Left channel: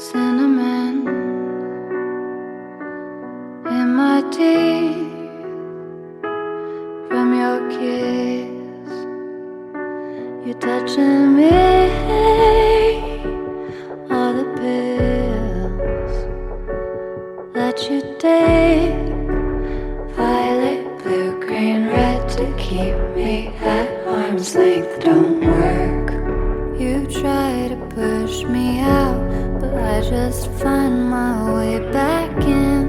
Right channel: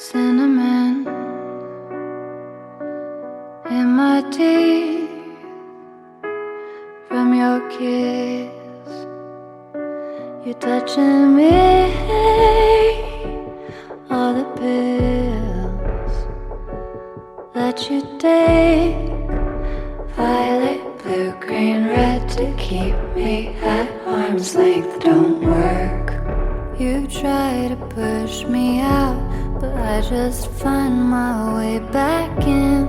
cinnamon in my teeth from your kiss. You're touching me, all the pills that you take, violet, blue, green, red, to keep me at arm's length don't work. You try to push me out, but I just find my way back in.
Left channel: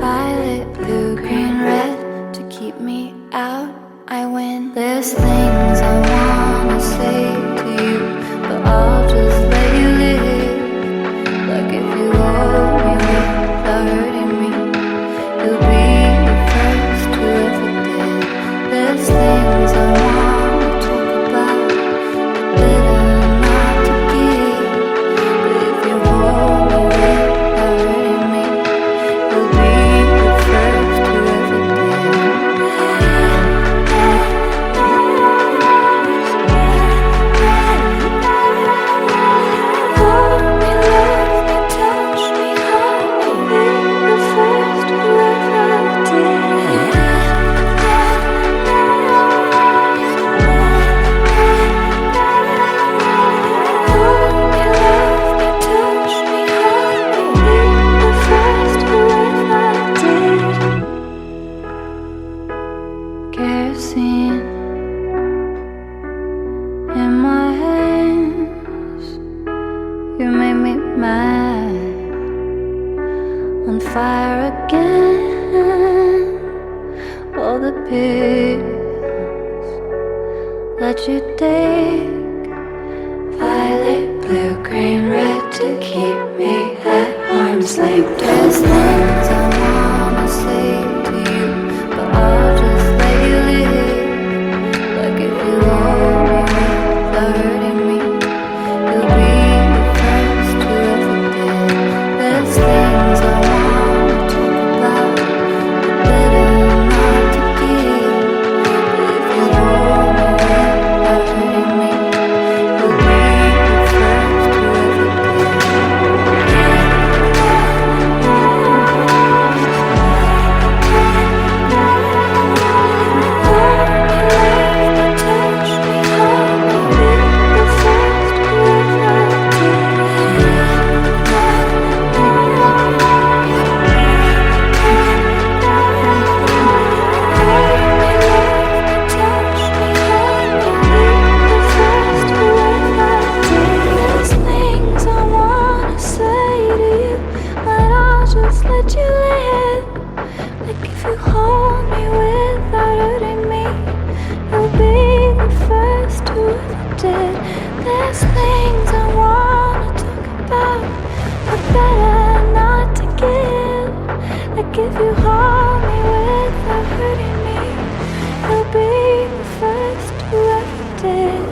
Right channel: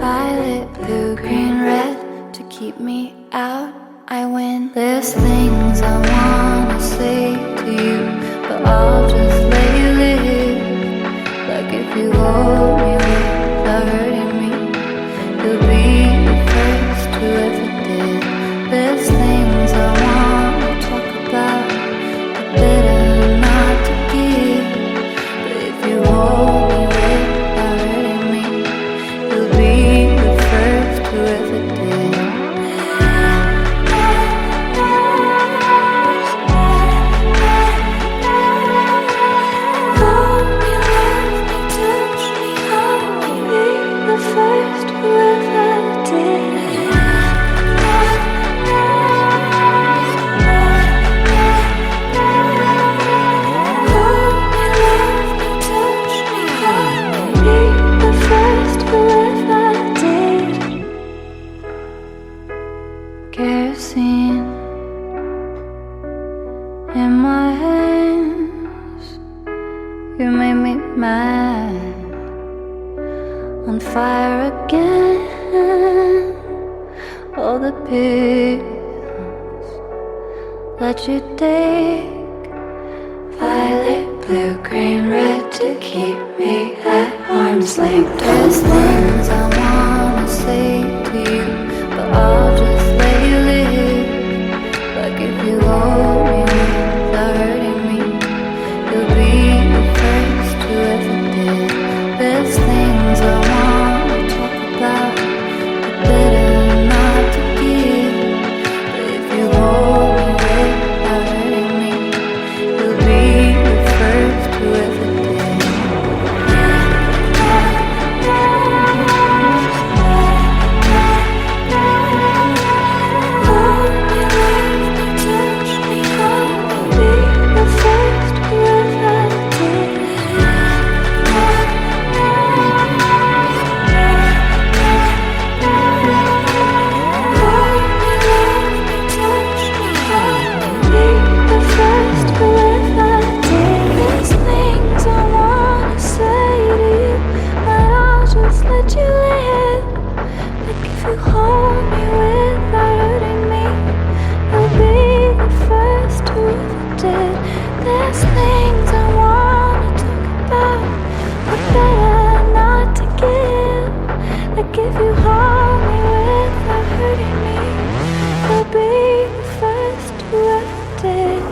Violet, blue, green, red, to keep me out, I win. There's things I wanna say to you, but I'll just let you live. Like if you hold me without hurting me, you'll be the first who ever did. There's things I wanna talk about, but better not to give. But if you hold me without hurting me, you'll be the first who ever did. Hold me, love me, touch me, I'll be the first who ever did. Kerosene in my hands, you made me mad, on fire again. All the pills that you take, violet, blue, green, red, to keep me at arm's length. There's things I wanna say to you, but I'll just let you live. Like if you hold me without hurting me, you'll be the first who ever did. There's things I wanna talk about, but better not to give. But if you hold me without hurting me, you'll be the first who ever did. Let you live. Like if you hold me without hurting me, you'll be the first who ever did. There's things I wanna talk about, but better not to give. Like if you hold me without hurting me, you'll be the first who ever did.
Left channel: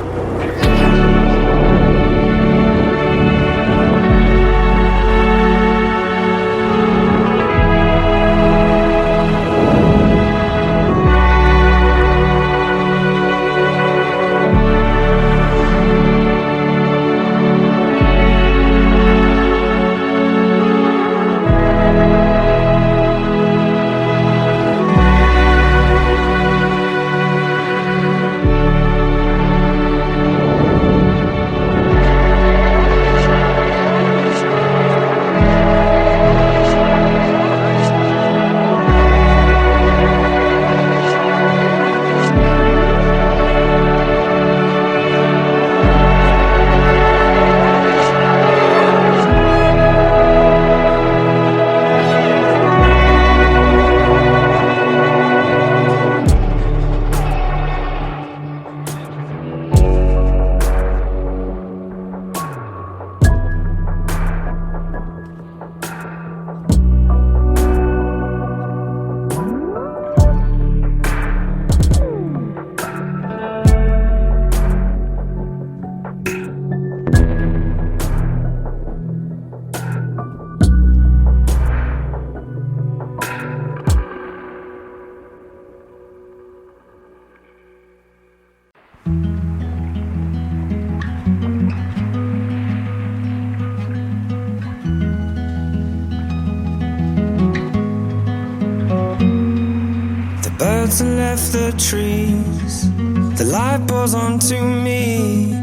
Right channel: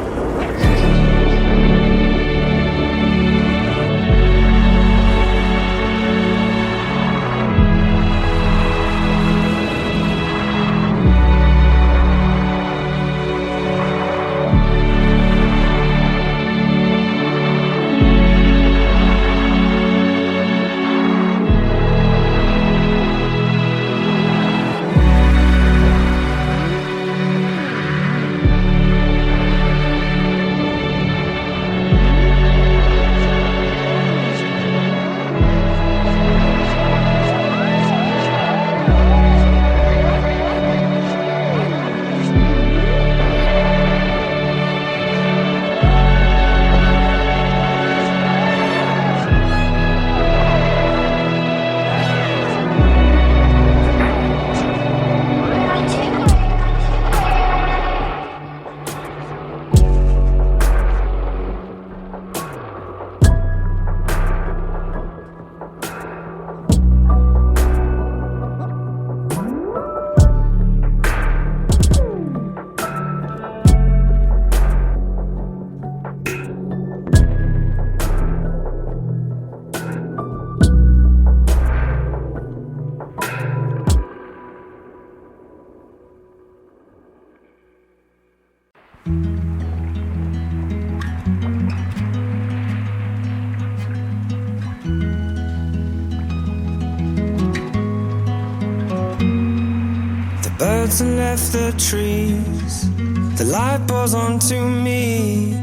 and left the trees. The light pours onto me.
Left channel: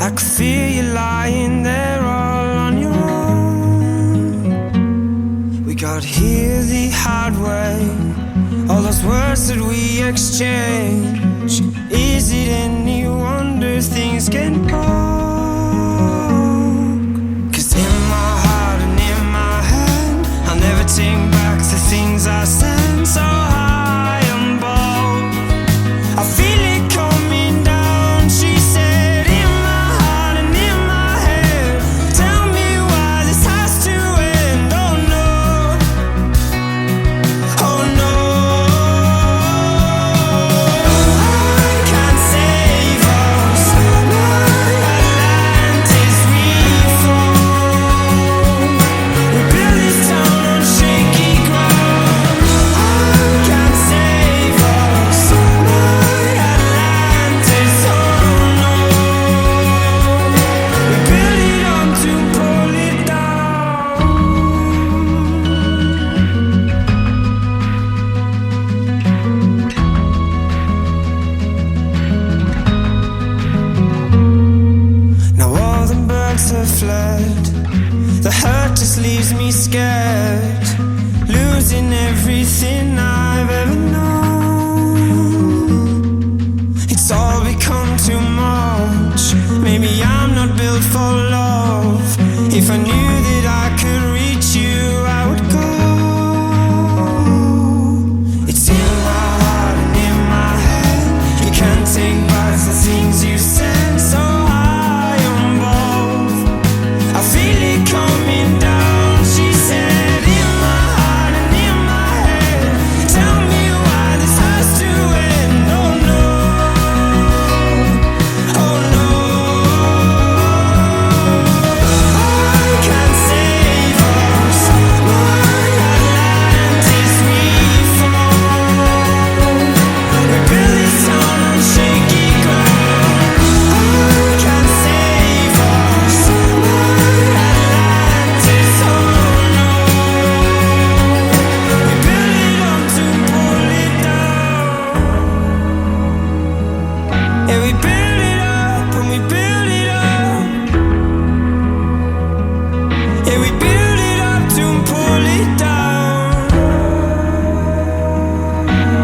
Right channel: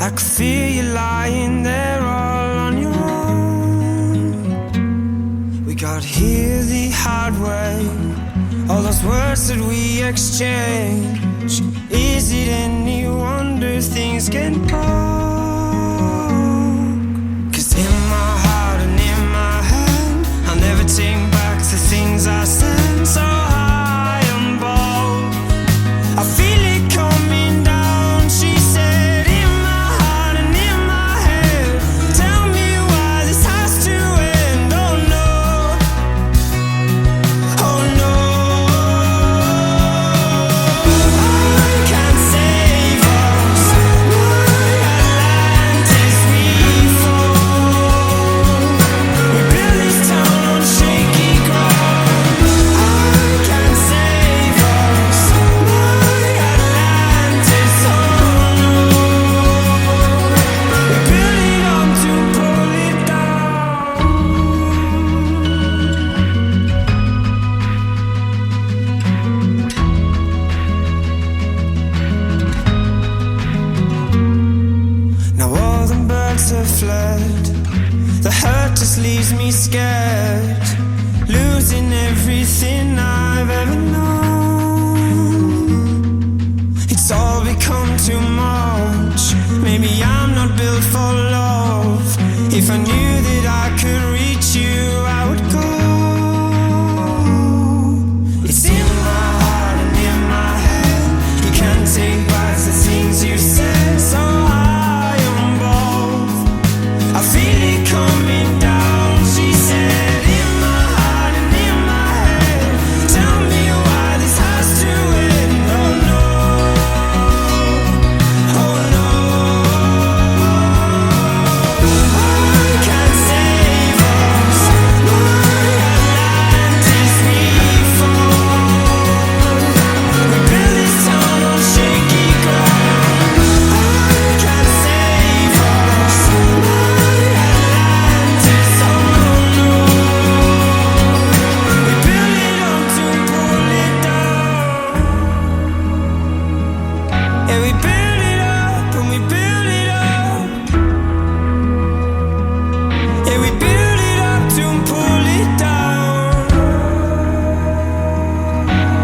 I could feel you lying there all on your own. We got here the hard way. All those words that we exchange. Is it any wonder things get broke? 'Cause in my heart and in my head, I'll never take back the things I said. So high and bold, I feel it coming down. She said, in my heart and in my head, tell me why this has to end. Oh no, oh no, I can't save us. My Atlantis, we fall. We build this town on shaky ground. I can't save us. My Atlantis, oh no. We build it up to pull it down. Now all the birds have fled. The hurt just leaves me scared, losing everything I've ever known. It's all become too much. Maybe I'm not built for love. If I knew that I could reach you, I would go. It's in my heart and in my head. You can't take back the things you said. So high on both, I feel it coming down. She said, in my heart and in my head, tell me why this has to end. Oh no, oh no, I can't save us. My Atlantis, we fall. We build this town on shaky ground. I can't save us. My Atlantis, oh no. We build it up to pull it down. Yeah, we build it up and we build it up. Yeah, we build it up to pull it down.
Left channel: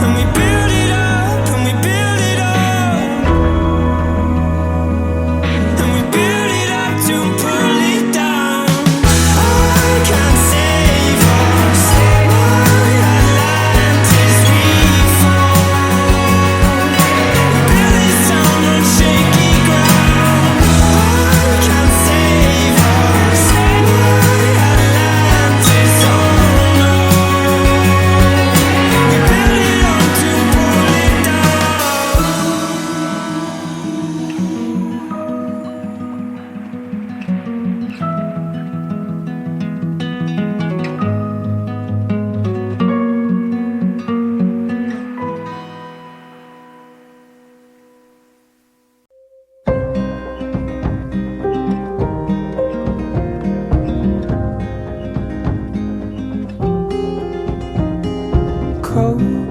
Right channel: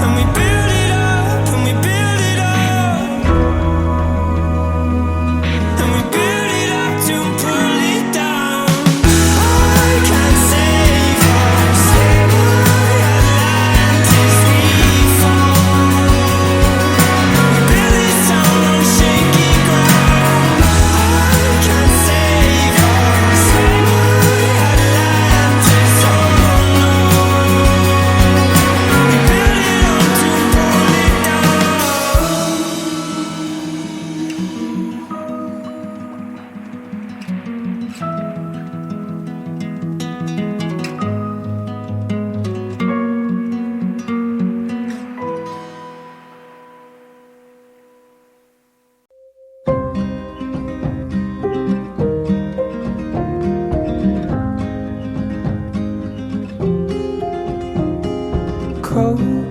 And we build it up and we build it up. And we build it up to pull it down. I can't save us. My Atlantis, we fall. We build this town on shaky ground. I can't save us. My Atlantis, oh no. We build it up to pull it down. Cold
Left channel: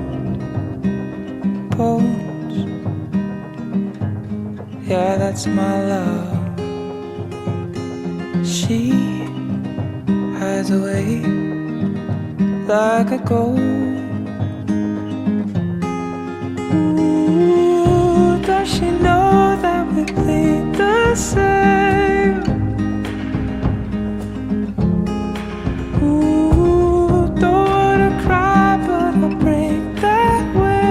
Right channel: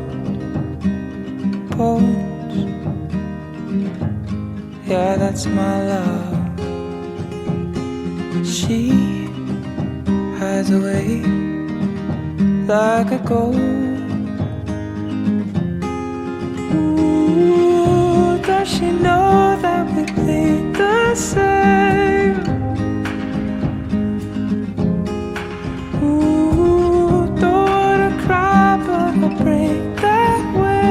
bones, yeah, that's my love. She hides away like a ghost. Ooh, does she know that we bleed the same? Ooh, don't wanna cry, but I'll break that way.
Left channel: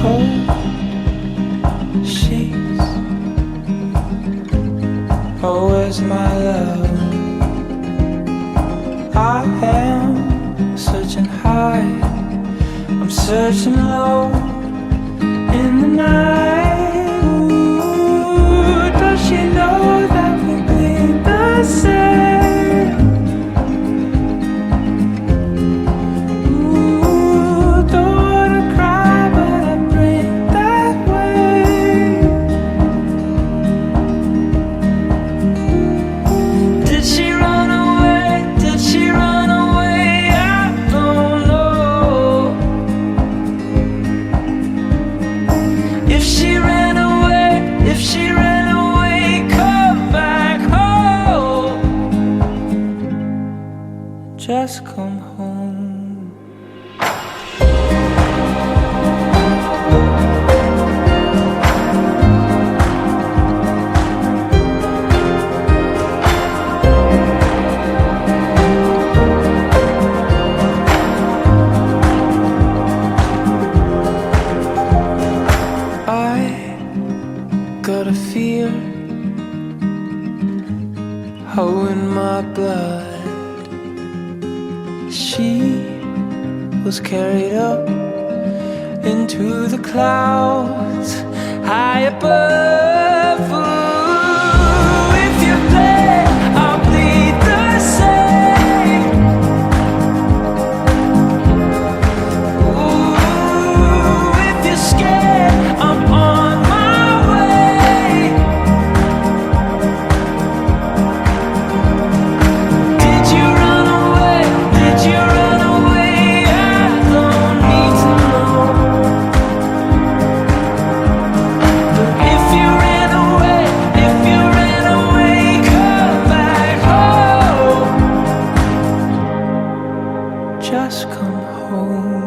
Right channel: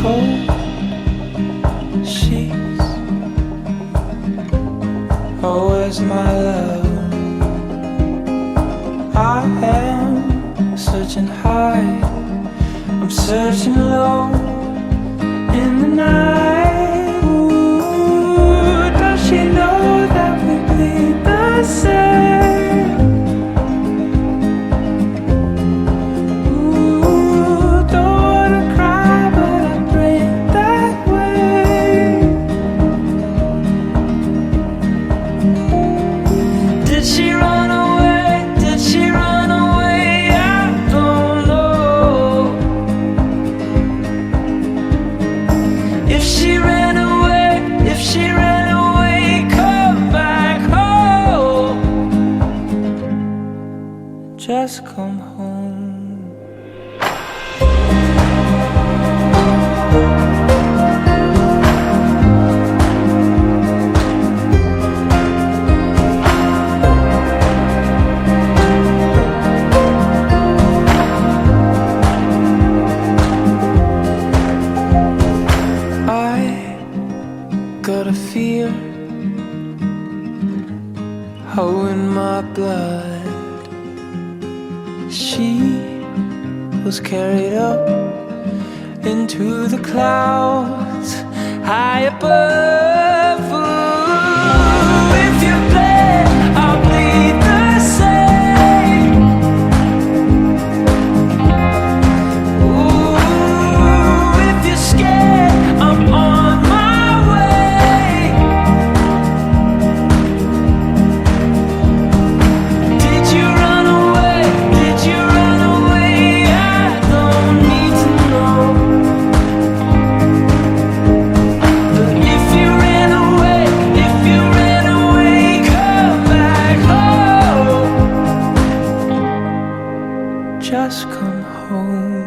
Cold sheets, oh, where's my love? I am searching high, I'm searching low in the night. Ooh, does she know that we bleed the same? Ooh, don't wanna cry, but I break that way. Did she run away? Did she run away? If she ran away, if she ran away, come back home. Just come home. Got a fear, oh, in my blood. She was carried up into the clouds high above. Ooh, if you bleed, I'll bleed the same. Ooh, if you're scared, I'm on my just come home.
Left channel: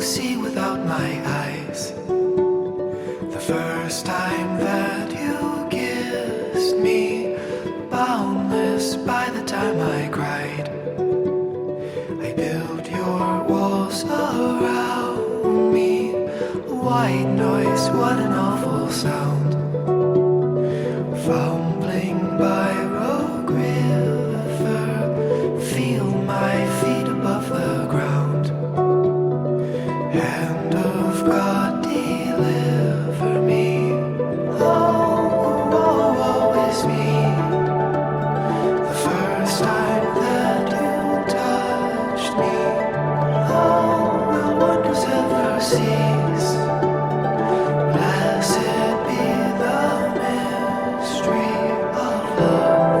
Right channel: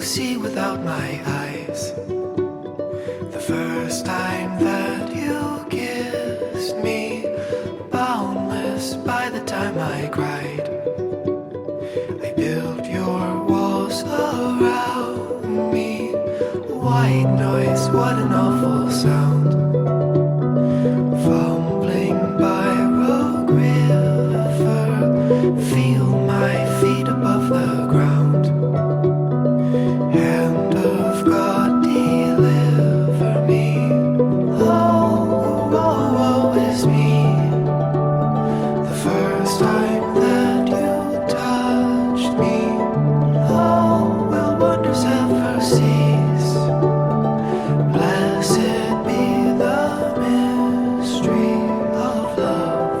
See without my eyes, the first time that you kissed me, boundless by the time I cried. I built your walls around me, white noise, what an awful sound. Fumbling by Rogue River, feel my feet above the ground. Hand of God, deliver me. Oh, woe, woe is me. The first time that you touched me, oh, will wonders ever cease? Blessed be the mystery of love.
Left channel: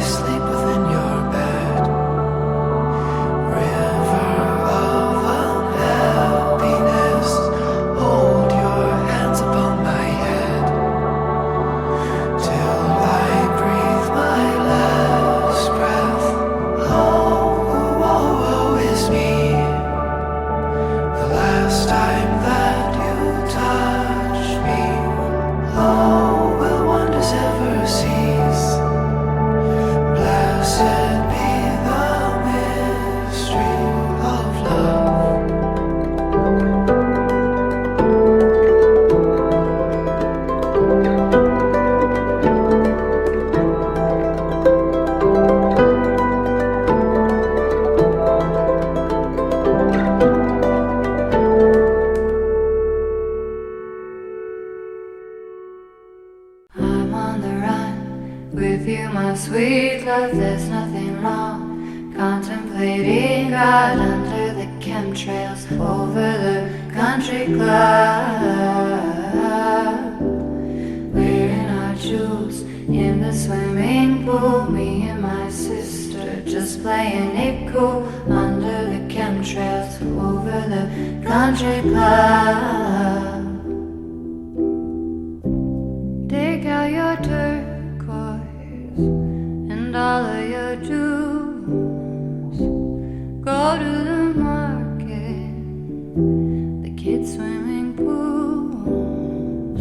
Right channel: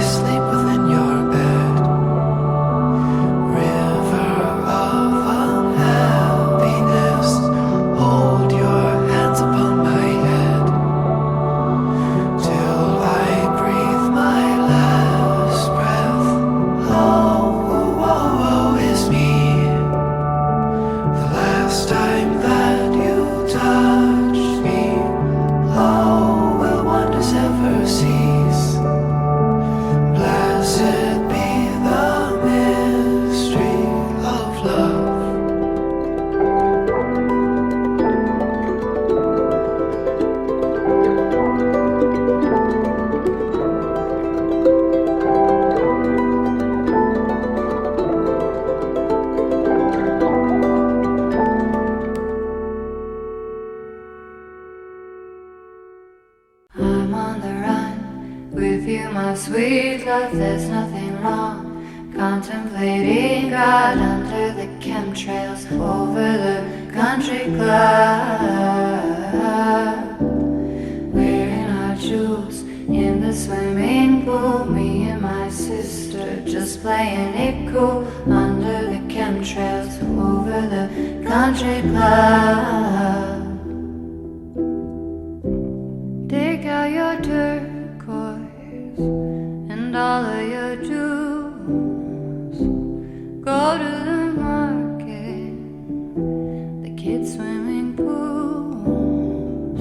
Sleep within your bed, river of sweet love, there's nothing wrong. Contemplating God under the chemtrails over the country club. Wearing our jewels in the swimming pool. Me and my sister just playing it cool under the chemtrails over the country club. Take out your turquoise and all of your jewels. Go to the market, the kids' swimming pools.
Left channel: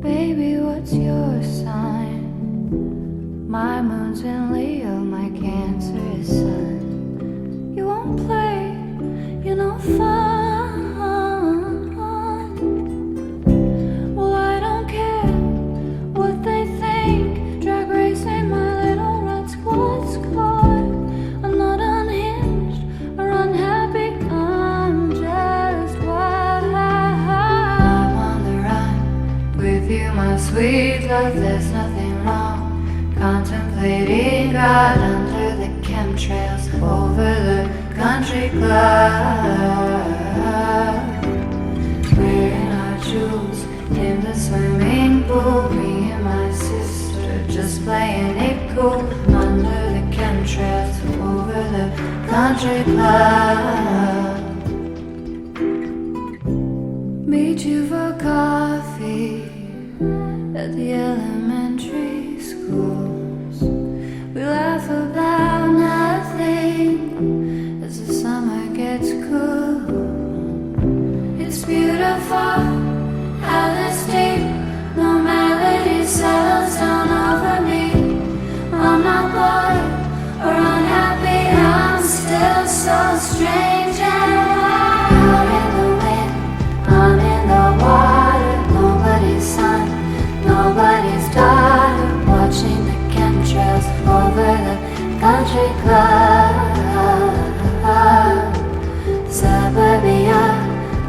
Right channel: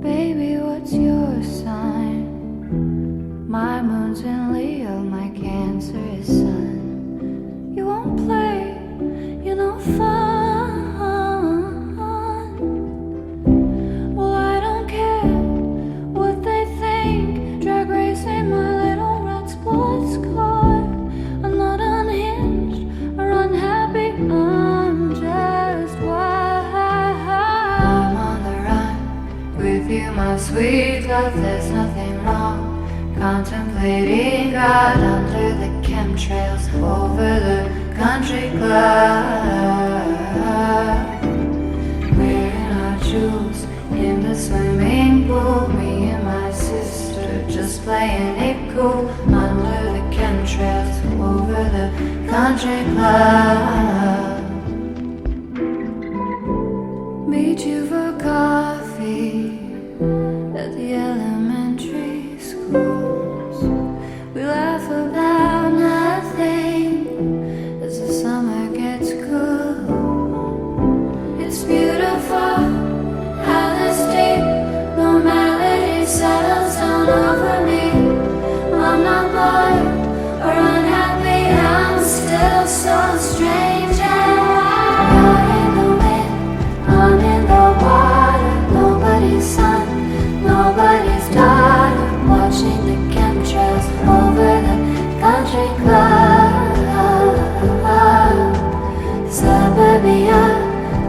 Baby, what's your sign? My moon's in Leo, my Cancer is Sun. You won't play, you know, fun. Well, I don't care what they think. Drag racing my little red squad scar. I'm not unhinged or unhappy, I'm just wild. I'm on the run with you, my sweet love, there's nothing wrong. Contemplating God under the chemtrails over the country club. Wearing our jewels in the swimming pool. Me and my sister just playing it cool under the chemtrails over the country club. Meet you for coffee at the elementary schools. We laugh about nothing as the summer gets cool. It's beautiful how this deep normality settles down over me. I'm not bored or unhappy, I'm still so strange and wild. Out in the wind, I'm in the water. Nobody's son, nobody's daughter. Watching the chemtrails over the country club. Suburbia,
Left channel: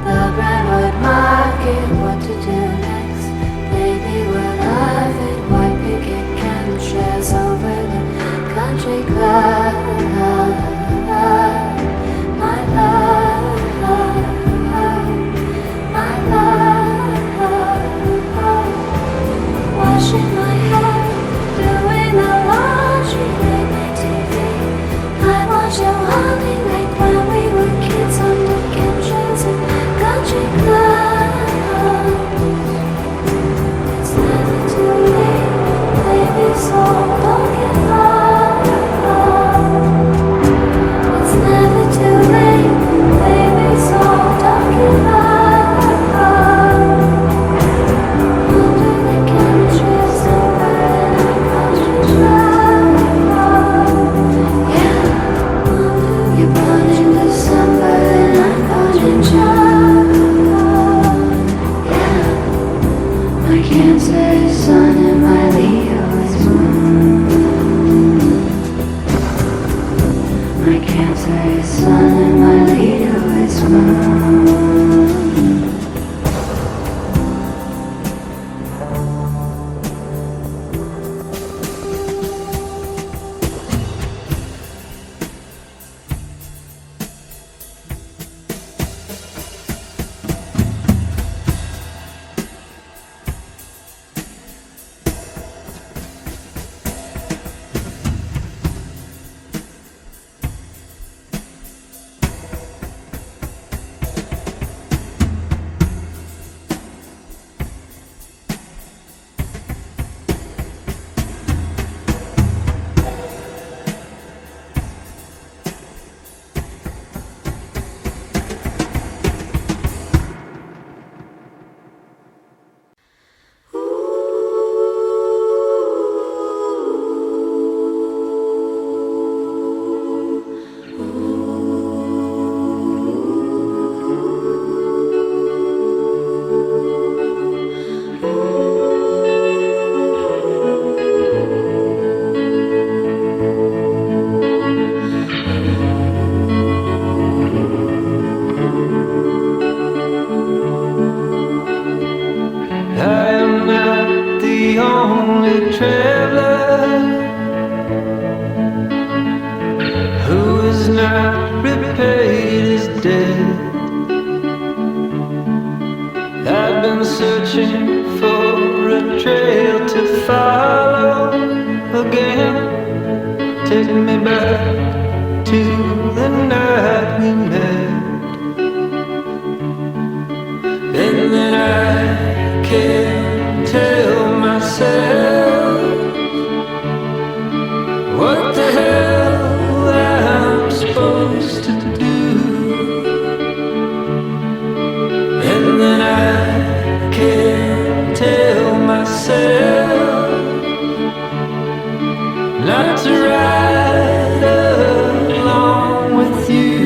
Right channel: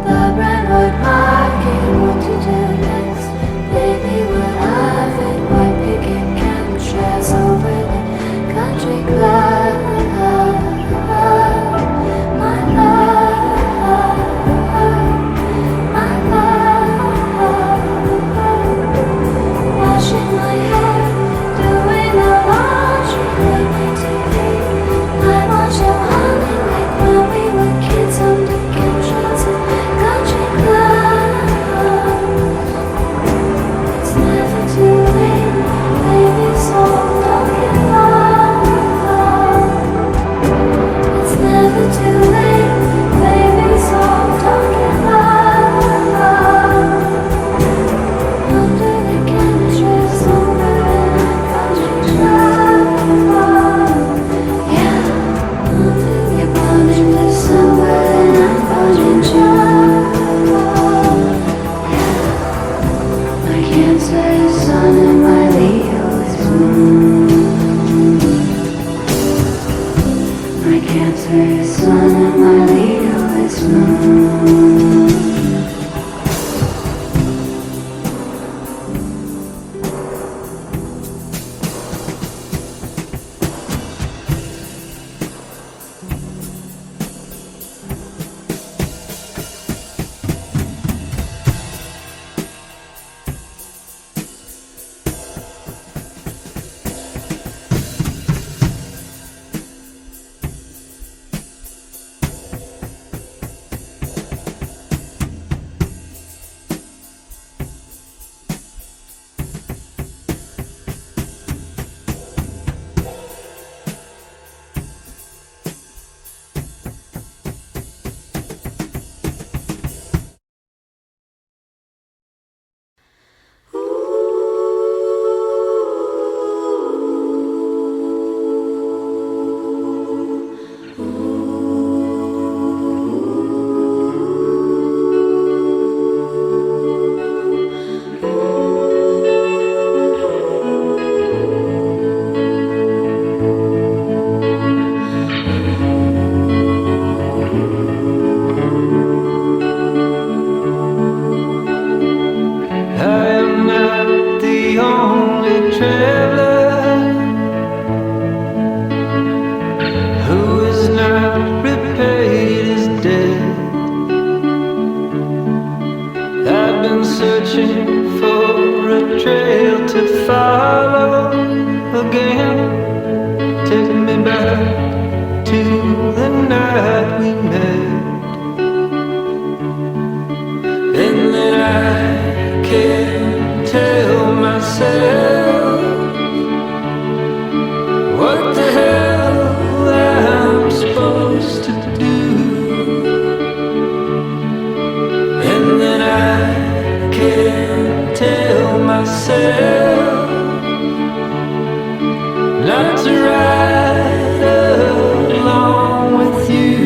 the Brentwood Market. What to do next? Baby, we'll love it. White picket chemtrails over the country club. My love, my love. Washing my hair, doing the laundry, late night TV. I watch you honey like when we were kids under chemtrails and country clubs. It's never too late, baby, so don't give up. It's never too late, baby, so don't give up. Under the chemtrails over in our country club. Yeah, you're born in December and I'm born in June. Yeah, my Cancer is Sun and my Leo is Moon. My Cancer is Sun and my Leo is Moon. searching for a trail to follow again. Take me back to the night we met. And then I can't tell myself what the hell I'm supposed to do. And then I can't tell myself not to ride along with you.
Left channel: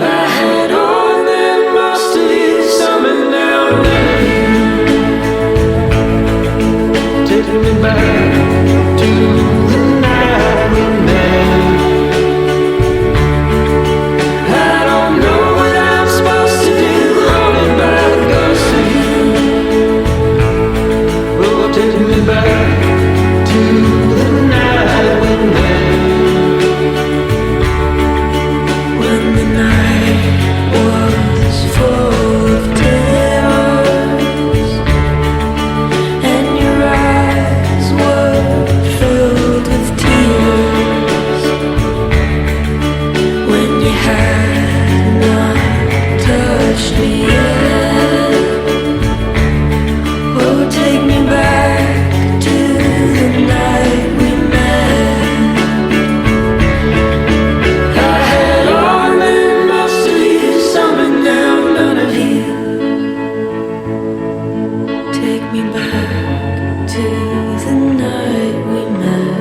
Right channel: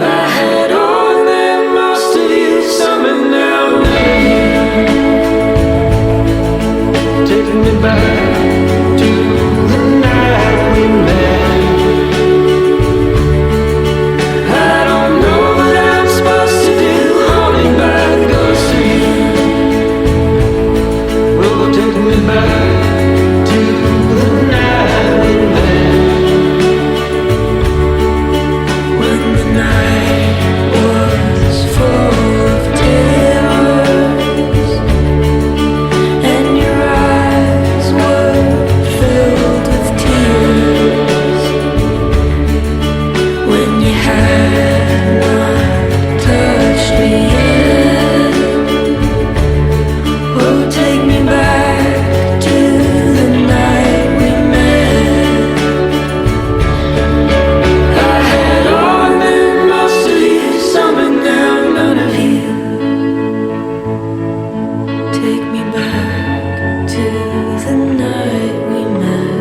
I had all that most of you, some and now none of you. Take me back to the night we met. I don't know what I'm supposed to do, haunted by the ghost of you. Oh, take me back to the night we met. When the night was full of tears and your eyes were filled with tears, when you had not touched me yet. Oh, take me back to the night we met. I had all and most of you, some and now none of you. Take me back to the night we met.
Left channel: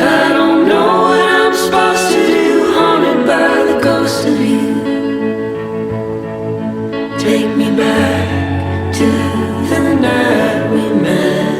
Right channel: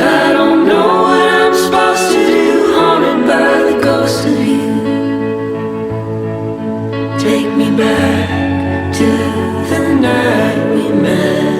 I don't know what I'm supposed to do, haunted by the ghost of you. Take me back to the night we met.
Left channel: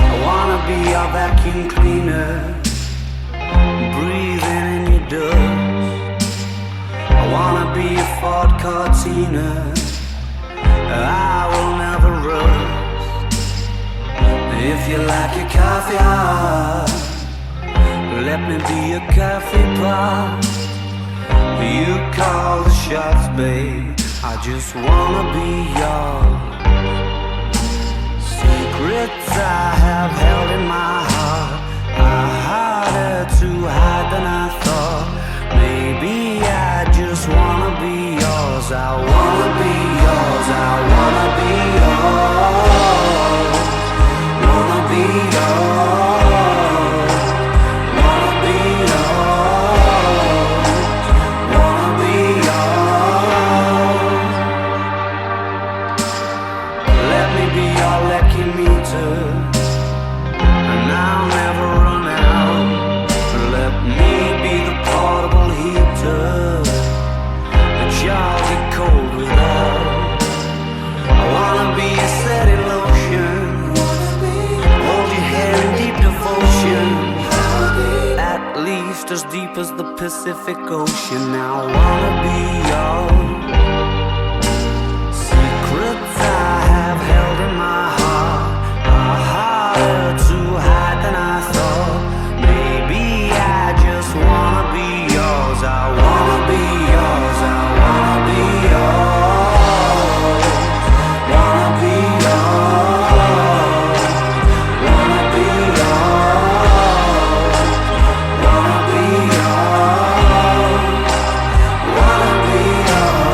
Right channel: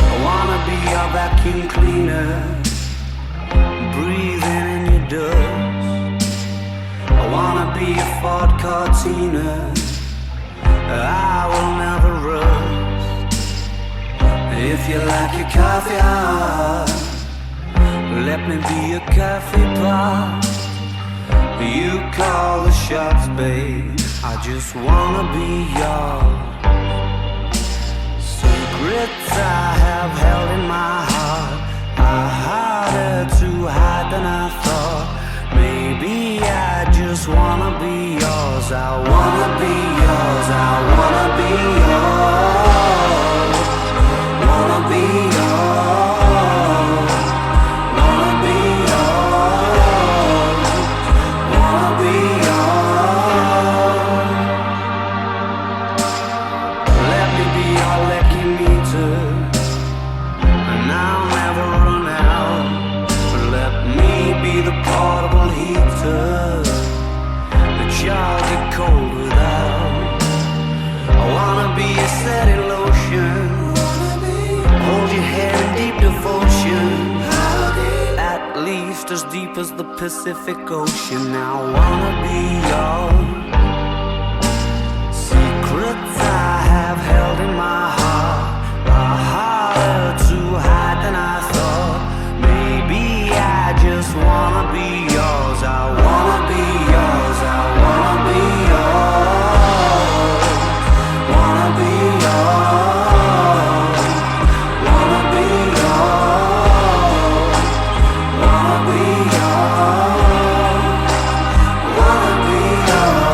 I wanna be your vacuum cleaner, breathing in your dust. I wanna be a Ford Cortina, I will never rust. If you like your coffee hot, let me be a coffee pot. You call the shots, babe, I just wanna be yours. Secrets I have held in my heart are harder to hide than I thought. Maybe I just wanna be yours. I wanna be yours. I wanna be yours. Wanna be yours. Wanna be yours. Wanna be yours. Let me be your lucky meter, and I'll never run out. Let me be the portable heater that y'all get cold without. I wanna be a setting lotion, hold your hair in deep devotion, at least as deep as the Pacific Ocean. I wanna be yours. Secrets I have held in my heart are harder to hide than I thought. Maybe I just wanna be yours. I wanna be yours. I wanna be yours. Wanna be yours. Wanna be yours. Wanna be yours. Wanna be yours.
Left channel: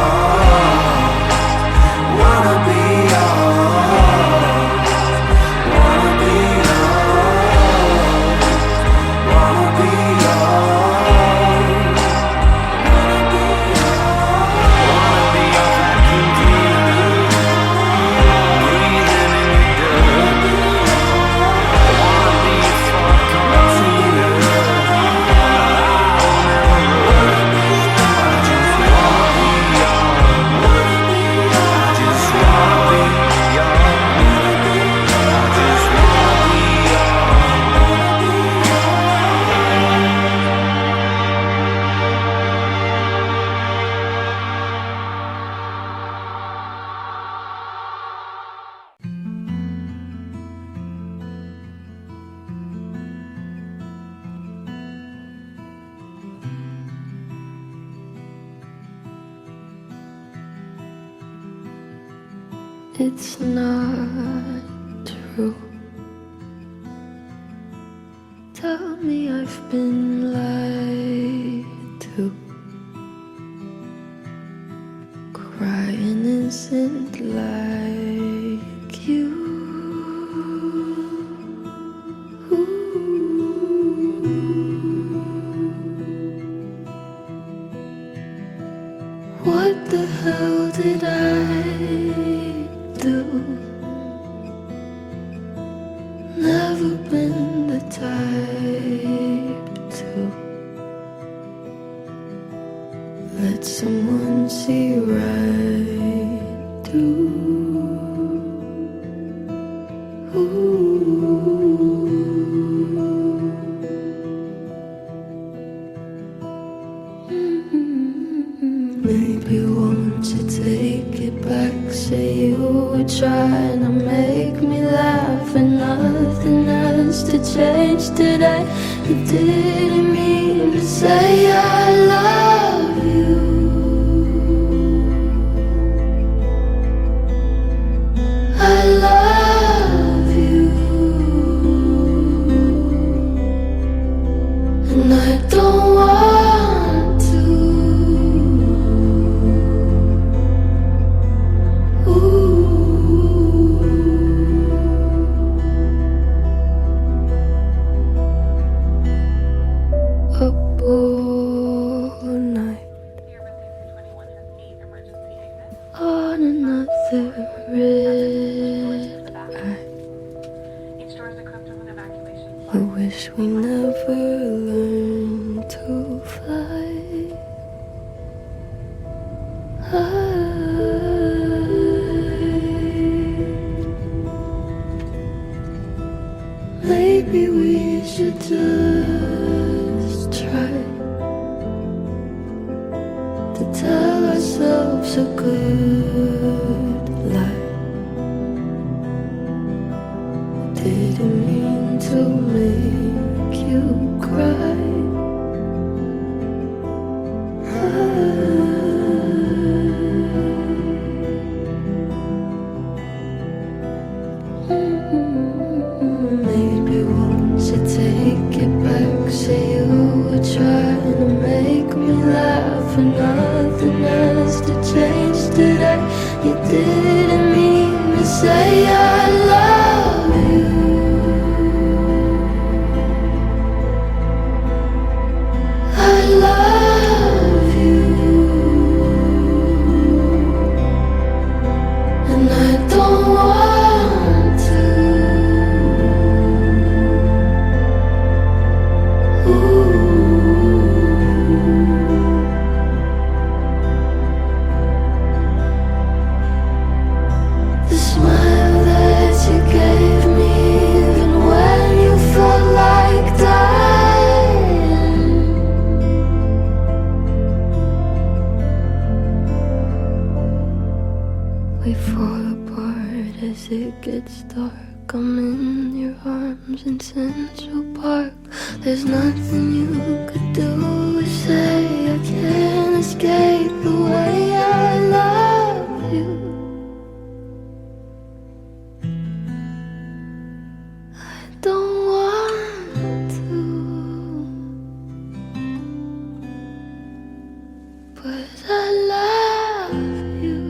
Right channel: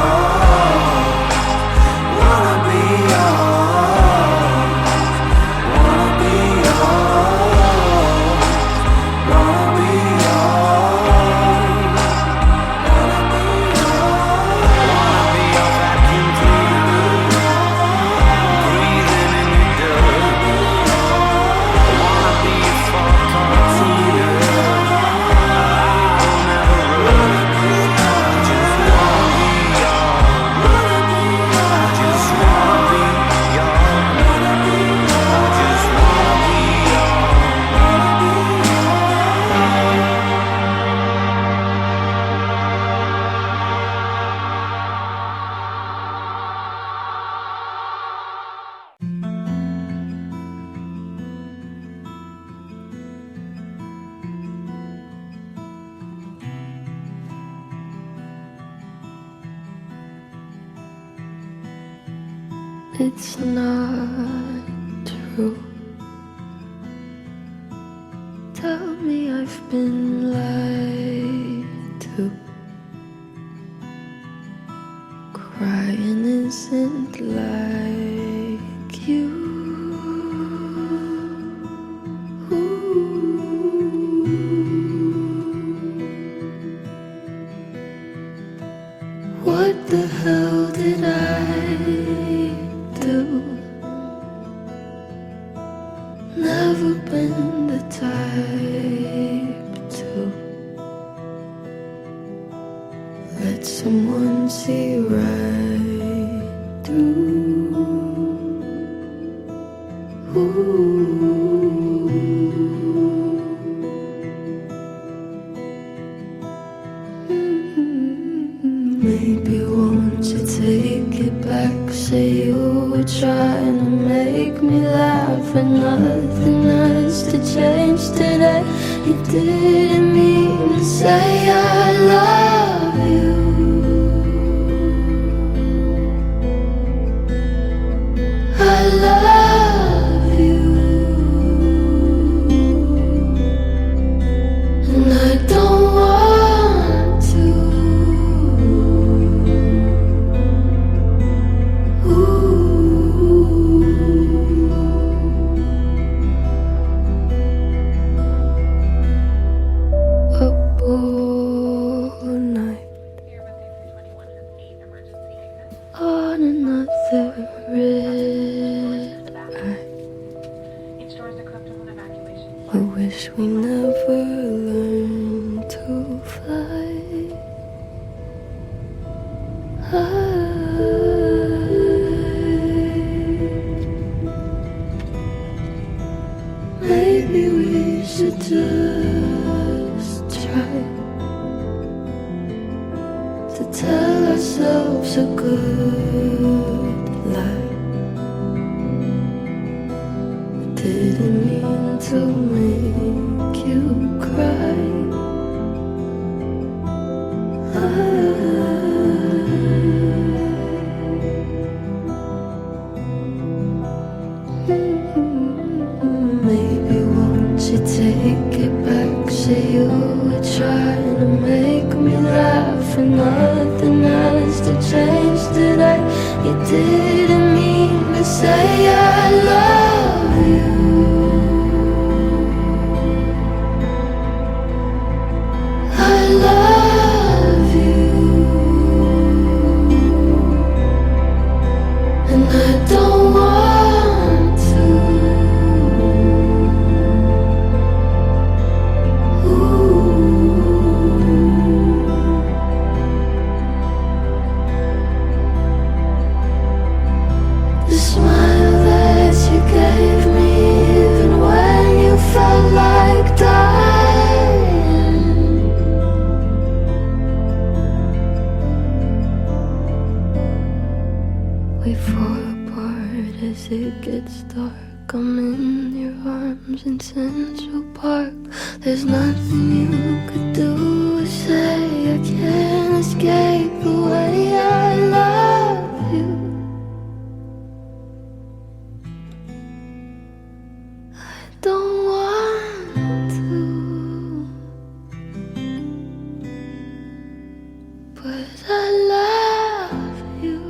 Wanna be yours. Wanna be yours. It's not true. Tell me I've been lied to. Crying isn't like you. What the hell did I do? Never been the type to let someone see right through. Maybe won't you take it back? Say you were trying to make me laugh, and nothing has to change today. You didn't mean to say I love you. I love you, and I don't want to. Up all night on another red eye. I wish we never learned to fly. Maybe we should just try to tell ourselves a good lie. Didn't mean to make you cry. Maybe won't you take it back? Say you were trying to make me laugh, and nothing has to change today. You didn't mean to say I love you. I love you, and I don't want to. The smile that you gave me, even when you felt like dying. We fall apart as it gets dark. I'm in your arms in Central Park. There's nothing you could do or say. I can't escape the way I love you. I don't want to, but I love you.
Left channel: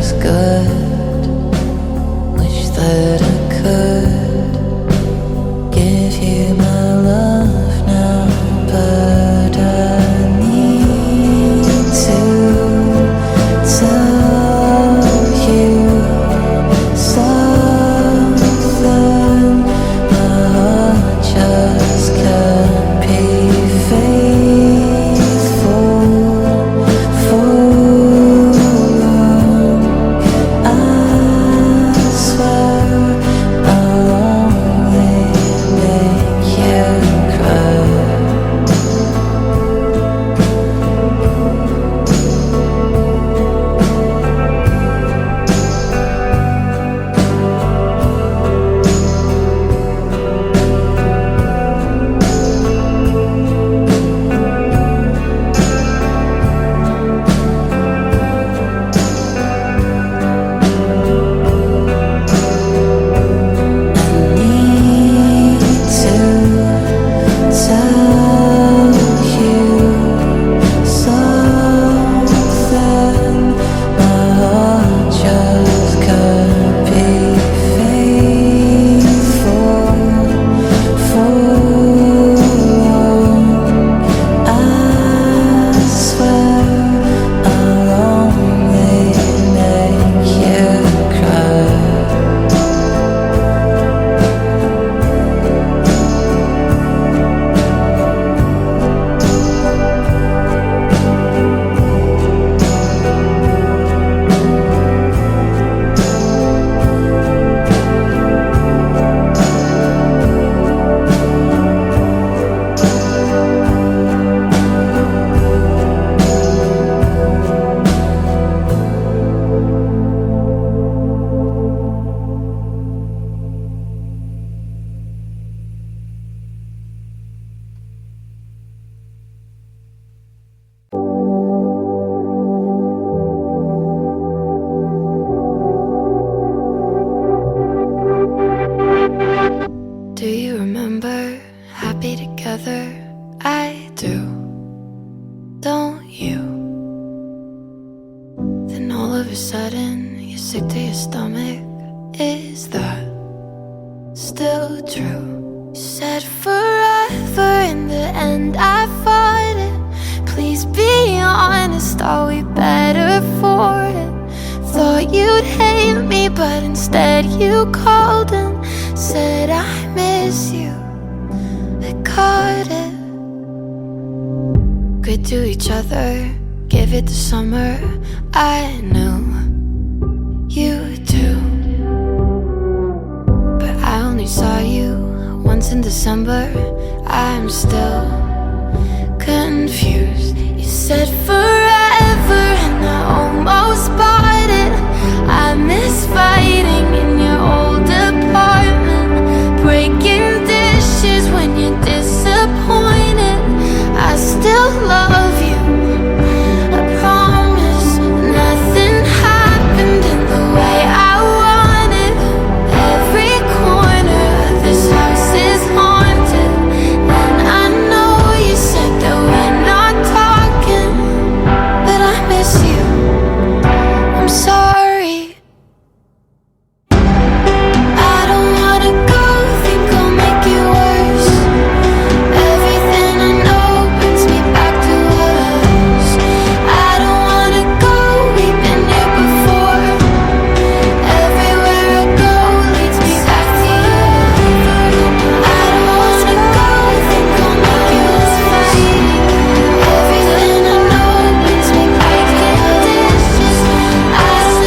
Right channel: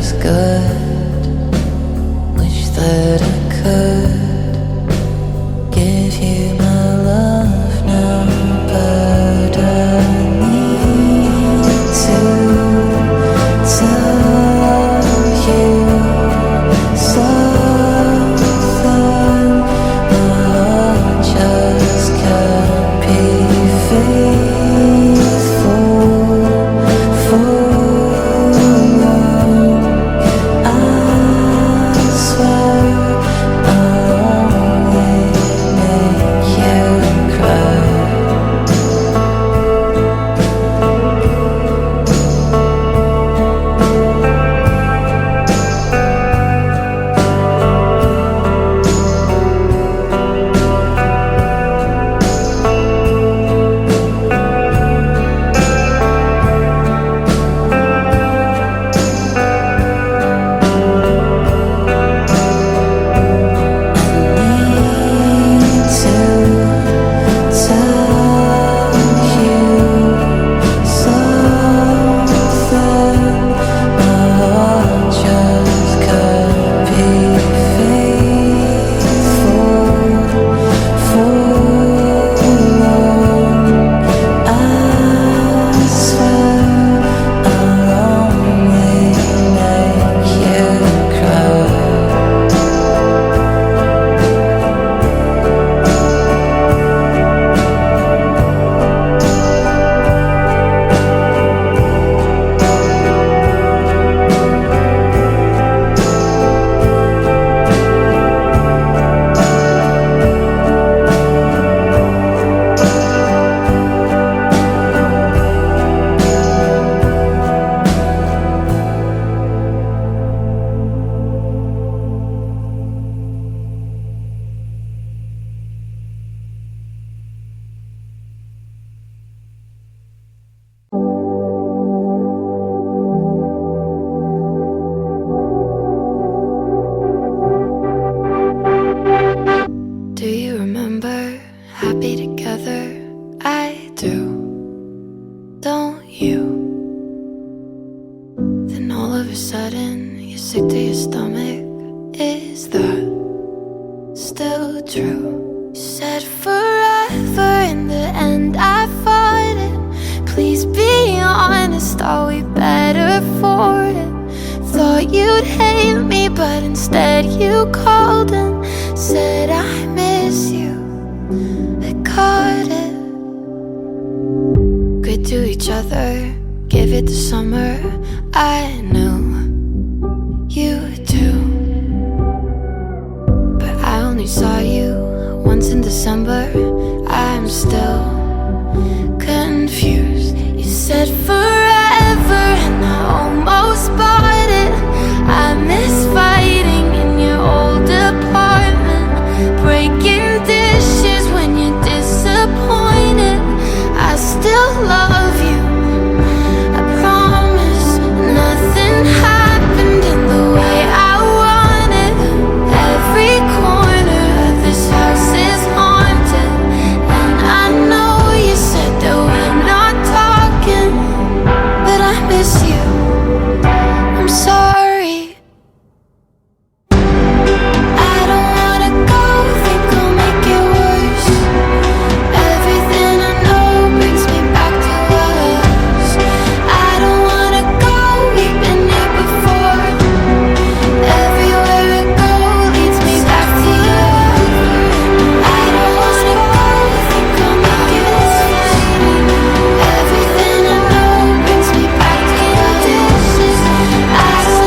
was good. Wish that I could give you my love now, but I need to tell you something. My heart just can't be faithful for long. I swear I'll only make you cry. Need to tell you something. My heart just can't be faithful for long. I swear I'll only make you cry. Do you remember happy together? I do. Don't you? Then all of a sudden you're sick to your stomach. Is that still true? You said forever, in the end I fought it. Please be honest, are we better for it? Thought you'd hate me, but instead you called and said I miss you. I caught it. Good to each other, give it the summer. I knew you too, but I only saw you once in December. I'm still confused. You said forever and I almost bought it. I miss fighting in your old apartment, breaking dishes when you're disappointed. I still love you, I promise. Nothing happened in the way I wanted. Every corner of this house is haunted, and I know you said that we're not talking, but I miss you. I'm sorry. I don't wanna go, think I'll make it worse. Everything I know brings me back to us. I don't wanna go, we've been here before. Everywhere I go leads me back to you. I don't wanna go, think I'll make it worse. Everything I know brings me back to us. I don't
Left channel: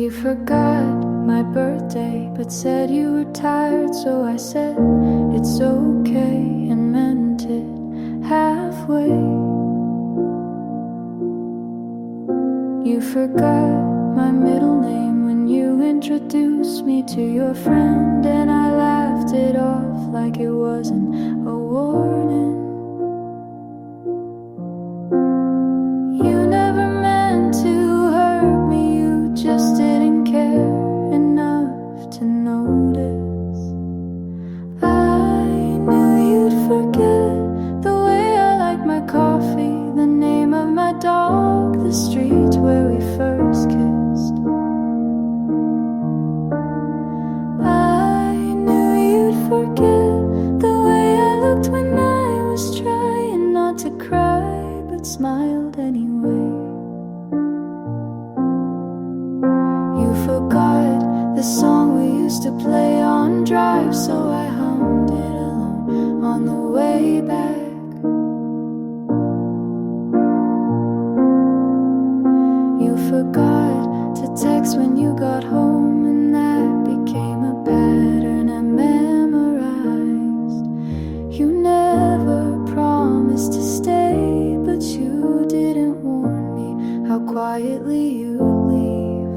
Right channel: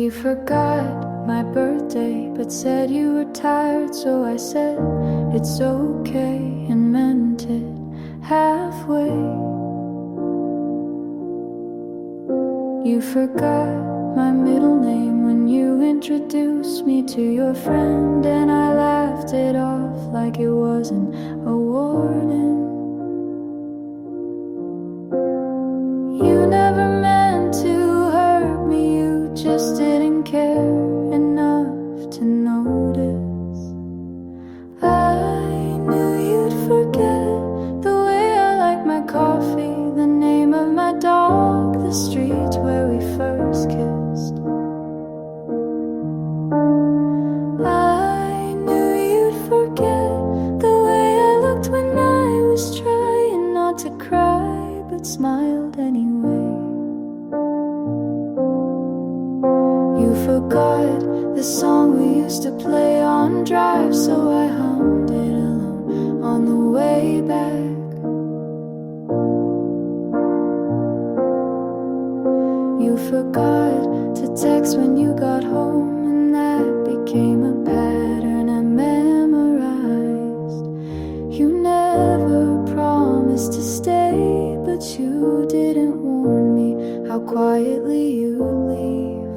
You forgot my birthday, but said you were tired, so I said it's okay and meant it halfway. You forgot my middle name when you introduced me to your friend, and I laughed it off like it wasn't a warning. You never meant to hurt me, you just didn't care enough to notice. I knew you'd forget the way I like my coffee, the name of my dog, the street where we first kissed. I knew you'd forget the way I looked when I was trying not to cry, but smiled anyway. You forgot the song we used to play on drive, so I hummed it alone on the way back. You forgot to text when you got home, and that became a pattern I memorized. You never promised to stay, but you didn't warn me how quietly you'd leave.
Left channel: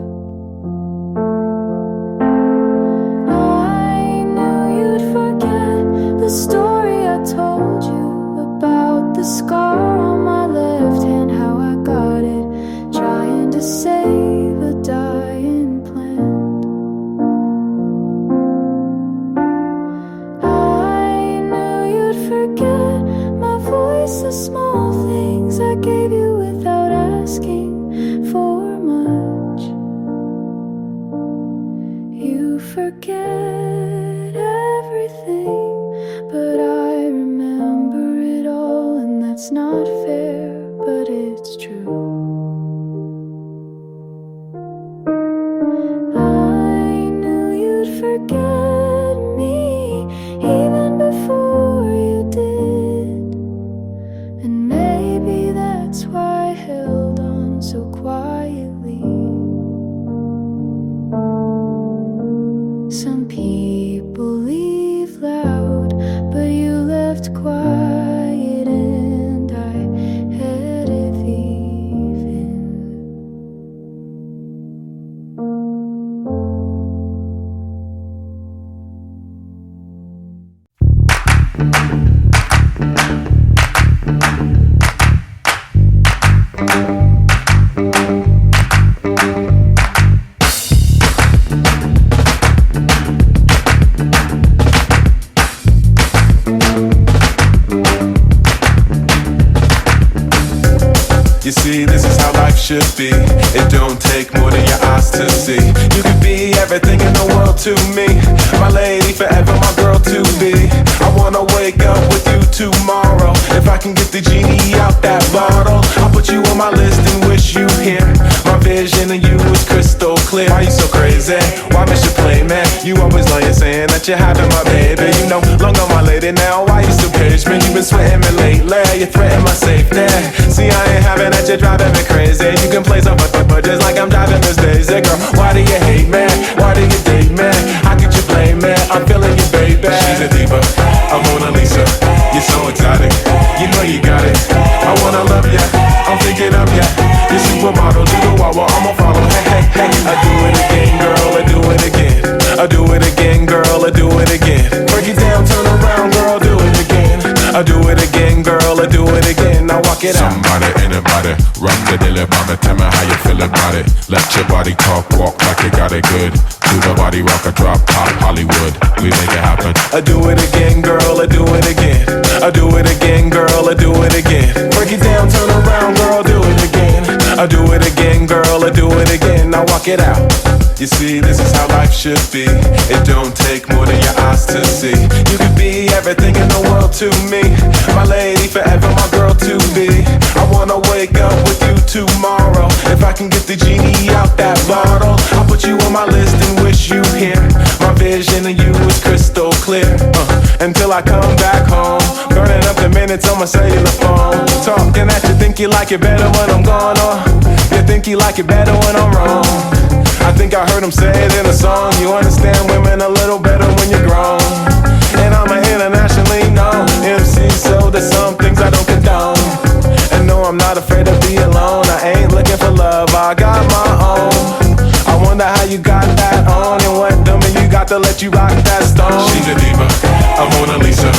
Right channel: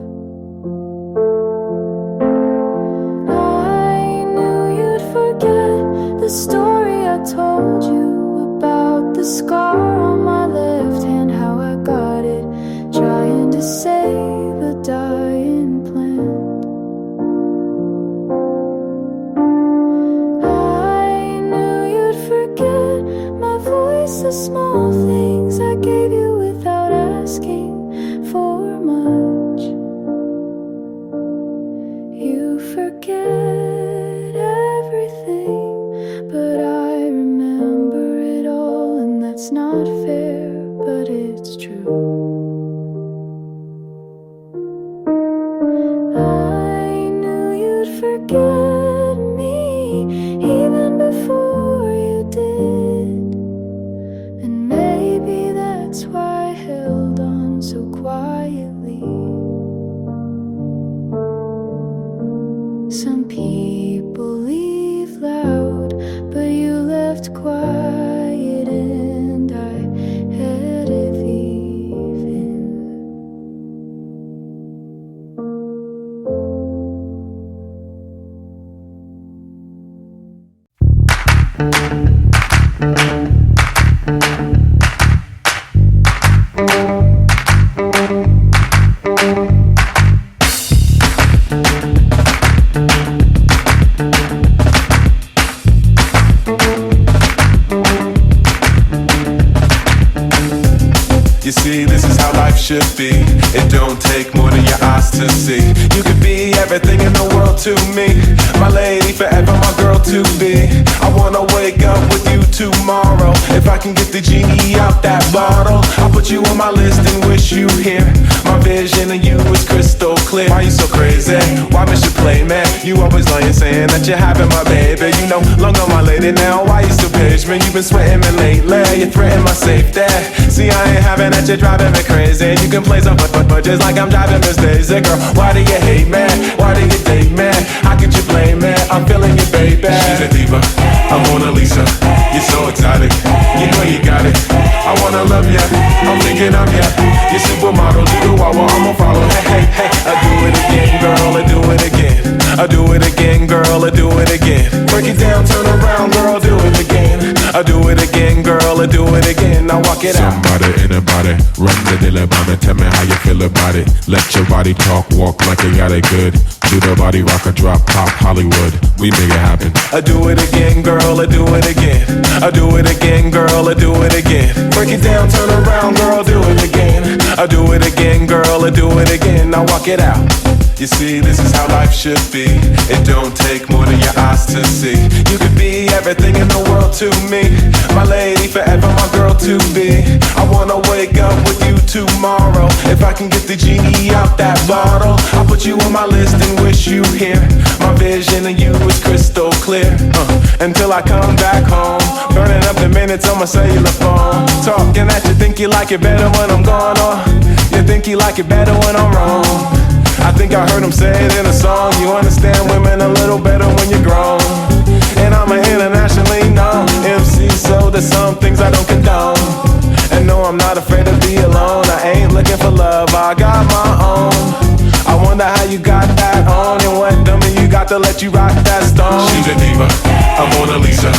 I knew you'd forget the story I told you about the scar on my left hand, how I got it trying to save a dying plant. I knew you'd forget my voice, the small things I gave you without asking for much. You forget everything, but I remember it all, and that's not fair, but it's true. Forget me even before you did, and maybe that's why I held on so quietly. Some people leave loud, but you left quiet, and I had it even. You see, this is how life should be. It don't take more than your eyes to see. You could be everything in the world to me, my lady, forever my girl to be. I wanna wake up with you tomorrow. If I can get the genie out that bottle, I'll put you on my list and wish you here. My vision of you is crystal clear. Why you so crazy? Why miss your play, man? You always lying, saying that you're having my baby. You know, long on my lady now. Why you still page me? You been sweating me lately. You threaten my safety. See, I ain't having that, you're driving me crazy. You can play some but just like I'm driving Miss Daisy. Girl, why do you hate me? Why do you date me? How could you blame me? I'm feeling you, baby. She's a diva, I'm Mona Lisa. You're so exotic, you know you got it. I wanna love ya, I'm thinking of ya. You're supermodel, do the wah, I'ma follow. Hey, hey, hey, I do it again, girl, I do it again. I do it again, girl, I do it again. Break it down, turn around, girl, do it again. I do it again, girl, I do it again. Now walk it out. Somebody, anybody, rock the dilly bobby. Tell me how you feel about it. Let your body talk, walk like you got it good. Do the body rock, a drop, pop, Hollywood. We make it happen. I do it again, girl, I do it again. I do it again, girl, I do it again. Break it down, turn around, girl, do it again. I do it again, girl, I do it again. Now walk it out. You see, this is how life should be. It don't take more than your eyes to see. You could be everything in the world to me, my lady, forever my girl to be. I wanna wake up with you tomorrow. If I can get the genie out that bottle, I'll put you on my list and wish you here. My vision of you is crystal clear, until I come back home, burning up the minutes on my cellular phone. Talking at you, think you like it better when I'm gone, or you think you like it better when I'm wrong. I think I heard him say it in a song. You understand women a little better when you're grown. And I'm an internationally known MC, so there's some things I don't condone. And no, I'm not afraid to be alone. I ain't looking for love, I got my own. I wonder how you got that on, and what dummy you got to let you rock that stone. She's a diva, a Mona Lisa.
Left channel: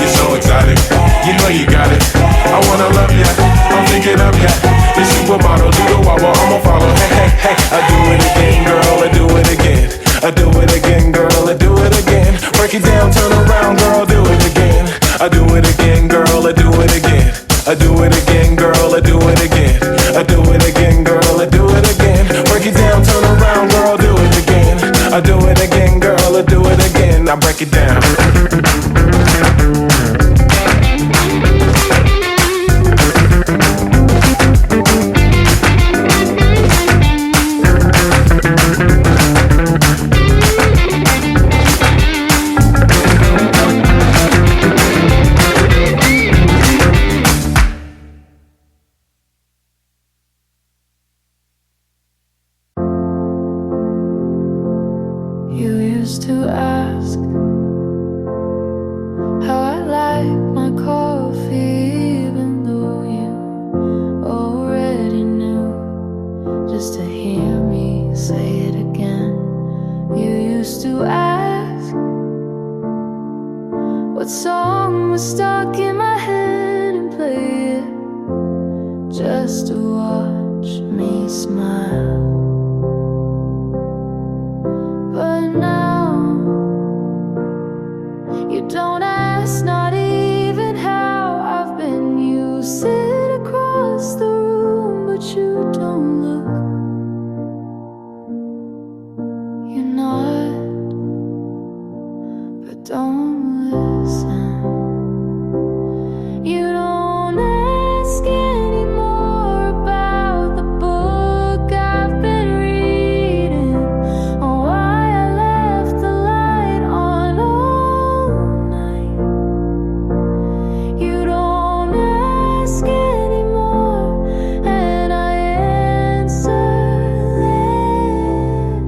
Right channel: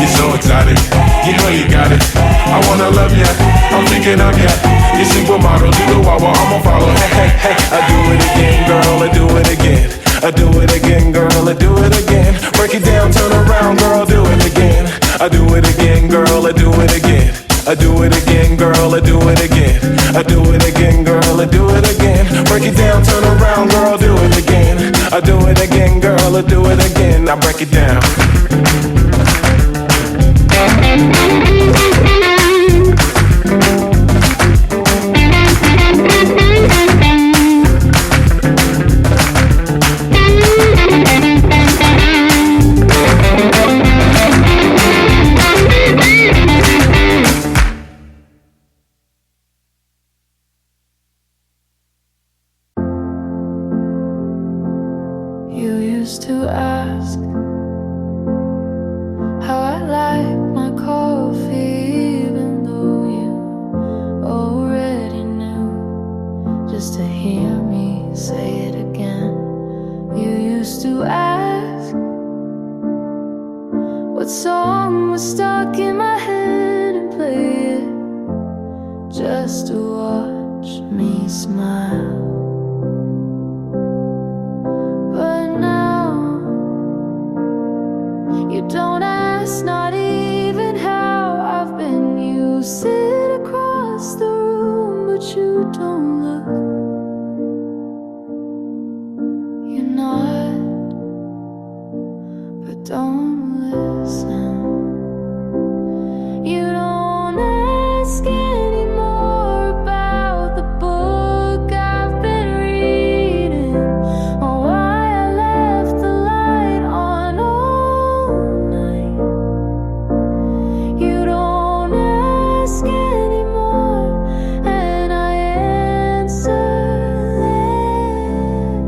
You're so exotic, you know you got it. I wanna love ya, I'm thinking of ya. You supermodel, do the wah-wah, I'ma follow. Hey, hey, hey, I do it again, girl, I do it again. I do it again, girl, I do it again. Break it down, turn around, girl, do it again. I do it again, girl, I do it again. I do it again, girl, I do it again. I do it again, girl, I do it again. Break it down, turn around, girl, do it again. I do it again, girl, I do it again. Now break it down. You used to ask how I like my coffee, even though you already knew, just to hear me say it again. You used to ask what song was stuck in my head and play it just to watch me smile. But now you don't ask, not even how I've been. You sit across the room, but you don't look. You nod, but don't listen. You don't ask anymore about the book I've been reading, or why I left the light on all night. You don't ask anymore, and I answer less.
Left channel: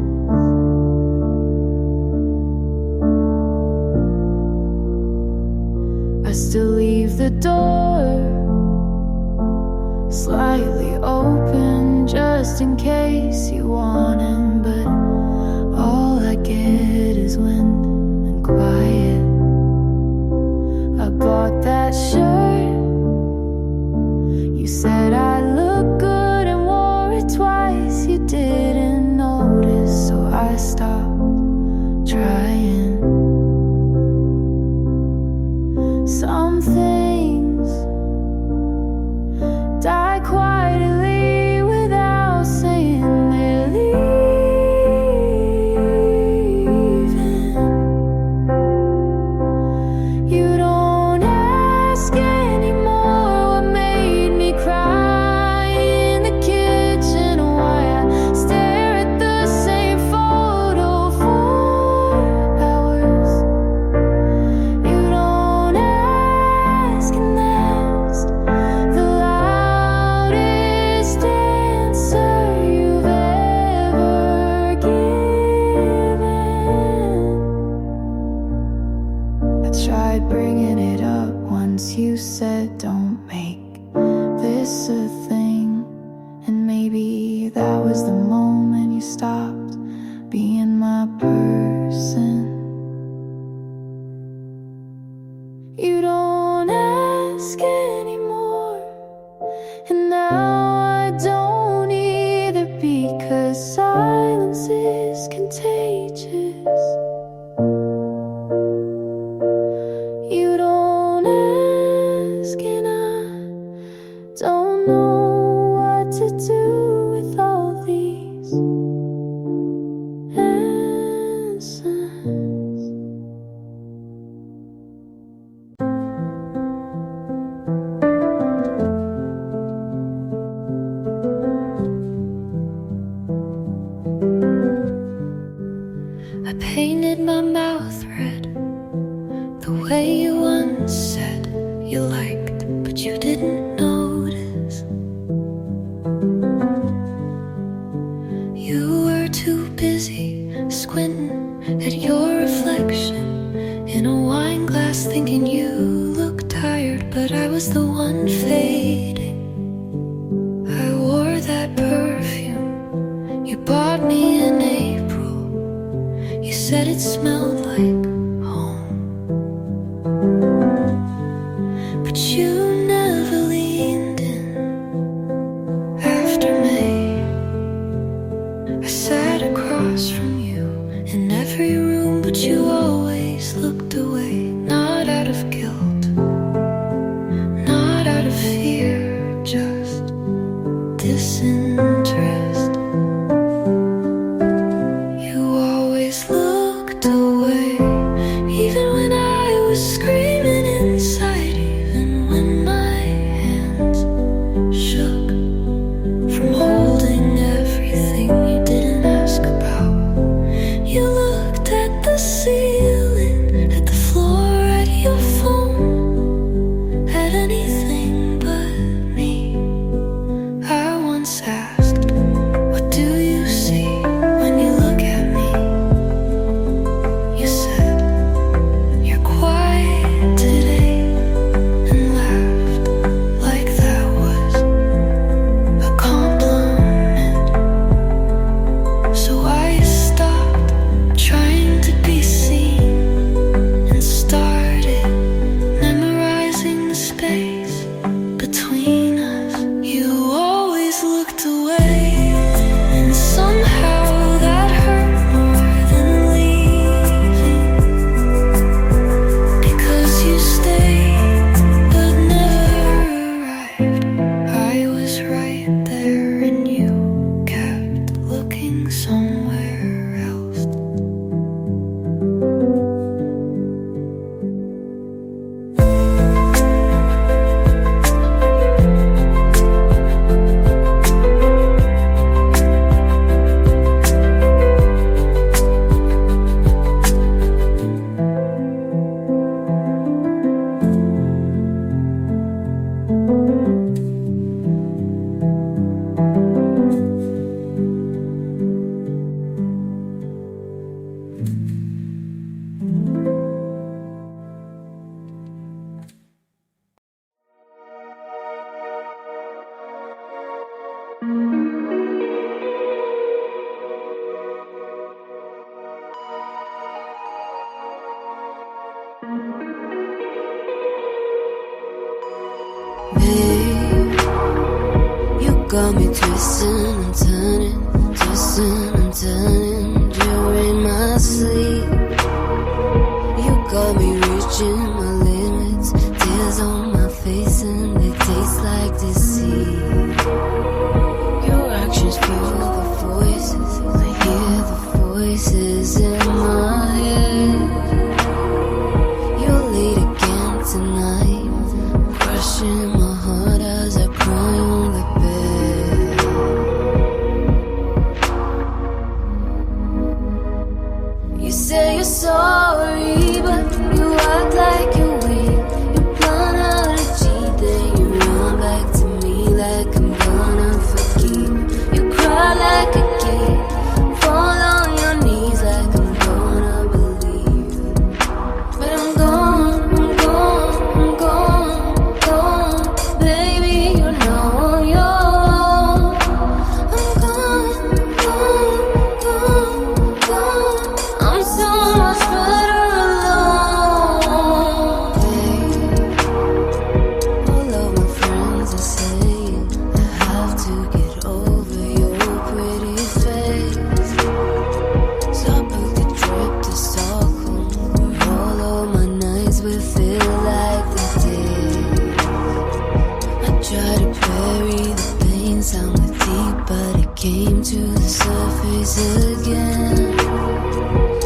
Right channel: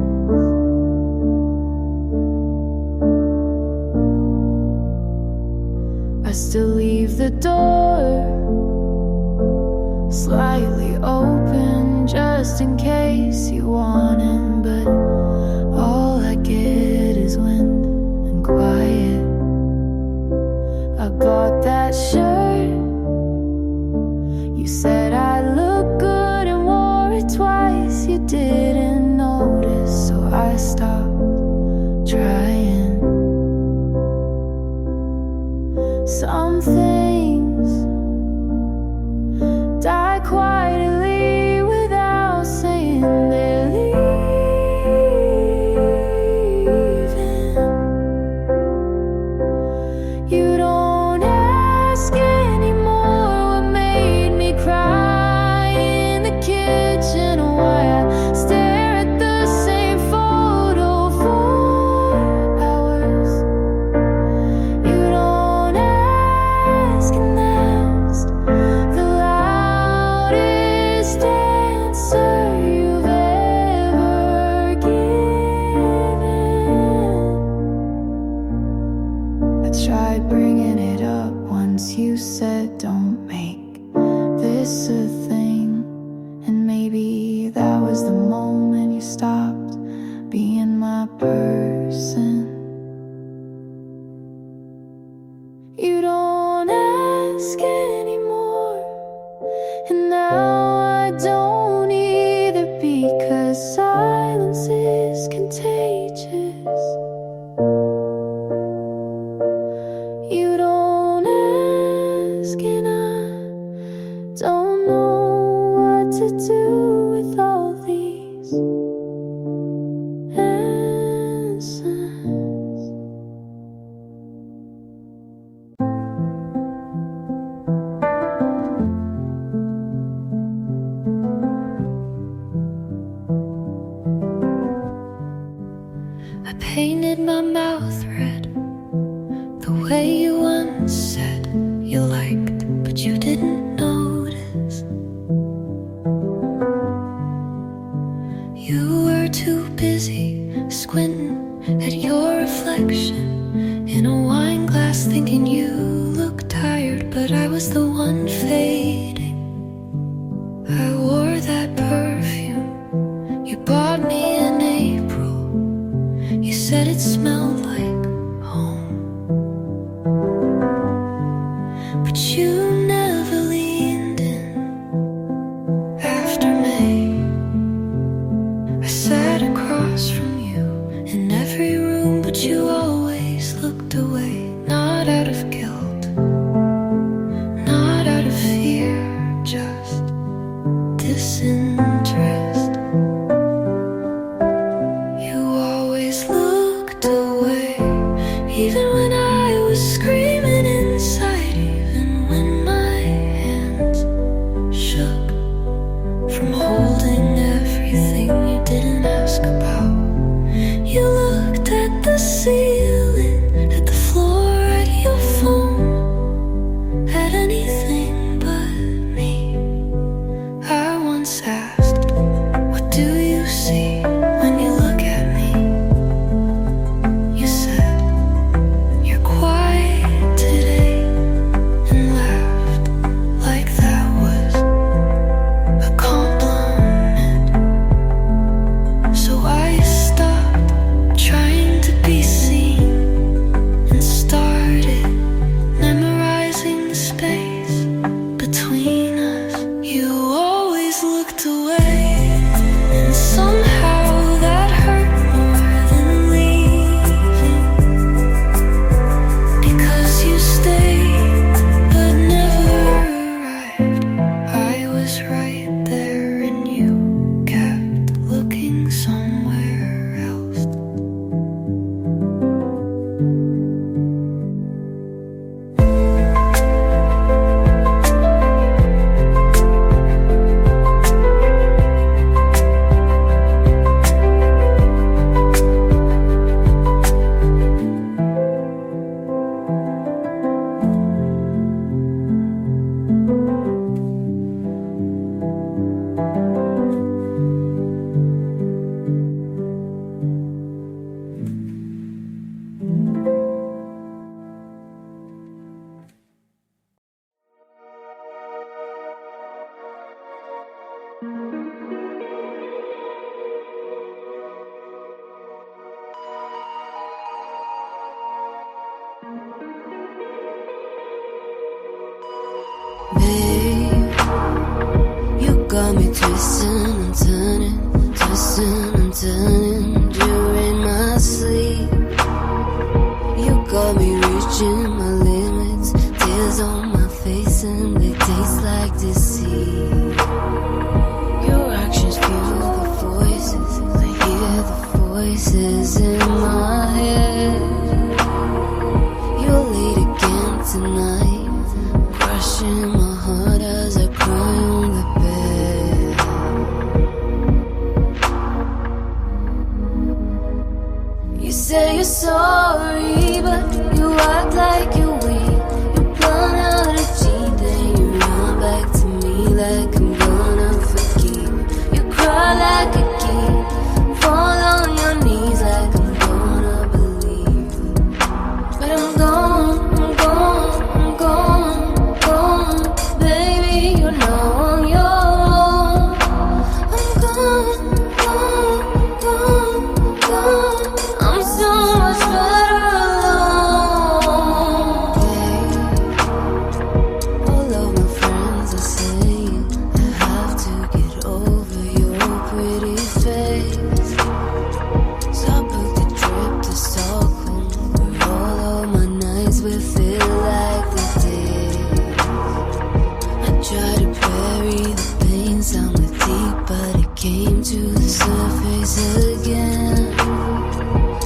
I still leave the door slightly open just in case you want in, but all I get is wind and quiet. I bought that shirt, you said I look good and wore it twice. You didn't notice, so I stopped trying. Some things die quietly without saying they're leaving. You don't ask anymore what made me cry in the kitchen, or why I stare at the same photo for hours. You don't ask, and that's the loudest answer you've ever given. I tried bringing it up once, you said don't make this a thing, and maybe that was the moment you stopped being my person. You don't ask anymore, and now I don't either, because silence is contagious. You don't ask, and I don't know what to do with all these answers. I painted my mouth red the way you once said you liked, but you didn't notice. You were too too busy squinting at your reflection in a wine glass, thinking you looked tired, but I was the one fading. I wore that perfume you bought me in April. You said it smelled like home, but you never leaned in after May. I sat across from you in every room, but you always looked away. Not out of guilt, not out of fear, just disinterest. You always looked away, even when I was screaming inside, even when my hands shook from holding everything you didn't ask about. You looked at the ceiling, at the floor, at your phone, at anything but me. I once asked, what do you see when you look at me? You said, you're quiet today, and laughed like that was a compliment. So I stopped trying to be seen and started memorizing the space between us. You always looked away, and somehow that hurt more than leaving, because you stayed but never arrived. I was right there and you kept looking somewhere else. Babe, you got me twisting and turning, twisting and turning during my sleep. You got me reaching my limits, tears on my face and they taste like deceit. Your actions fuel the voices, I hear the voices in my head. You're late again tonight, crushing my heart as I cry on the bed. You say you're sorry, but you act like you're weak. You plan out a cheat, then you run back to me like I'm gonna forgive. You cry like a kid, fall on your knees like I'm gonna believe. But I'm gone, I'm gone, I'm gone, gone. Baby, you're now on your own. I'm gone, gone, gone, gone. I'm so much better alone. Hey, all of my friends are saying I have to get over your pretty face. So I booked a trip to Stockholm, where all of my nights will feel like the day. I tried to bury the pain, sound with deep, but it came to the surface again.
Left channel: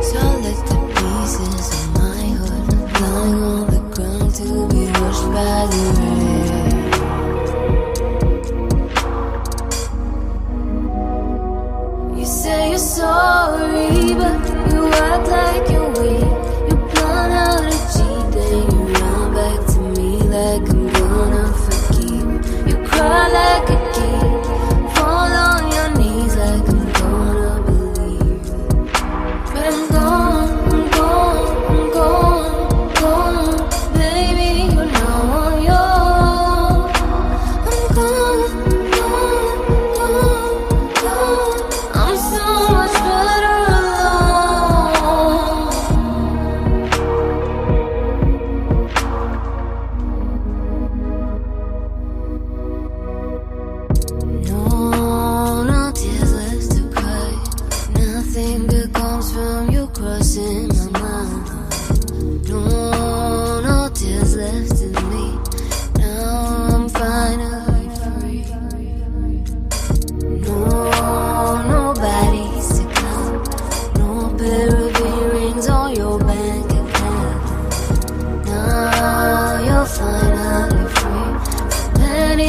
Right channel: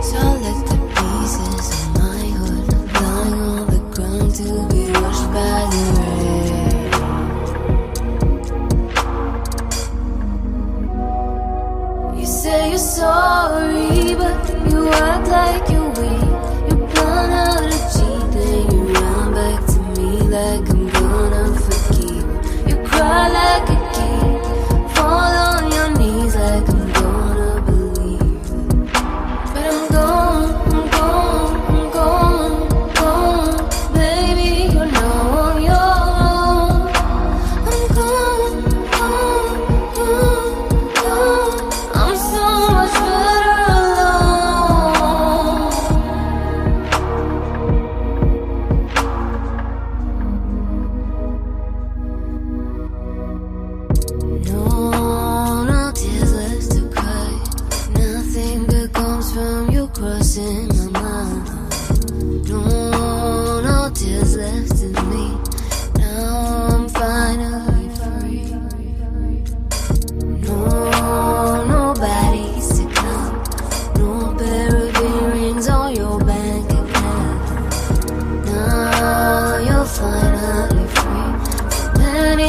So I let the pieces of my heart lying on the ground to be washed by the rain. You say you're sorry, but you act like you're weak. You plan out a cheat, then you run back to me like I'm gonna forgive. You cry like a kid, fall on your knees like I'm gonna believe.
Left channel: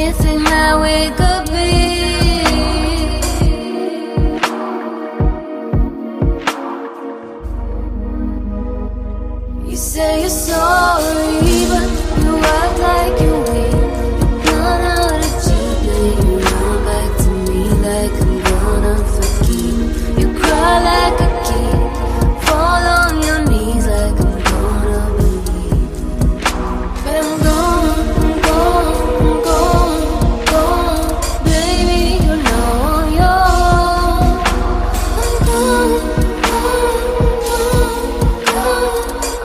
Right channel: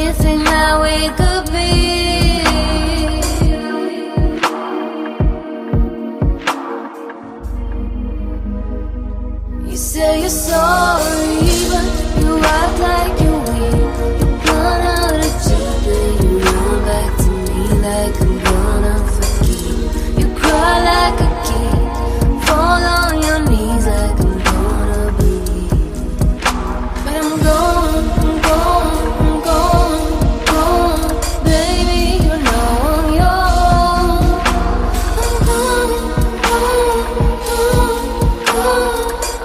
anything that we could be. You say you're sorry, but you act like you're weak. You run out of cheap, then you run back to me like I'm gonna forgive. You cry like a kid, fall on your knees like I'm gonna believe. But I'm gone, I'm gone, I'm gone, gone. Baby, you're now on your own. I'm gone, gone, gone, gone.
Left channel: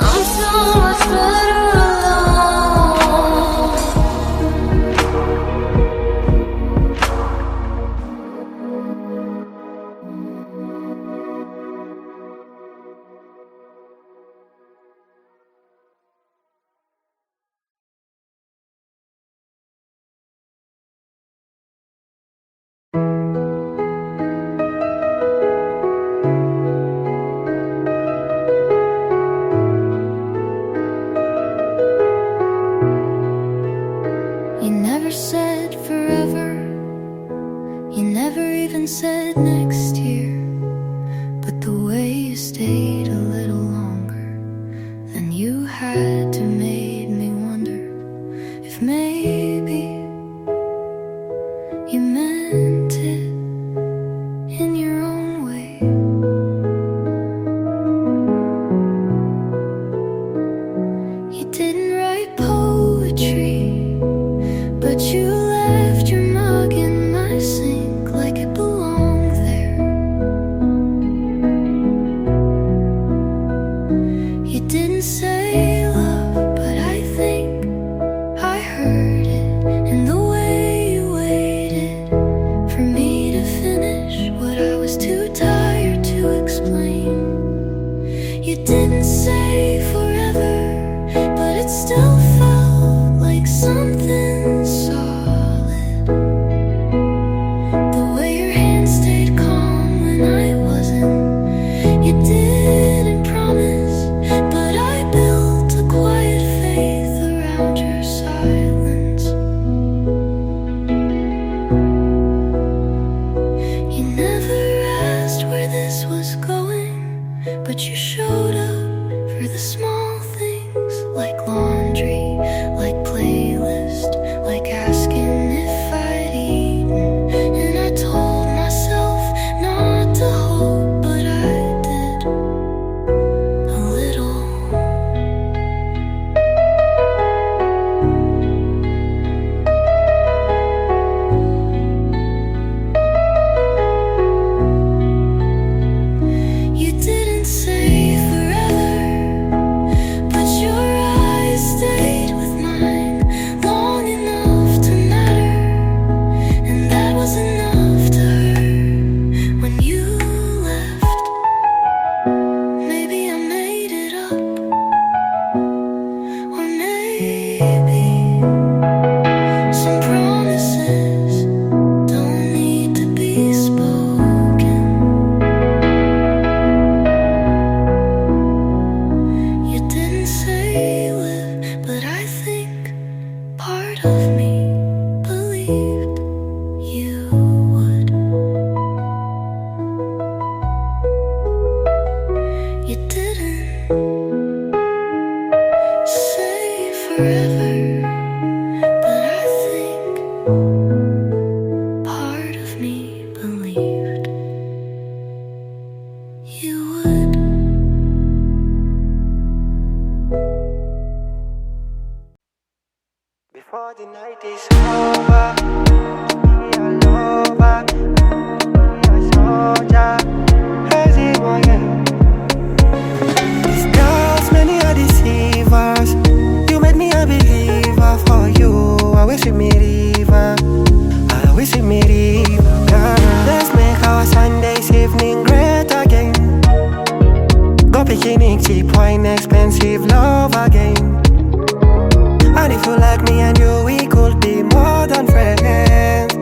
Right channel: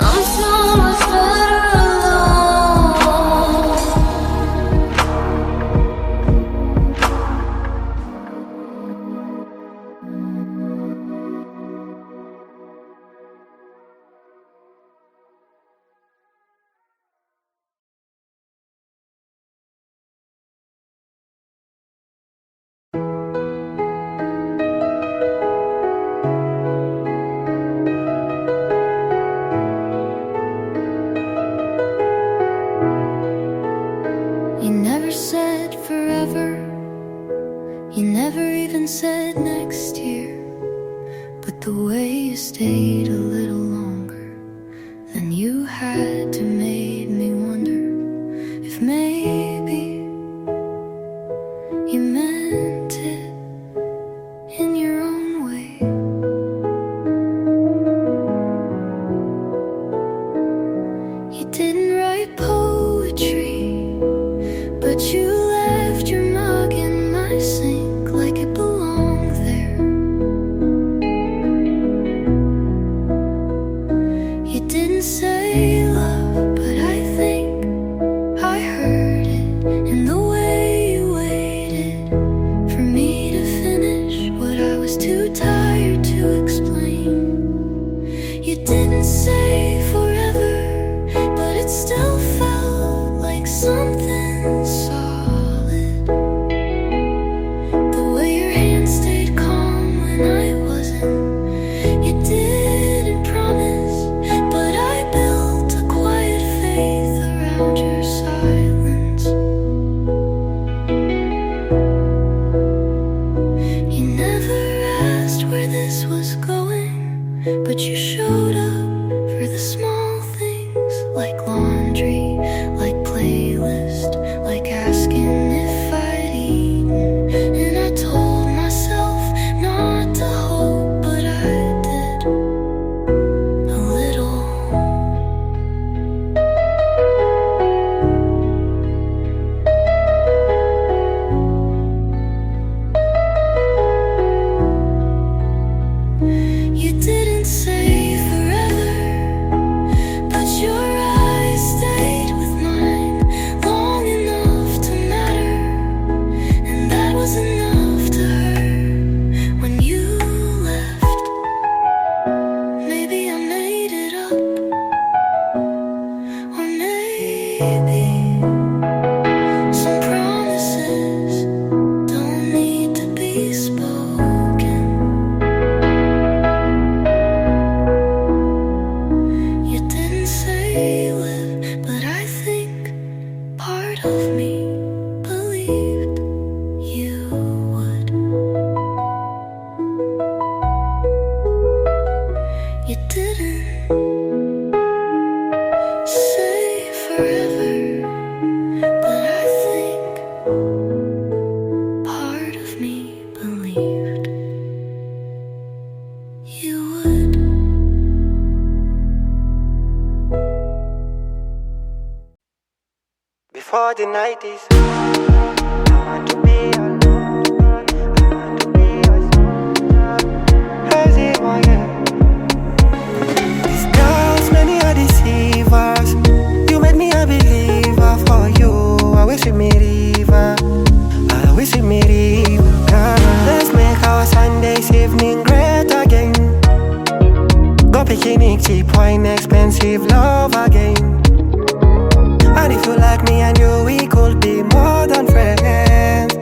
I'm so much better alone. You never said forever. You never even said next year. But the way you stayed a little longer than you had to made me wonder if maybe you meant it in your own way. You didn't write poetry, but you left your mug in my sink like it belonged there. You didn't say love, but I think I heard it in the way you waited for me to finish what I was too tired to explain. You didn't say forever, but it still felt like something solid. The way your hand stayed calm when I wasn't. You didn't promise, but I built a quiet faith around your silence. You never asked where this was going, but you showed up for the small things, like laundry, like playlist, like asking if I'd eaten. And I told myself not to hope, but I did a little. You didn't say forever, but your eyes stayed with mine long enough to matter, and that was enough to hurt when you left. Maybe I made it up, or maybe some promises don't need to be spoken. You didn't say live, but I think part of me believed you would. You didn't say forever, but I think part of me believed you would. Before the night is over, I want to be a lover. I want to be a soldier. Crazy boy, yeah. These girls, many are deceivers. You made me a believer. For you, I wish you me river. I wish you me river, girl. Let's make our Sundays evening great again. Go picnic, cheap wine, expensive love again. And if you like me and you, we could be more than friends.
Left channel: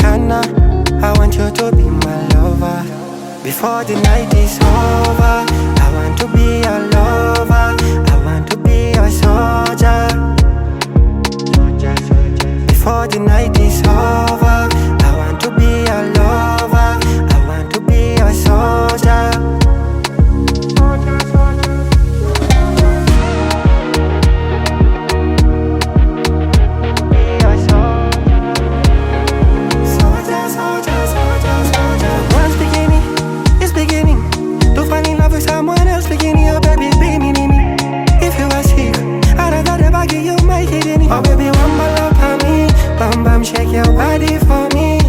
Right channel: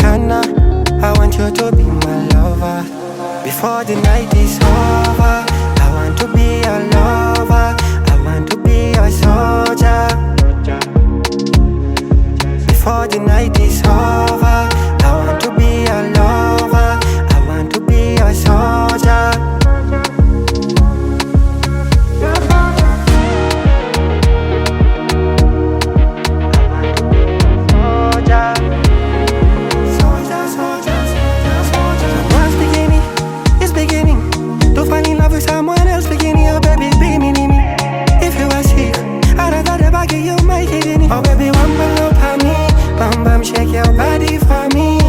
Kinda, I want you to be my lover. Before the night is over, I want to be a lover. I want to be a soldier. Before the night is over. I want to be your lover. I want to be your soldier. Someone's beginning, it's beginning to fall in love with someone else beginning. Oh baby, be me. If you are sick, I'd rather bag you my kidney. Oh baby, one more love for me. Bam bam, shake your body for me.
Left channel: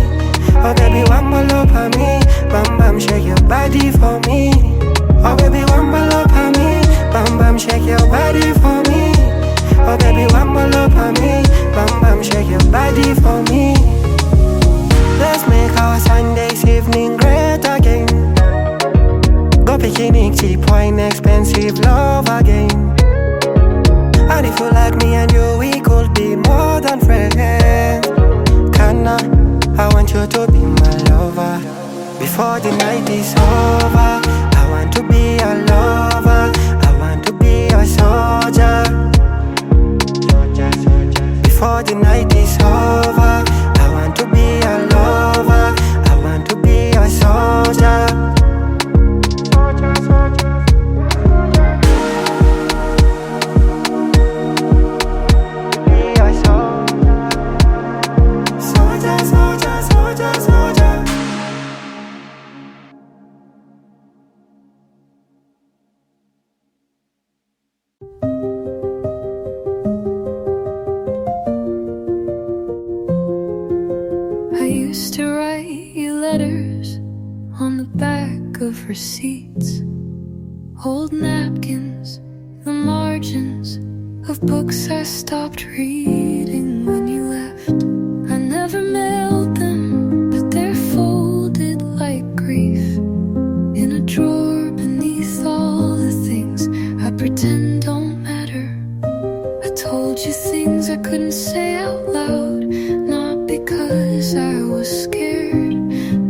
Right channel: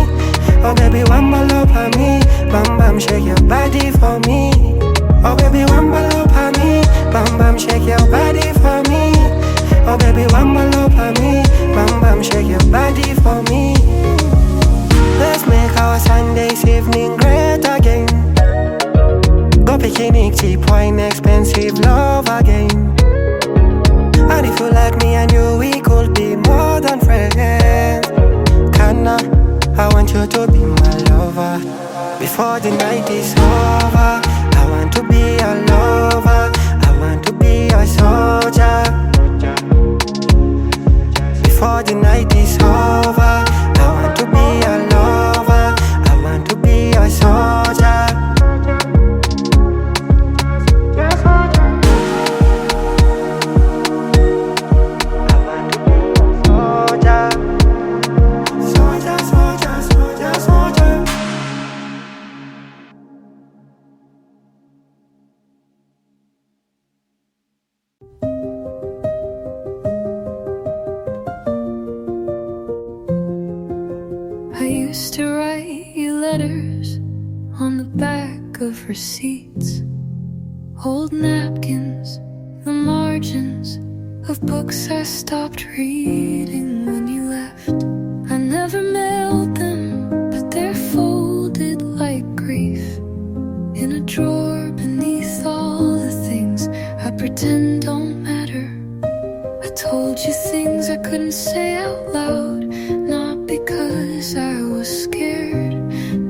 Oh baby, one more love for me. Bam bam, shake your body for me. Oh baby, one more love for me. Bam bam, shake your body for me. Oh baby, one more love for me. Bam bam, shake your body for me. Let's make our Sunday's evening great again. Go picnic, cheap wine, expensive love again. And if you like me and you, we could be more than friends. Kinda, I want you to be my lover. Before the night is over, I want to be your lover. I want to be your soldier. Before the night is over, I want to be your lover. I want to be your soldier. I used to write you letters on the back of receipts, old napkins, the margins of books I stopped reading when you left. I never mailed them, but they're folded like grief in a drawer beneath all the things I pretend don't matter. I told you things I couldn't say out loud, not because I was scared,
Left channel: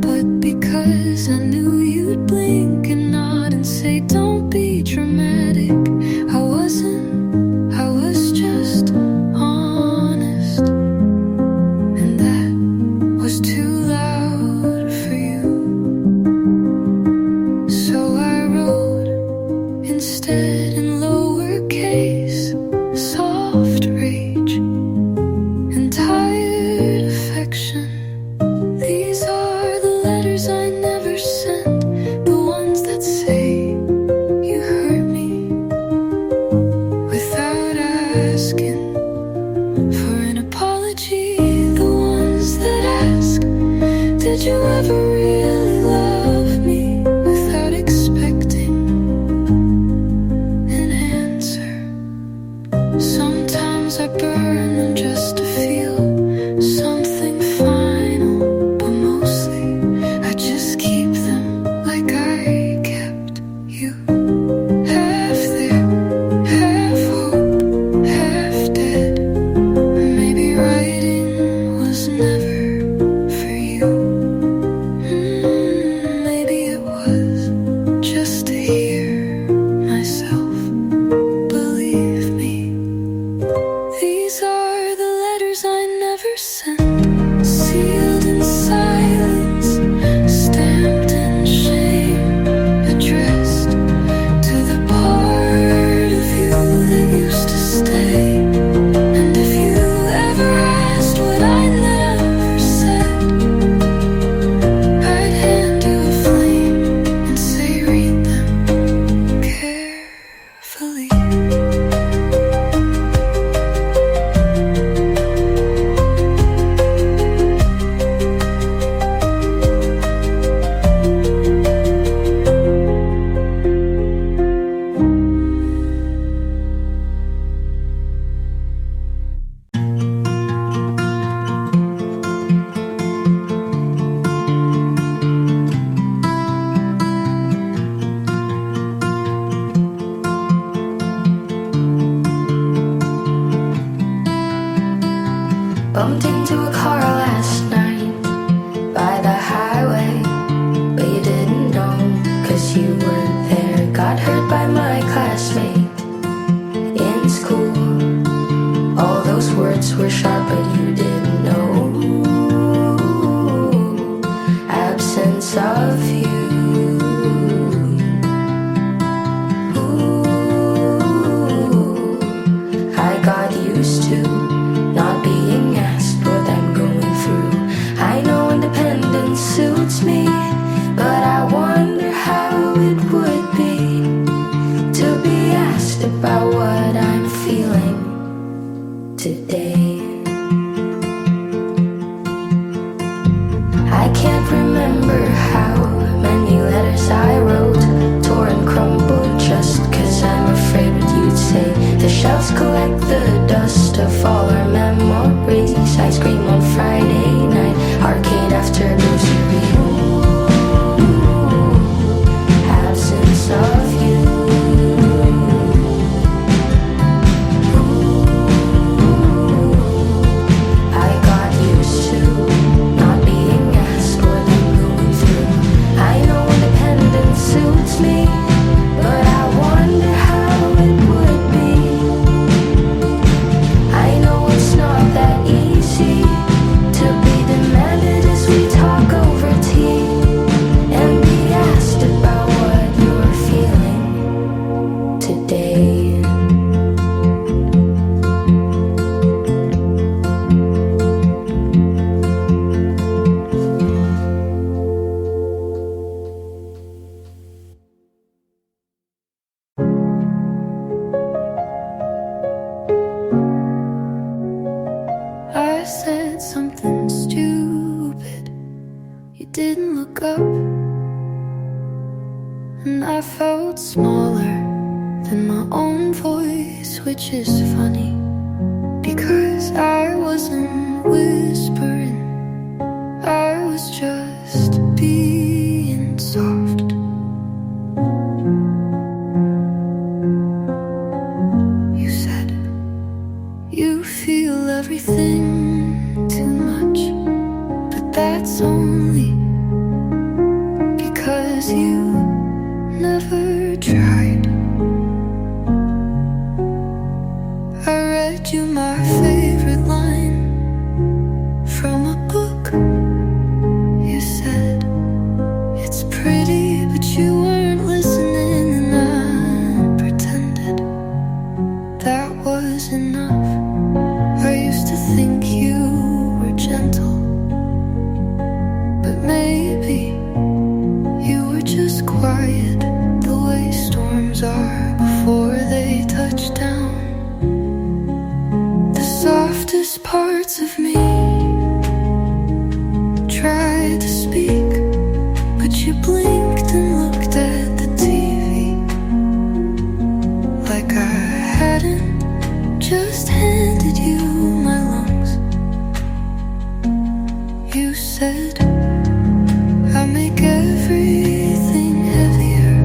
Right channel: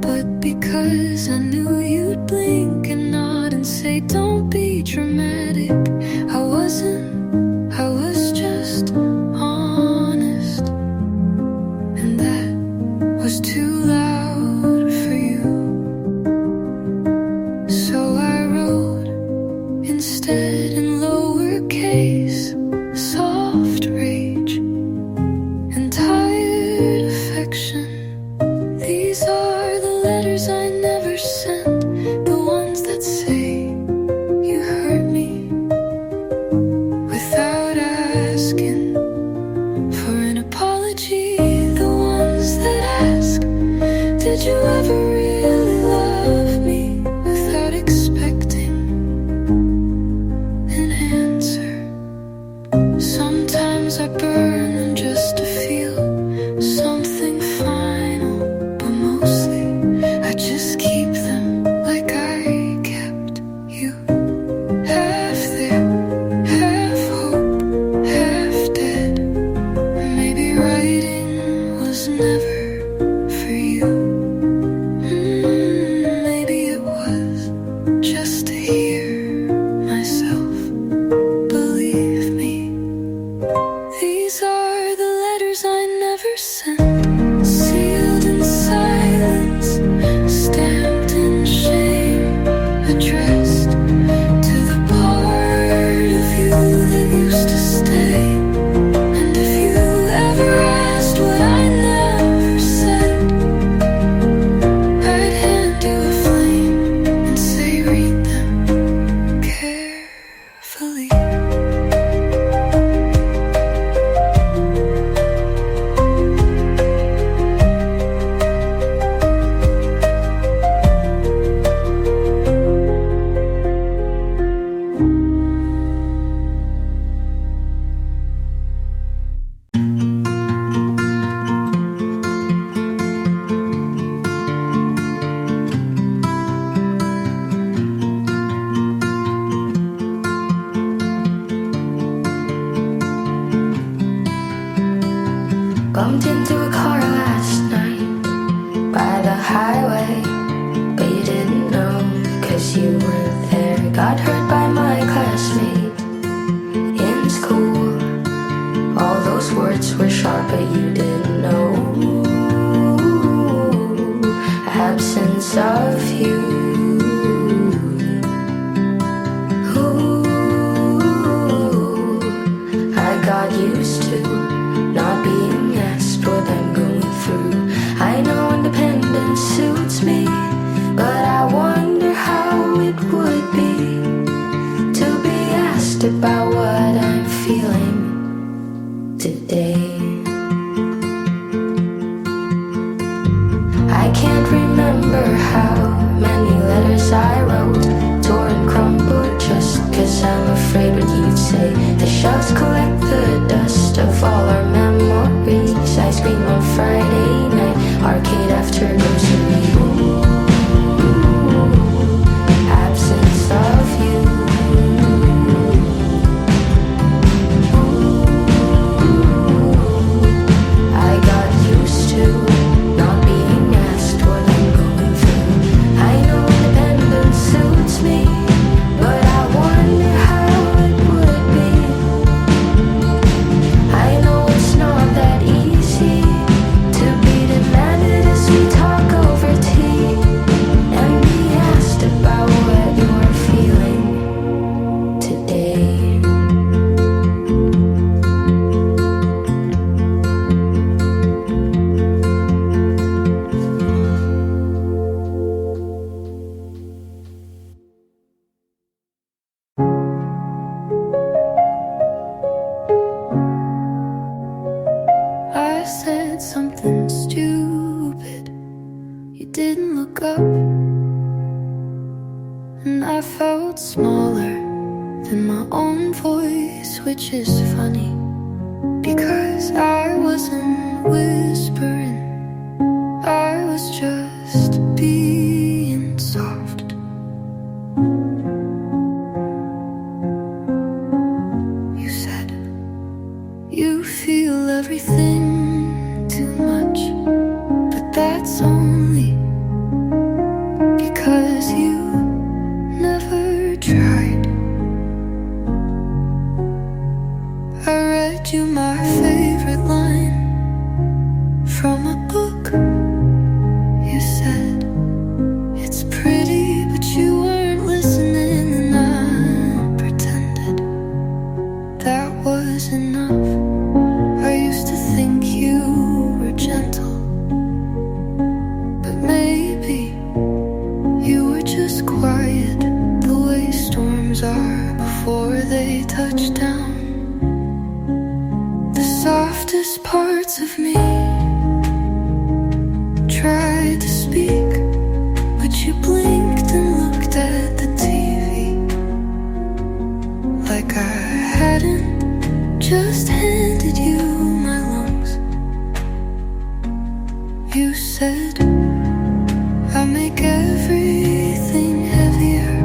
but because I knew you'd blink and nod and say, don't be dramatic. I wasn't, I was just honest, and that was too loud for you. So I wrote instead in lowercase, soft rage and tired affection. These are the letters I never sent, the ones that say you hurt me without asking for an apology. The ones that ask, did you ever really love me, without expecting an answer. Sometimes I burn them just to feel something final, but mostly I just keep them like I kept you. Half there, half hope, half dead. Maybe writing was never for you. didn't look up, and I felt smaller than my own voice, which is funny, because I wasn't whispering, I was just being soft. You said you feel everything too much, but that's only because you never tried. I read you my favorite line from a book. You said it's pretty, but you weren't listening, and I pretended that was enough. I used to think you were gentle, but maybe you were just quiet, the way storms are before they touch down. The softest parts of me tried to speak, but you blinked and looked at the TV like I hadn't just handed you my lungs. You said I make everything heavier,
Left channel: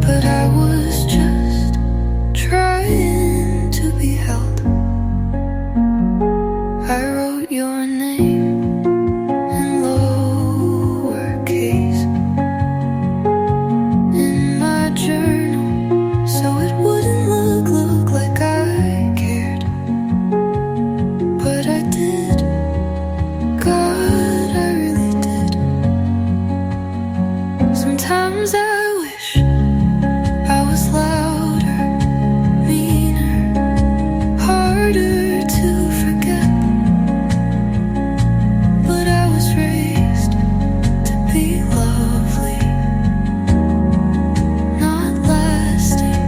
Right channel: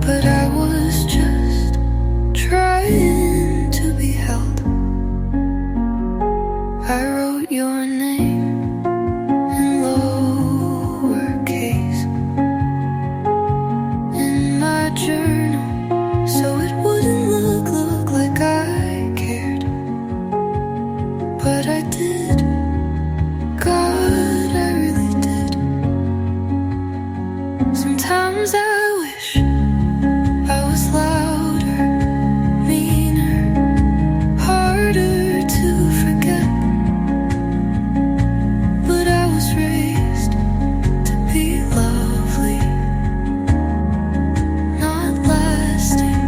but I was just trying to be held. I wrote your name in lowercase in my journal, so it wouldn't look like I cared, but I did. God, I really did. Sometimes I wish I was louder, meaner, harder to forget, but I was raised to be lovely, not lasting.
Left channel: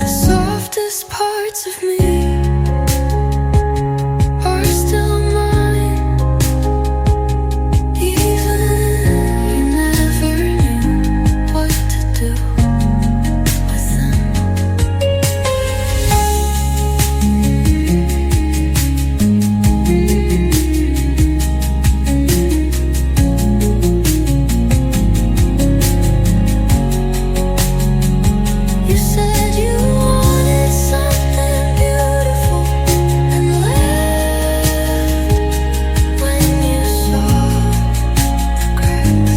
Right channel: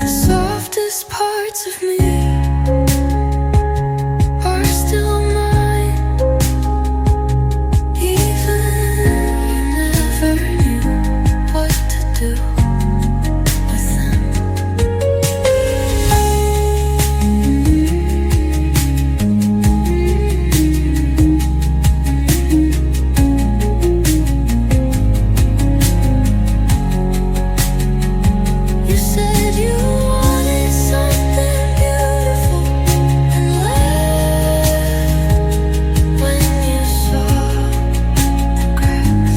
The softest parts of me are still mine, even you never knew what to do with them. You said you wanted something beautiful and laughed when you saw the cracks.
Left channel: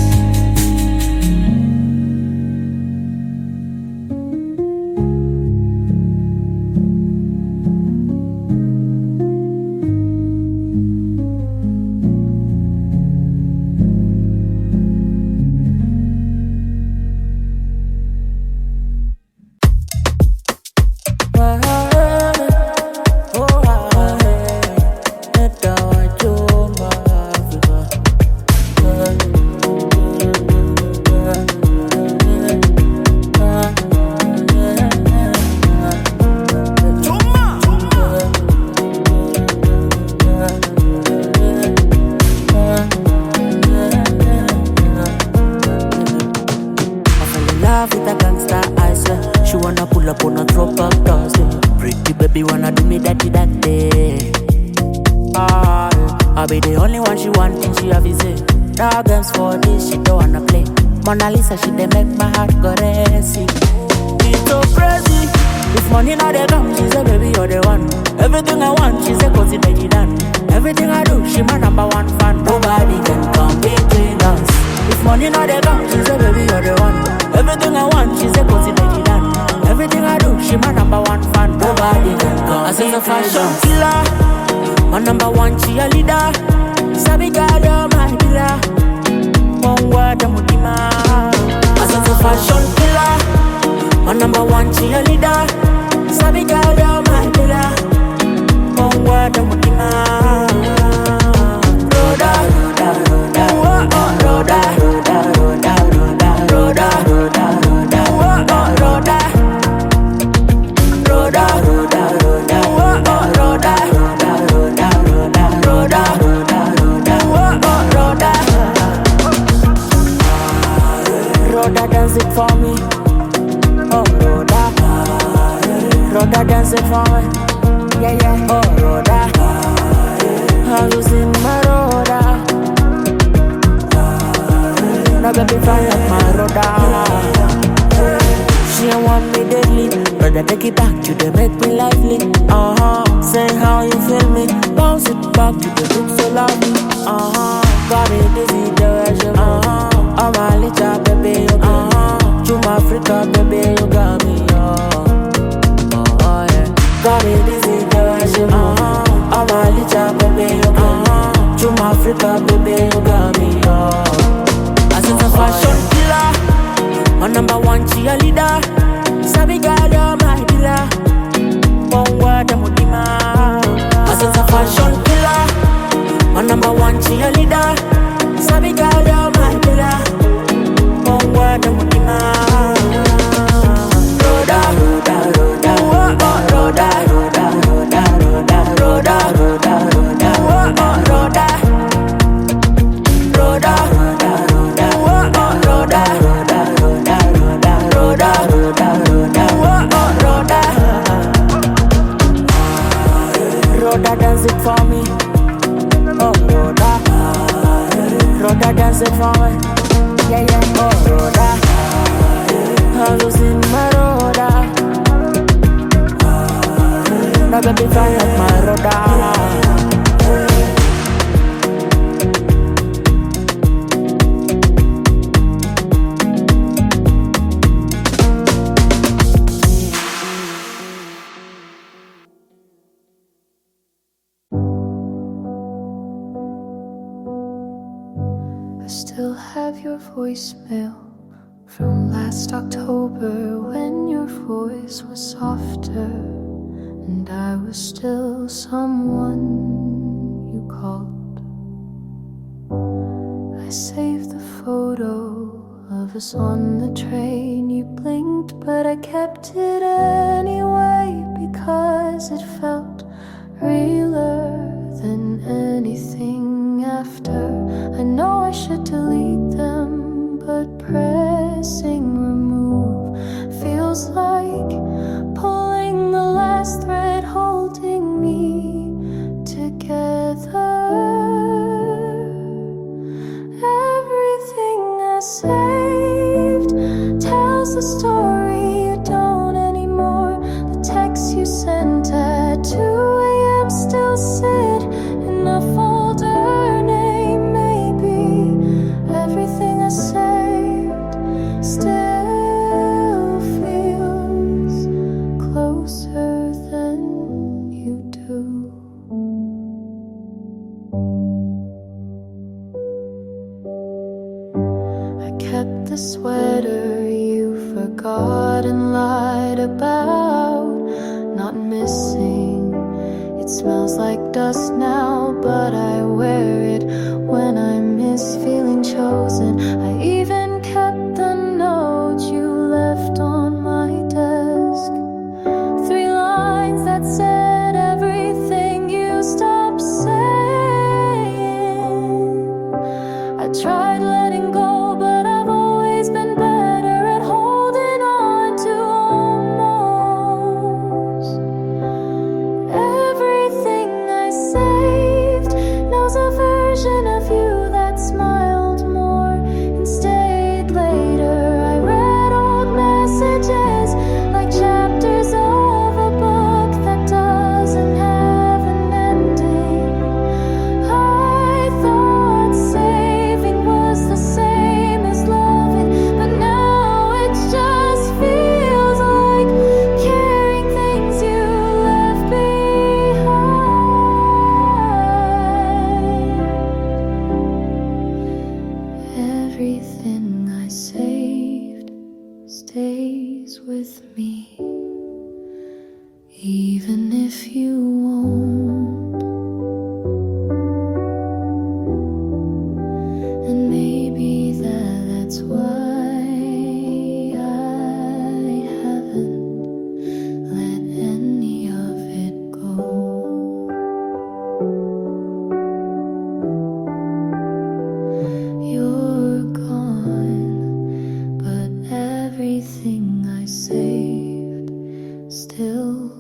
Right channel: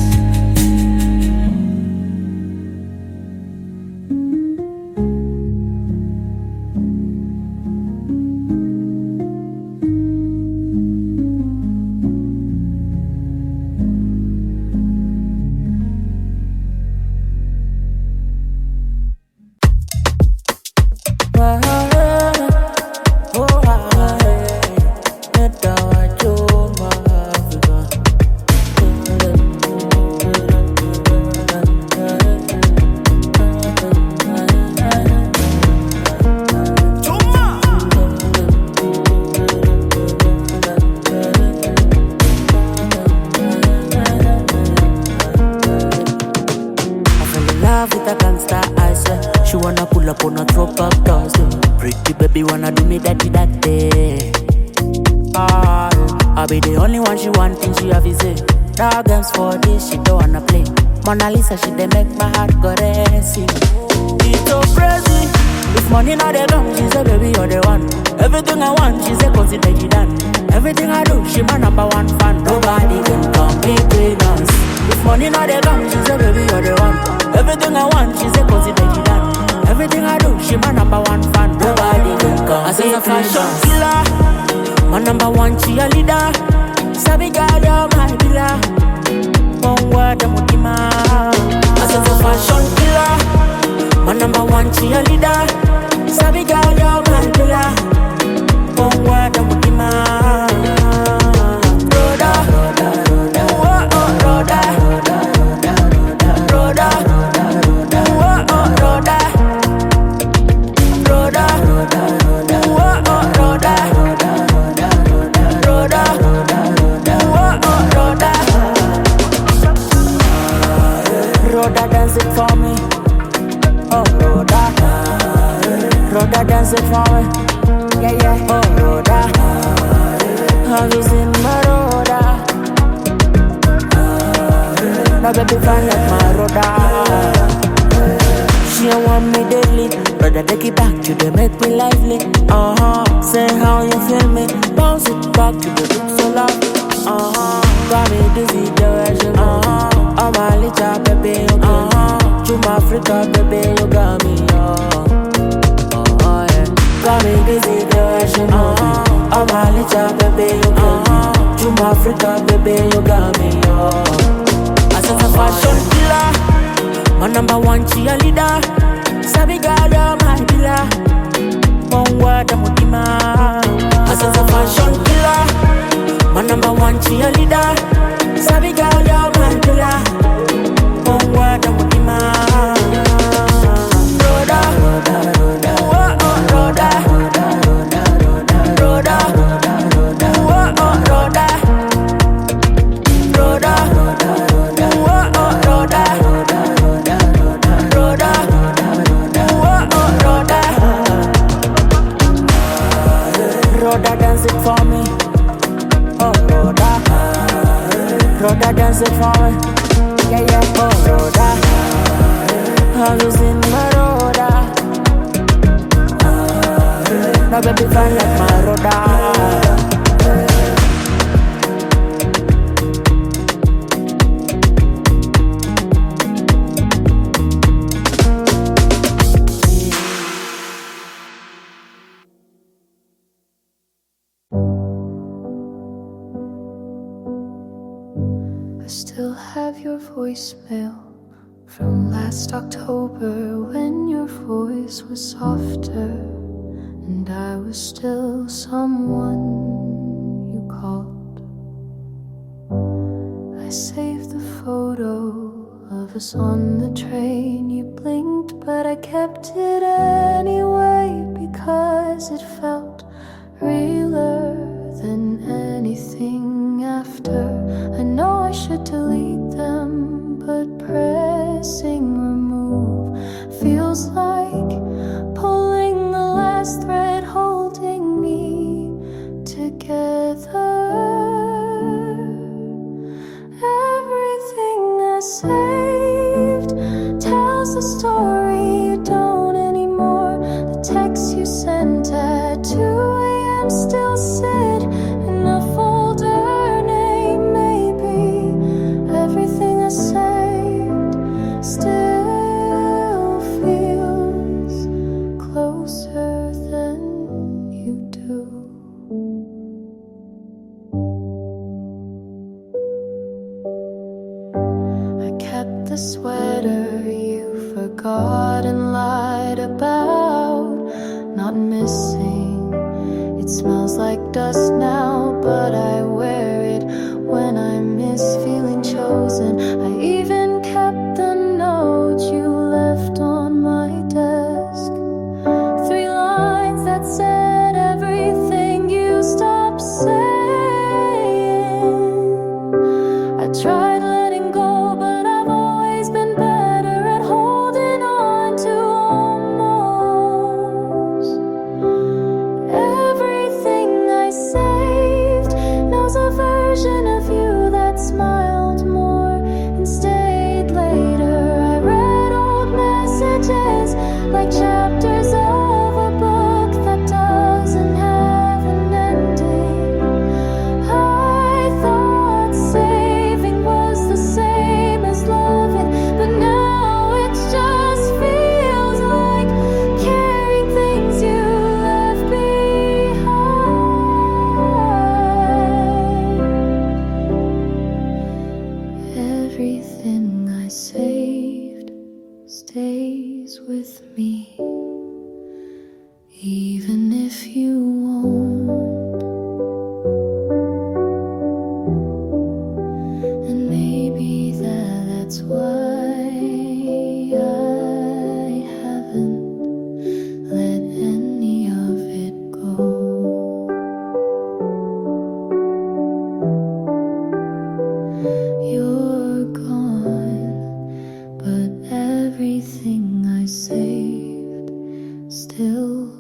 I fell in love with a gangster, I swear. She wanna pull up on a throwback Thursday. Pretty baby wanna do me that day. Ah, yeah. I'll be the only one she want, and she have is it. Dog games for this, she don't wanna play. Mona Lisa, she dey make my heart go racing. It's so crazy. If money not dey come, she say baby you're the one. Everything I want, she say consider it done. Everything I do, she my number one fan. Nobody can come between us. If money not dey come, she say baby you're the one. Everything I want, she say consider it done. Everything I do, she my number one fan. Nobody can come. I say a fashion killer, my number one cheerleader. Sabi girl, you're my pillar. One word, I'm mutima. I say a fashion killer, my number one cheerleader. Sabi girl, you're my pillar. One word, I'm mutima. Roda, oh oh, roda, roda, oh oh, roda, roda, oh oh, roda, roda, dance it for me. Yeah, yeah, oh, Rhoda. I was in my Rhoda. No baby fine like my Rhoda. She don't want me deadly, brother take it back, you dey make me lively. Say how you feel me, bounce it back, you dey look so lovely. Got me dizzy, the way she move. I'm a little baby, you got me. Juma Africa, baby, you got me, yeah. Got me dizzy, the way she move. I'm a little baby, you got me. Juma Africa, baby, you got me, I sense a fashion killer, my number one cheerleader. Sabi girl, you're my pillar. One word, I'm Mutima. I sense a fashion killer, my number one cheerleader. Sabi girl, you're my pillar. One word, I'm Mutima. Rhoda, Rhoda, Rhoda, oh oh Rhoda, Rhoda, Rhoda, Rhoda, Rhoda, Rhoda, Rhoda, oh oh Rhoda, Rhoda, Rhoda, Rhoda, oh oh Rhoda, Rhoda, Rhoda, Rhoda, Rhoda, Rhoda, oh oh Rhoda. Rhoda dance it for me, oh Rhoda. Rhoda dance it for me, yeah yeah, oh Rhoda. I was in my Rhoda. No baby fine like my Rhoda. I still have your voicemail from last October when your voice was softer and I was still someone you called. I saved the photo of us on the train. You blinked, but I kept it anyway because it felt realer than anything after. I know I should delete them, but pressing remove feels like pulling the last thread holding me together. Everything I saved tells the story you don't anymore. The texts you sent at 2 a.m. still sit in a folder. Name maybe everything I saved still feels closer than you do. I kept the sweater you forgot and lied about not missing. It smells like dust now, but I wear it when I miss feeling chosen. I even kept the note you left on my desk. 3 lines that said everything you stopped saying. I tried letting go, but I've always been better at holding on to almost. Everything I saved knows a version of you that smiled more and stayed later. I read old messages like chapters of a book that doesn't have an ending. I thought saving was the same as loving, but now it just feels like carrying things you left behind. Everything I saved stays with me, even if you won't. And maybe that's why I haven't let any of it go. You're gone, but everything I saved still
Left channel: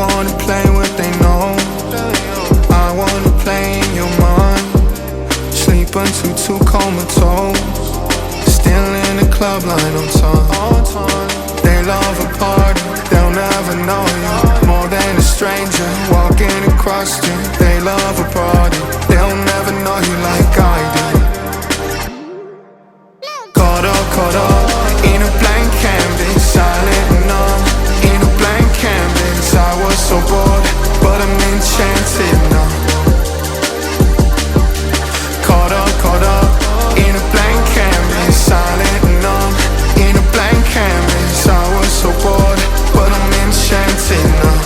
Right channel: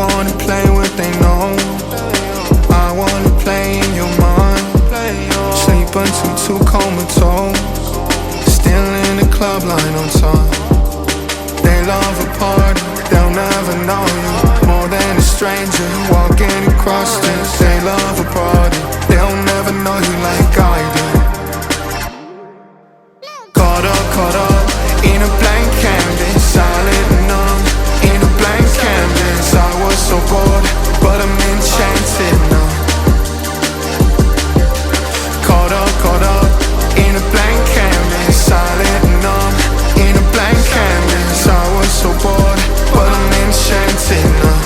wanna play what they know. I wanna play in your mind. Sleep until too comatose. Still in the club line on time. They love a party, they'll never know you. More than a stranger walking across the street. They love a party, they'll never know you like I do. Caught up in a blank canvas, silent and numb. In a blank canvas, I was so bored, but I'm enchanted now. Caught up in a blank canvas, silent and numb. In a blank canvas, I was so bored, but I'm enchanted now.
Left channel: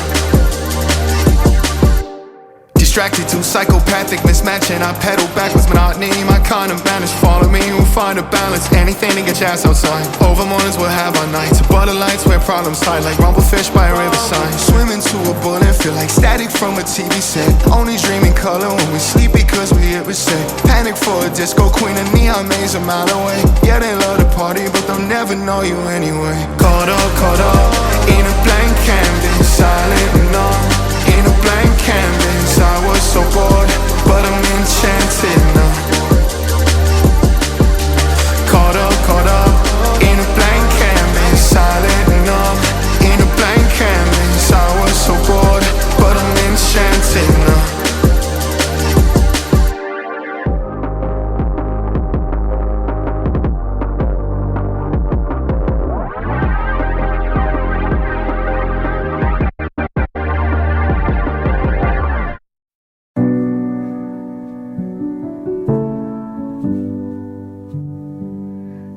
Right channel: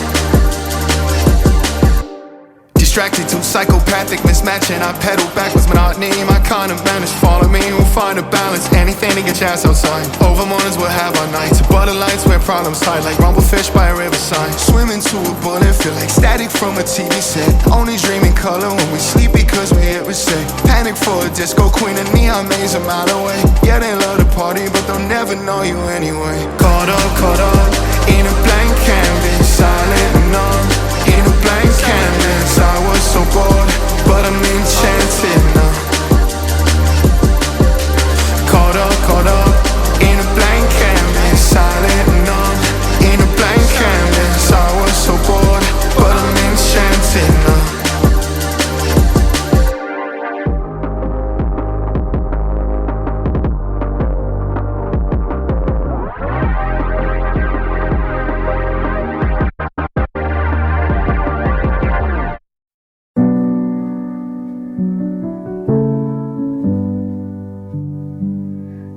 Distracted to psychopathic mismatching. I pedal backwards, monotony. My kind of vanish. Follow me, we'll find a balance. Anything to get your ass outside. Over mornings we'll have our nights. Butter lights where problems hide. Like rumblefish by a riverside. Swimming to a bullet, feel like static from a TV set. Only dream in color when we sleep because we hit reset. Panic for a disco queen, a neon maze a mile away. Yeah, they love to party, but they'll never know you anyway. Caught up in a blank canvas, silent and numb. In a blank canvas, I was so bored, but I'm enchanted now. Caught up in a blank canvas, silent and numb. In a blank canvas, I was so bored, but I'm enchanted now.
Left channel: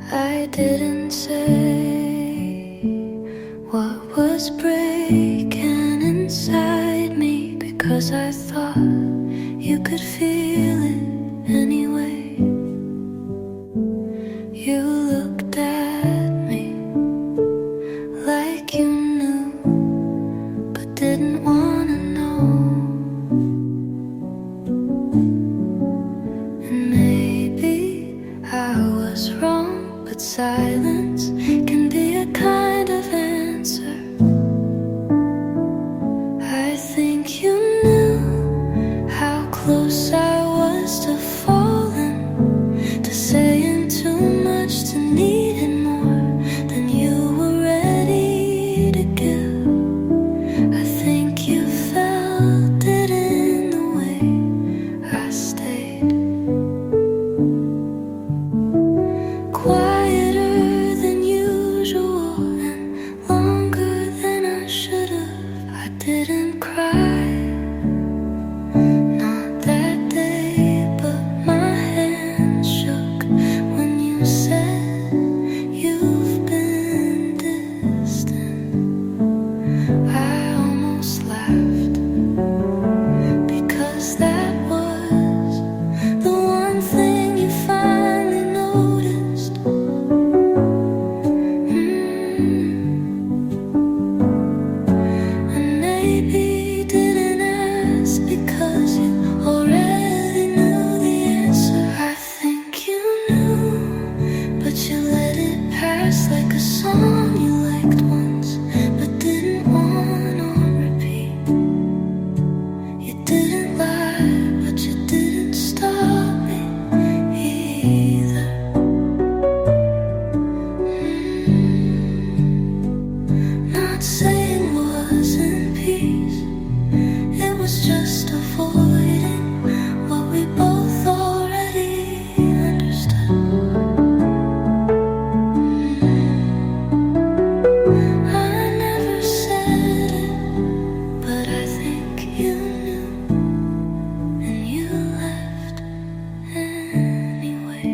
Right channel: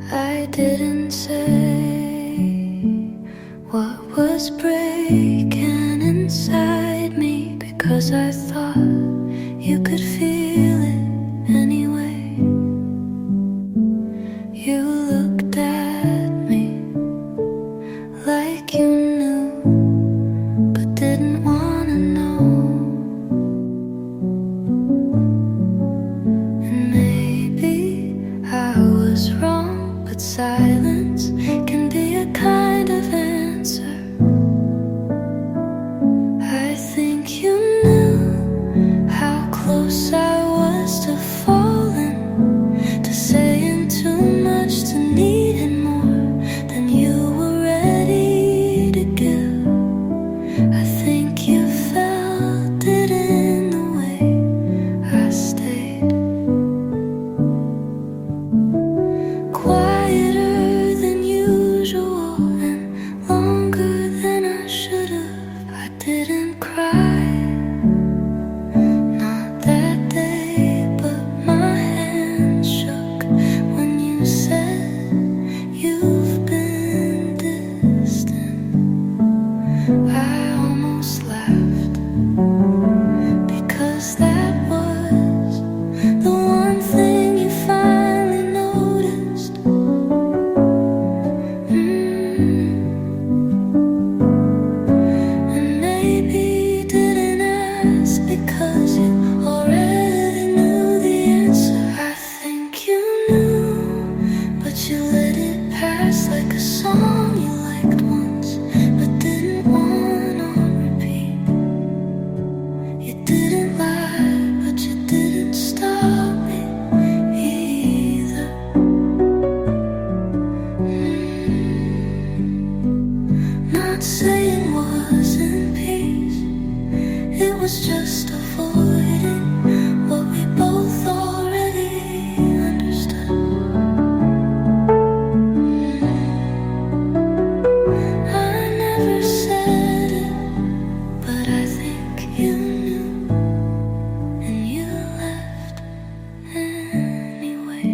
I didn't say what was breaking inside me, because I thought you could feel it anyway. You looked at me like you knew, but didn't wanna know. And maybe I was wrong, but silence can be a kind of answer. I think you knew how close I was to falling, to saying too much, to needing more than you were ready to give. I think you felt it in the way I stayed. Quieter than usual and longer than I should have. I didn't cry, not that day, but my hand shook when you said you've been distant. I almost laughed, because that was the one thing you finally noticed. And maybe didn't ask because you already knew the answer. I think you knew, but you let it pass like a song you liked once, but didn't want on repeat. You didn't lie, but you didn't stop me either. Not saying wasn't peace, it was just avoiding what we both already understood. I never said it, but I think you knew, and you left anyway.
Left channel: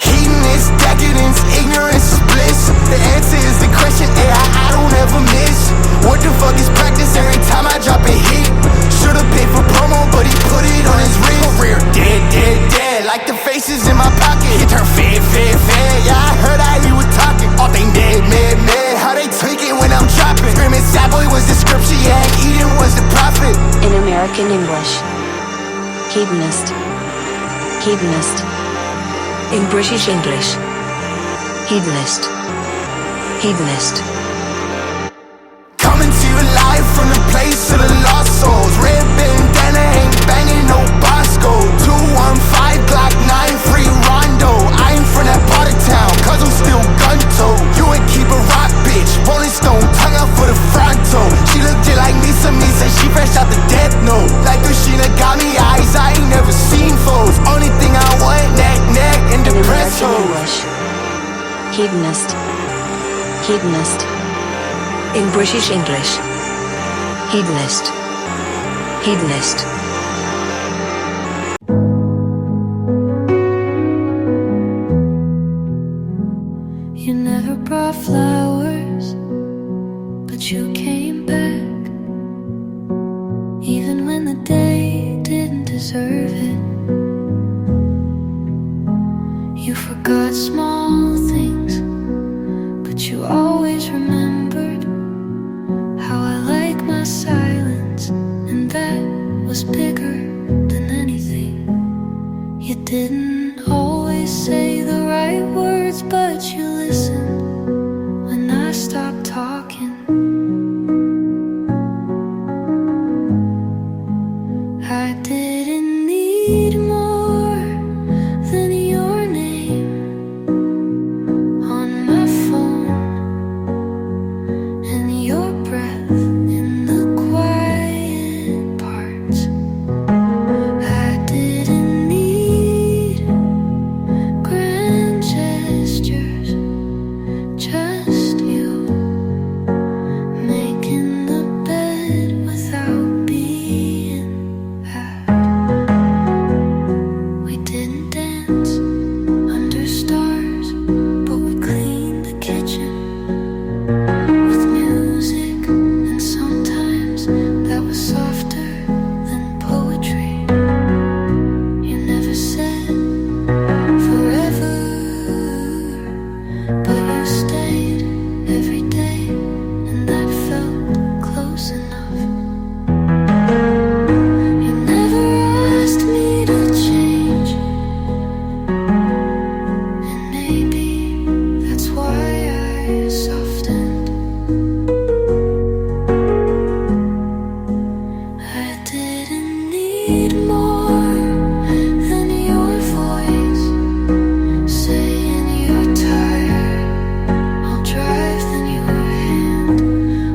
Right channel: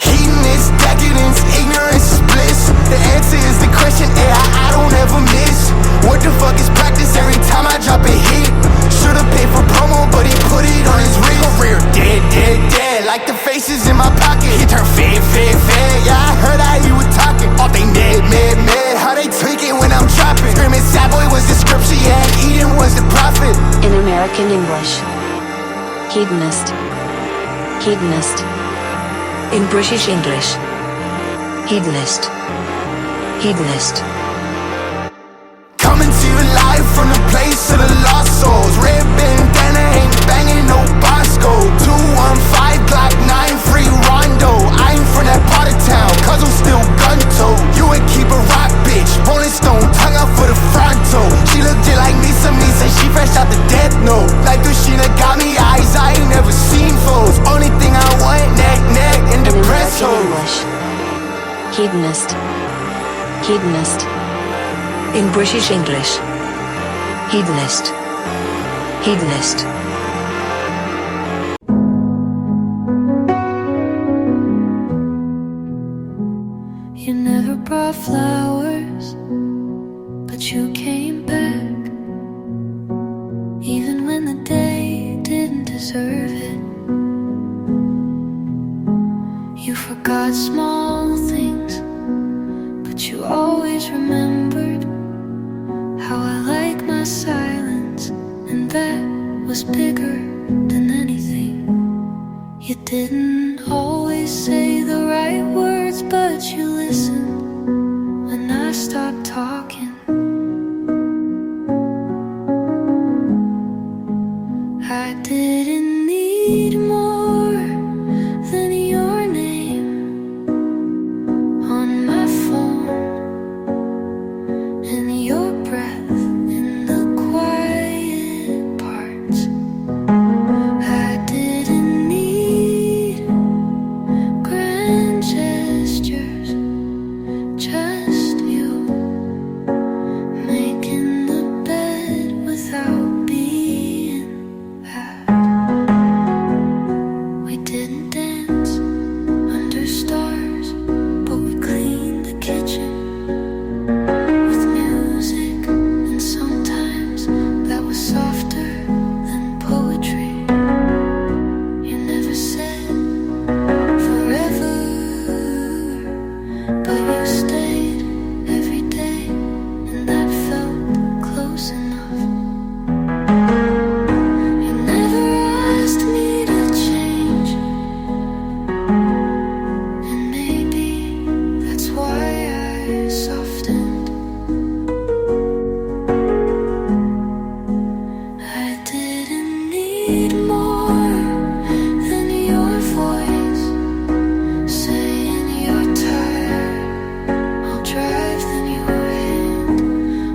Hedonist, decadence, ignorance is bliss. The answer is the question AI I don't ever miss. What the fuck is practice and in my pocket. He turned fed. Yeah, I heard how he was talking. All they mad. How they tweaking when I'm dropping. Screaming sad boy was the scripture, yeah, Eden was the prophet. In American English, hedonist. In British English, hedonist. Coming to you live from the place of the lost souls. Red bandana ain't banging no Bosco. 215 Glock 9 free Rondo. I ain't from that part of town, cause I'm still gun-toed. You ain't keep a rock, bitch. Rolling Stone, tongue out for the fronto. She look just like Misa, she fresh out the death note. Like Dushina got me eyes, I ain't never seen foes. Only thing I want, neck, and depressed hoes. Hedonist. In British English, hedonist. You never brought flowers, but you came back, even when the day didn't deserve it. You forgot small things, but you always remembered how I like my silence, and that was bigger than anything. You didn't always say the right words, but you listened when I stopped talking. I didn't need more than your name on my phone, and your breath in the quiet parts. I didn't need grand gestures, just you making the bed without being had. We didn't dance under stars, but we cleaned the kitchen with music, and sometimes that was softer than poetry. You never said forever, but you stayed every day, and that felt close enough. You never asked me to change, and maybe that's why I softened. I didn't need more than your voice saying you're tired. I'll drive then your hand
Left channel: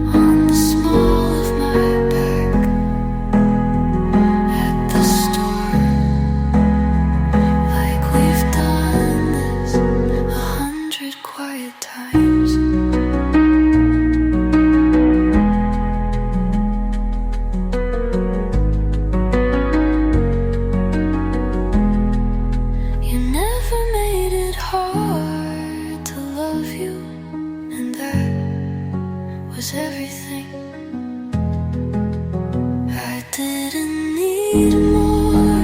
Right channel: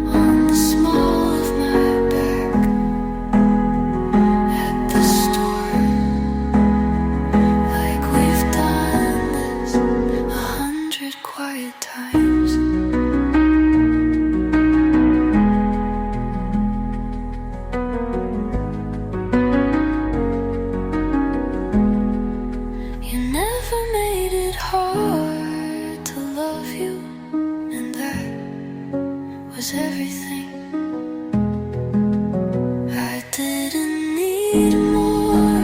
on the small of my back at the store, like we've done this 100 quiet times. You never made it hard to love you, and that was everything. I didn't need more,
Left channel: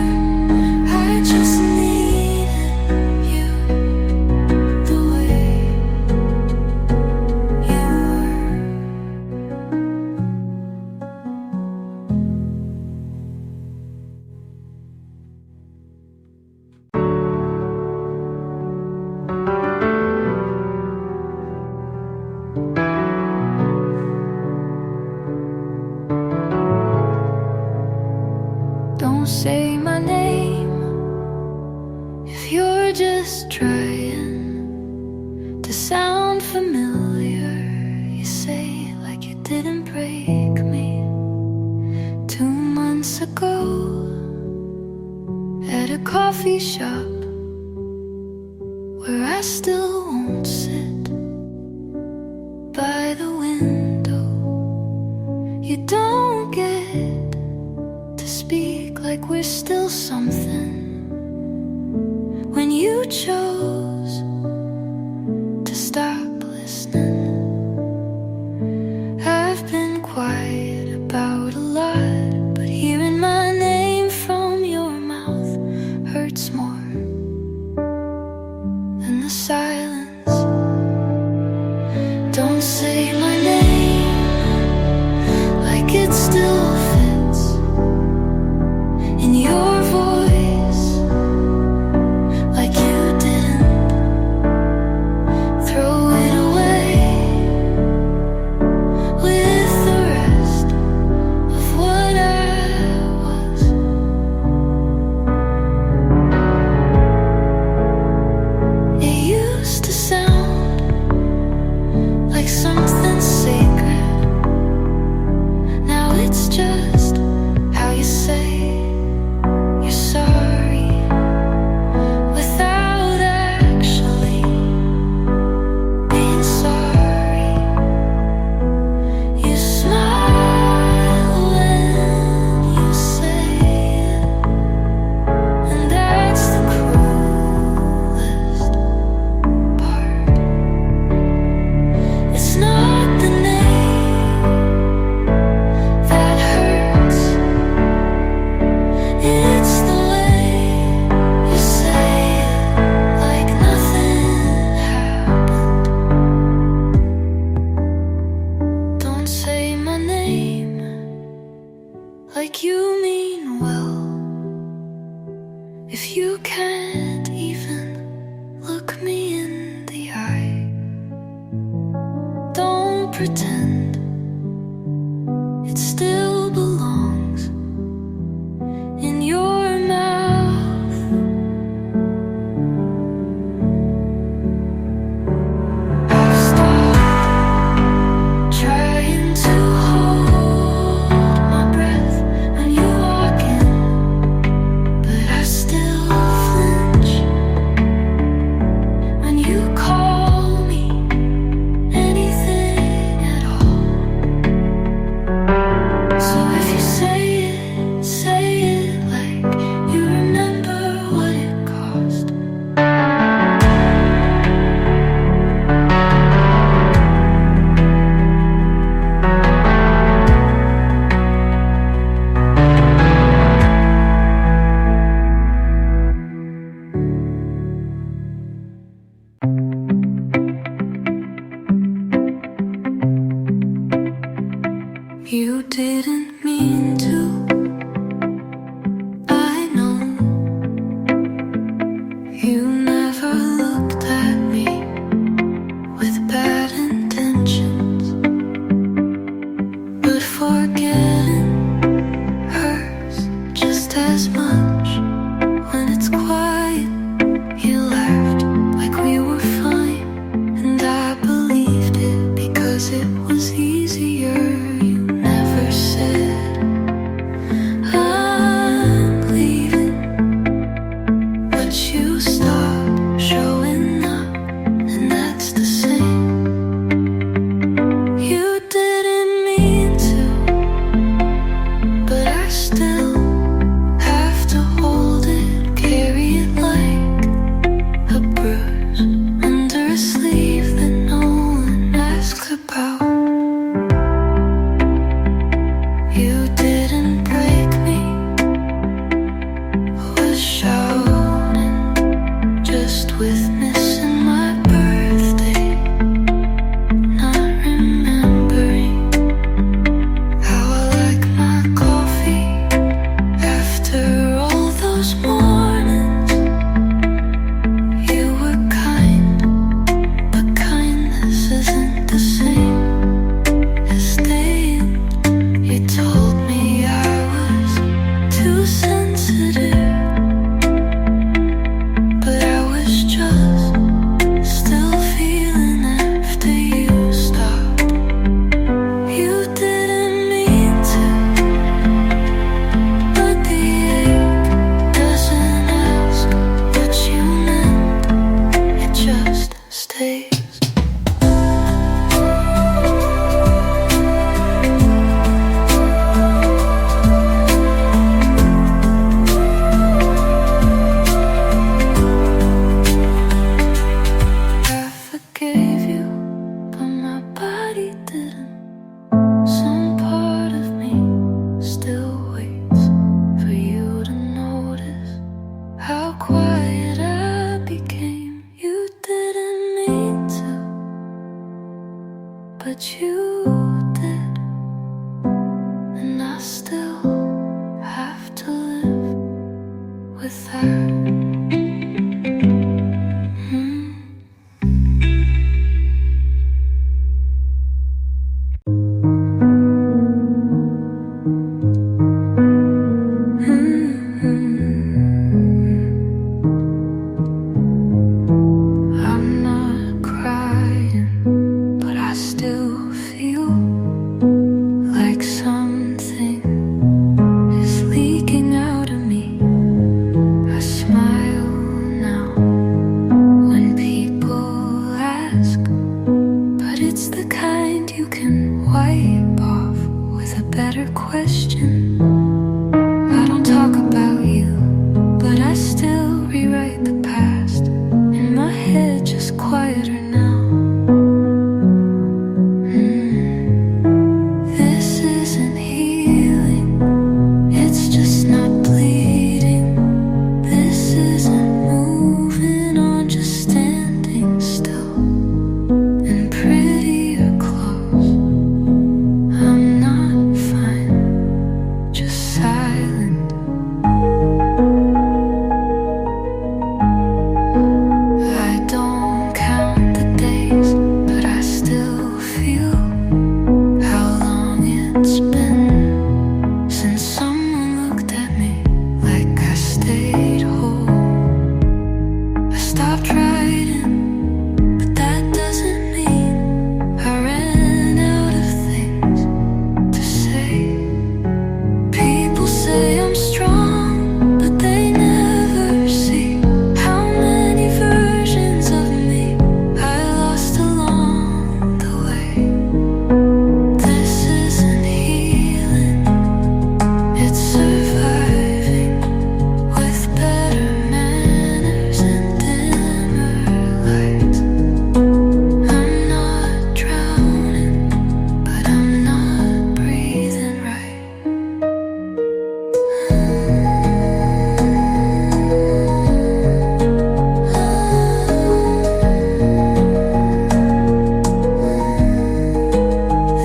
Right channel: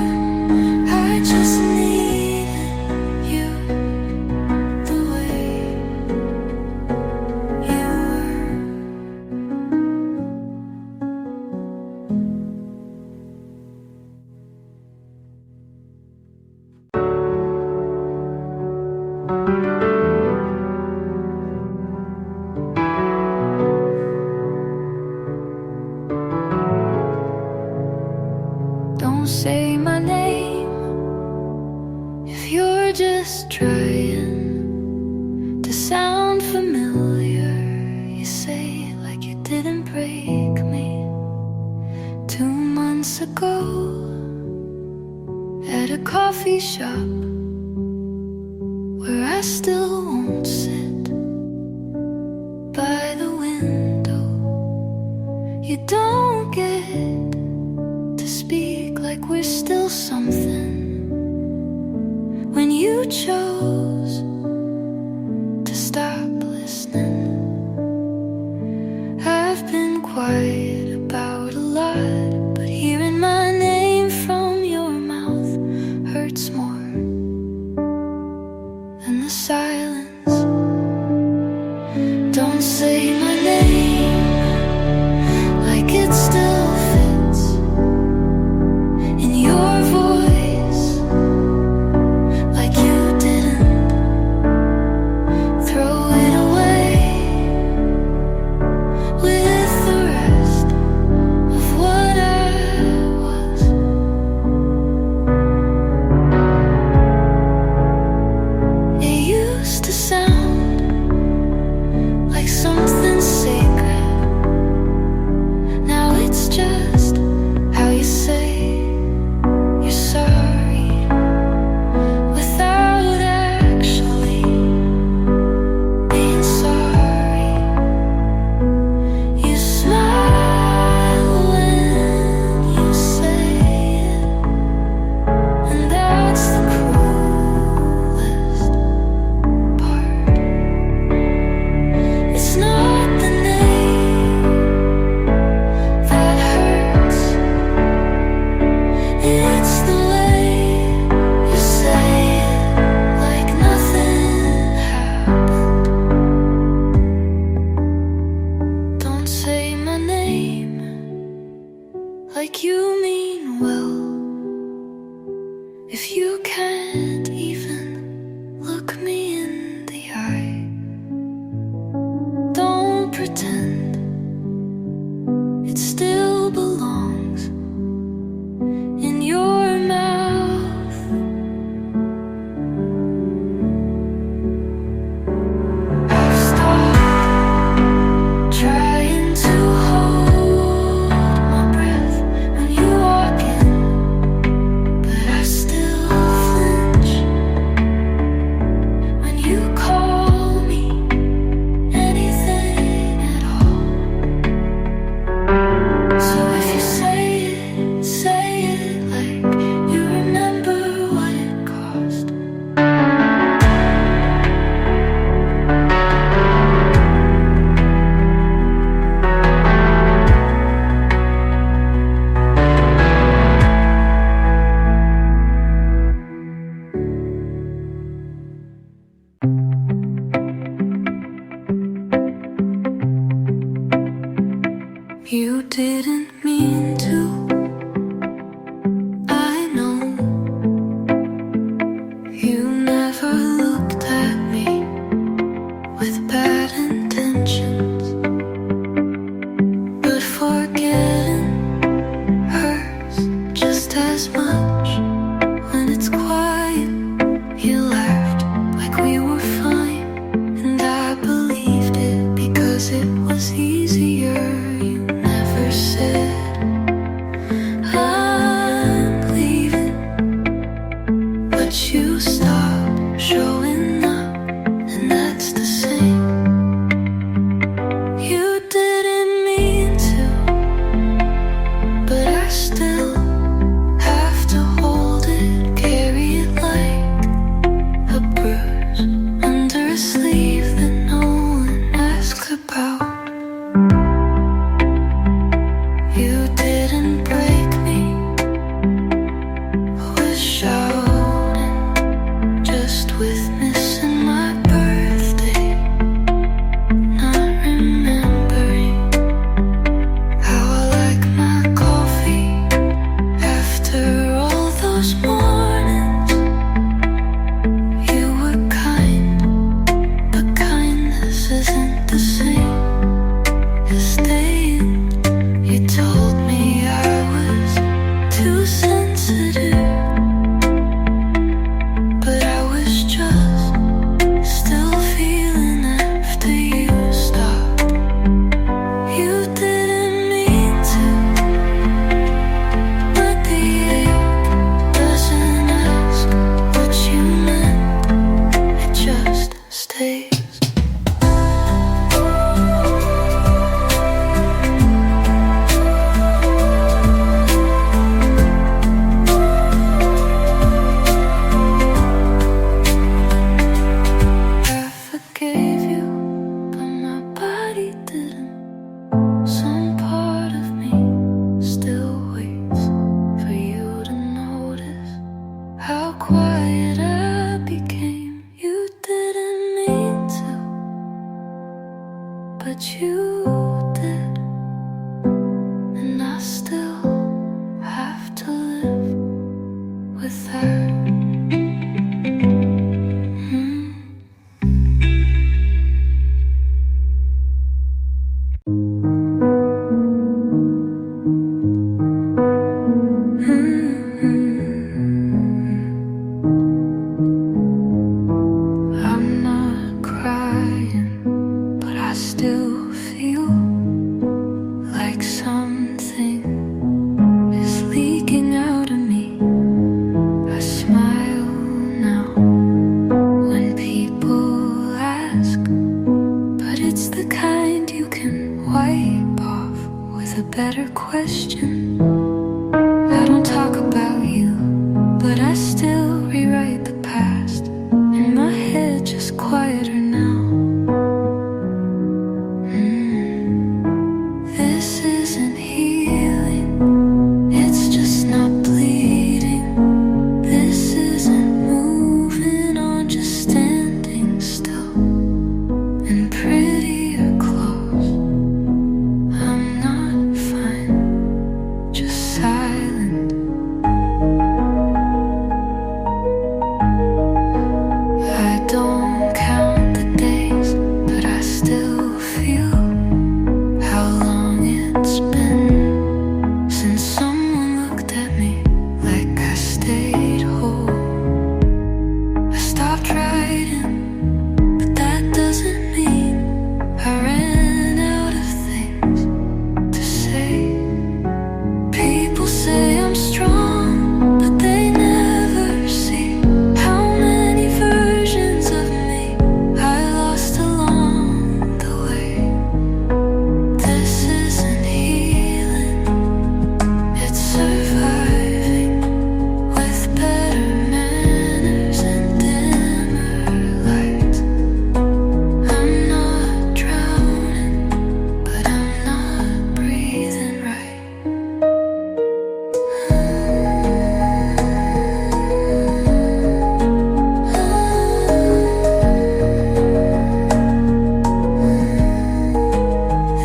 I just needed you the way you were. Don't say my name if you're just trying to sound familiar. You say it like you didn't break me 2 months ago at a coffee shop where I still won't sit by the window. You don't get to speak like we're still something when you chose to stop listening. I've been quiet about a lot, but hearing my name from your mouth hurts more. silence. Don't say my name like it still fits in your voice, like you didn't throw it away with the rest of what I was. It used to sound like something sacred. Now it's just how you say you're sorry without actually being sorry. You smile when you say it, and that's the cruelest part. It's not the name that hurts, it's the way you say it, like nothing happened. Don't say my name like you mean well, if you can't even look me in the eye. Don't pretend it still belongs in your mouth. I've stopped trying to hold my breath when you walk in, but I still flinch when you call me anything at all. So if you say it like you remember what it cost. You didn't mean to, I know. You never looked at me with bad intentions, but forgetting hurts just as much. When it's quiet, you laughed like we were fine, and I believed it because it was easier. You never said I'm leaving, but you stopped showing up, and that's the same. You didn't mean to, but I still have to hold it, carry it like a bruise under a sleeve that no one asks about. You didn't break me, was shouting, just with missing my birthday, not remembering how I like my coffee after all those mornings. You were kind, but kindness isn't the same as staying. You told me I was too sensitive, but I was just still feeling after you stopped. You didn't mean to, but the ache doesn't ask what you meant, it just stays. I forgave you, but my body didn't. Some part of me still waits for you to notice how quiet I became. You didn't but you did, and I still have to live with that. I'm not crying, but I still feel like something is leaking out of me. I smile now when people ask, but it's the kind you can wipe off with a better question. I don't talk about you, but I still rewrite the past in my head, just quieter now. This isn't healing, it's just not bleeding. This isn't moving on, just standing still in prettier clothes. I'm not fine, just silent. I don't count the days, but I still feel how long it's been since someone looked at me like I stayed whole. I stopped writing, but that doesn't mean I ran out of things to say. People say I'm strong, but they never see how many versions of me I lost along the way. This isn't healing, it's surviving with better manners and dimmer lights. I'm not drowning, but I'm not breathing right.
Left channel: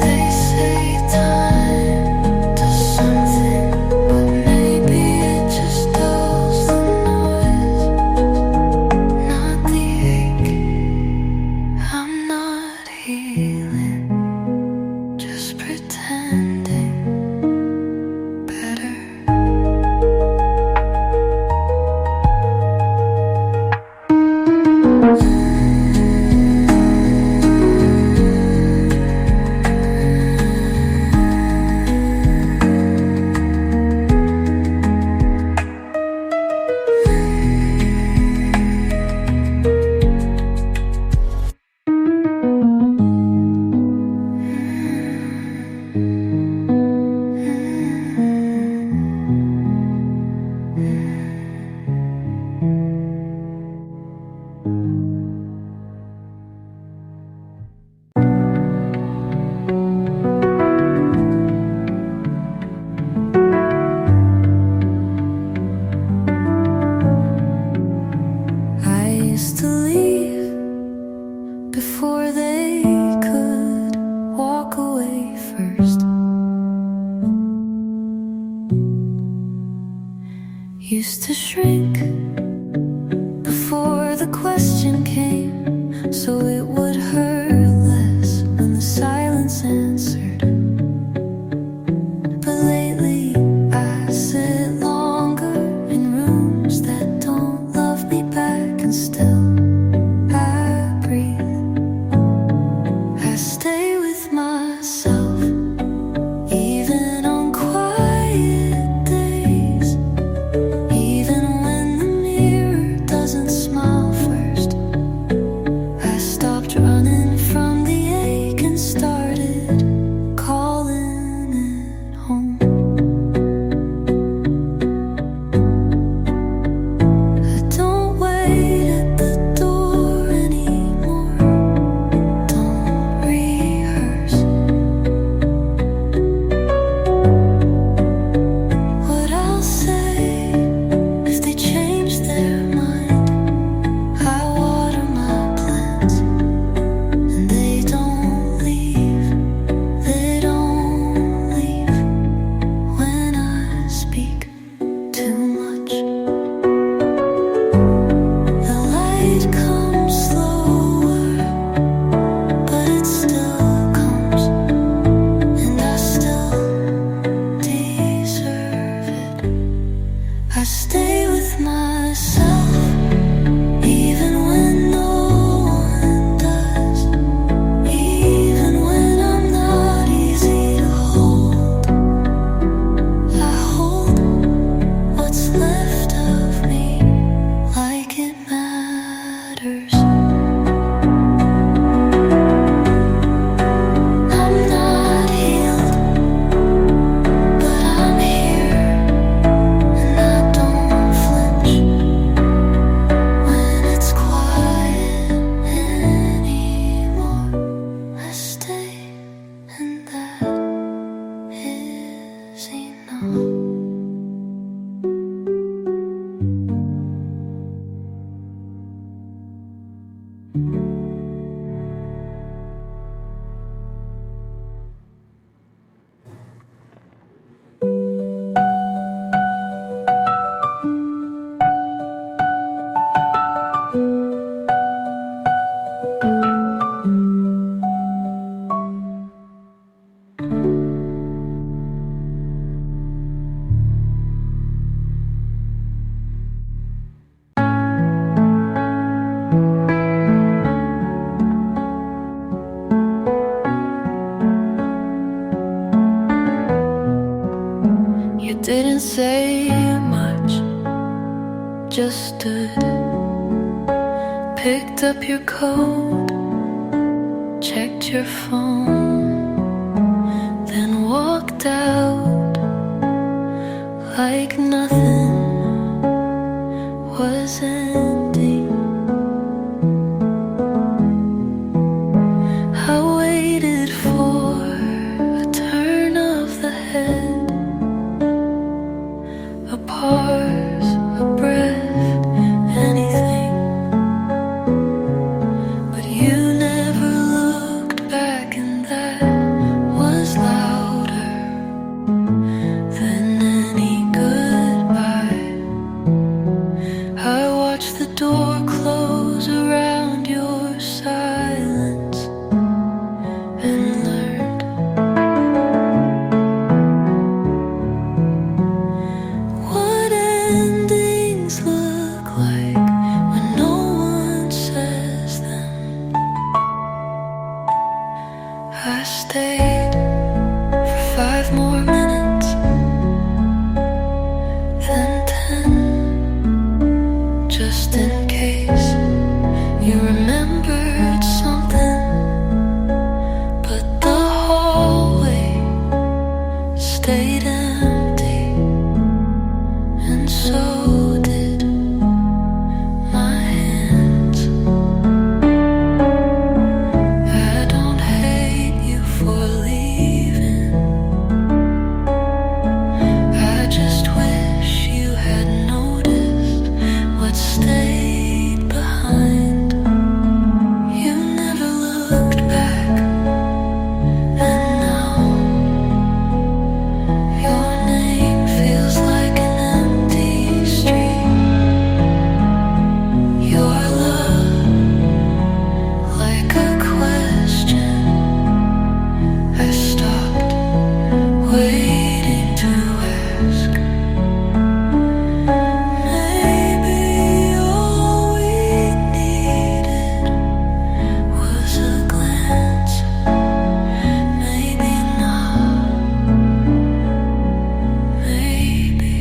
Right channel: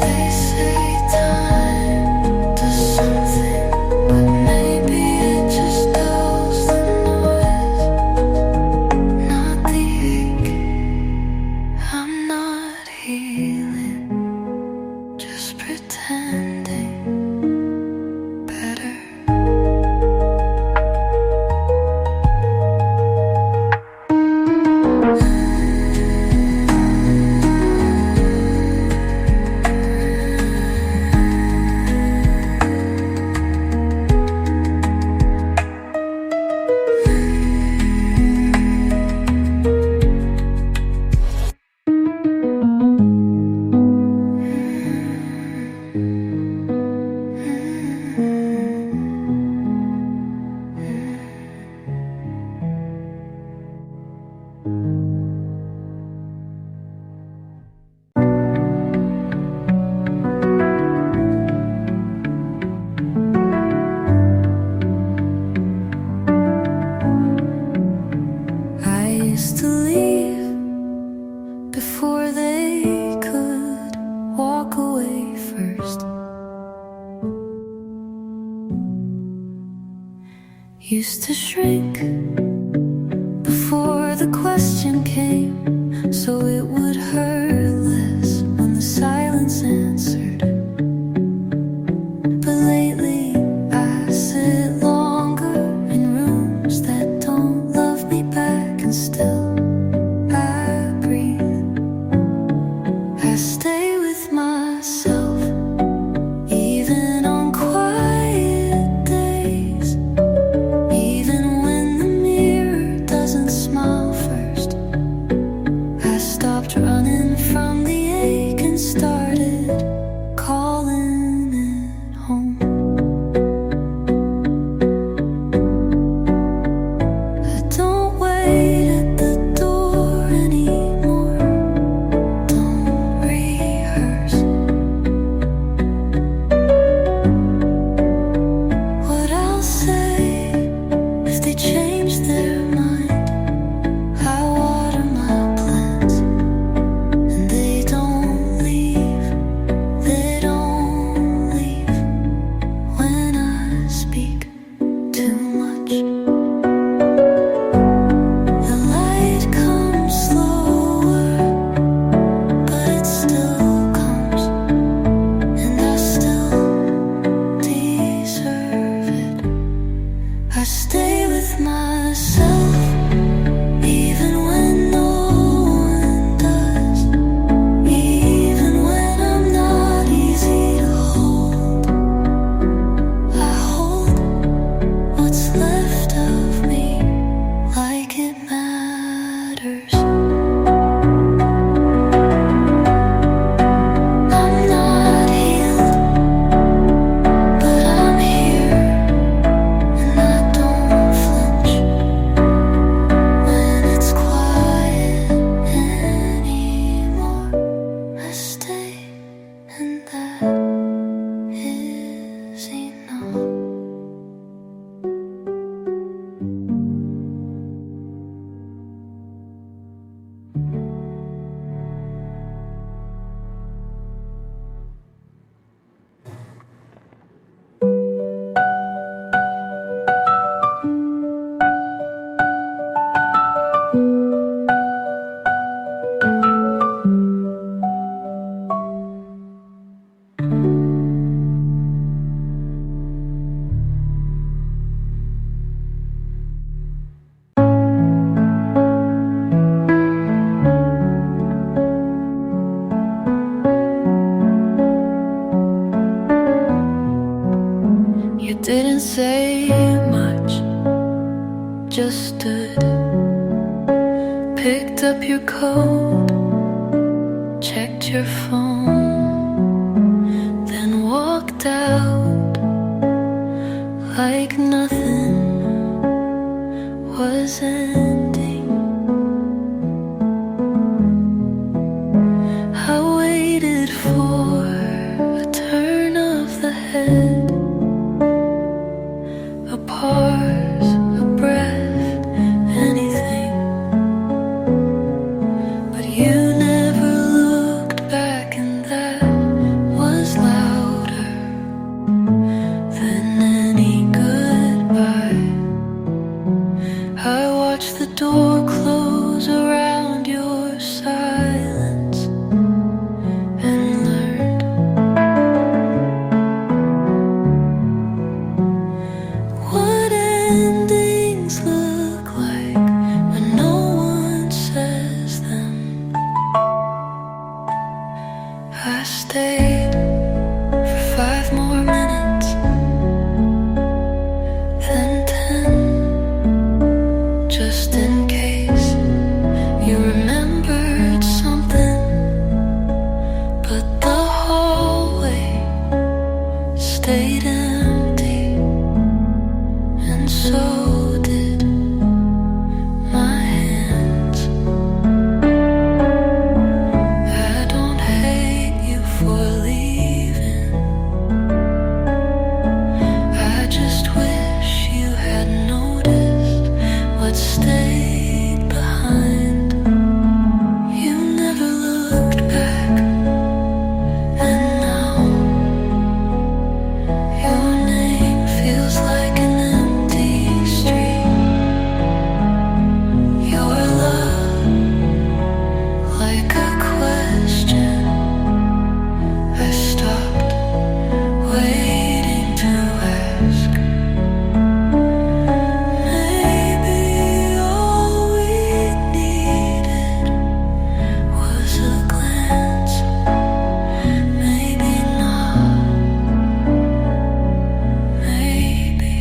They say time does something, but maybe it just dulls the noise, not the ache. I'm not healing, just pretending better. I used to leave before they could walk away first. Used to shrink before the question came, so it would hurt less when the silence answered. But lately I sit longer in rooms that don't love me back, and still I breathe. I stay with myself, even on quiet days, even when the mirror doesn't smile first. I stopped running from the ache and started calling it home. I don't wait at the door anymore, don't rehearse what I'll say if they change their mind. I water my plants and they don't leave You didn't say much, just stood, picked up your coat, checked your phone, then walked out like nothing was ending. I waited for a turn of the head, a pause, a breath, anything. But you never looked back, and that was louder than any goodbye. I watched the door close around your silence and learned what endings look like when no one says them. I stayed for 5 more minutes, then 10, just in case you remembered something. But the hallway stayed empty, and so did my hands. I don't hate you for leaving, I just wish you had noticed what stayed behind. You never looked back, and now your name feels like an empty street. Your love like a question I stopped waiting to ask. Maybe all we needed was a glance, maybe not, maybe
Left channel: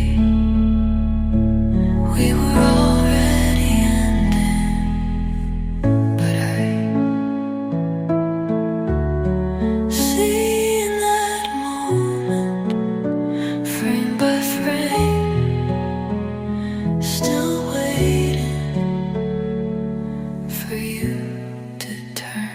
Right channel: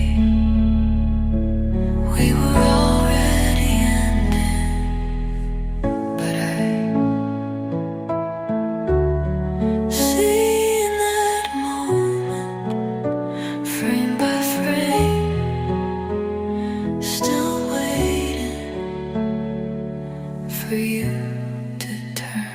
we were already ending. But I see in that moment, frame by frame, still waiting for you to turn.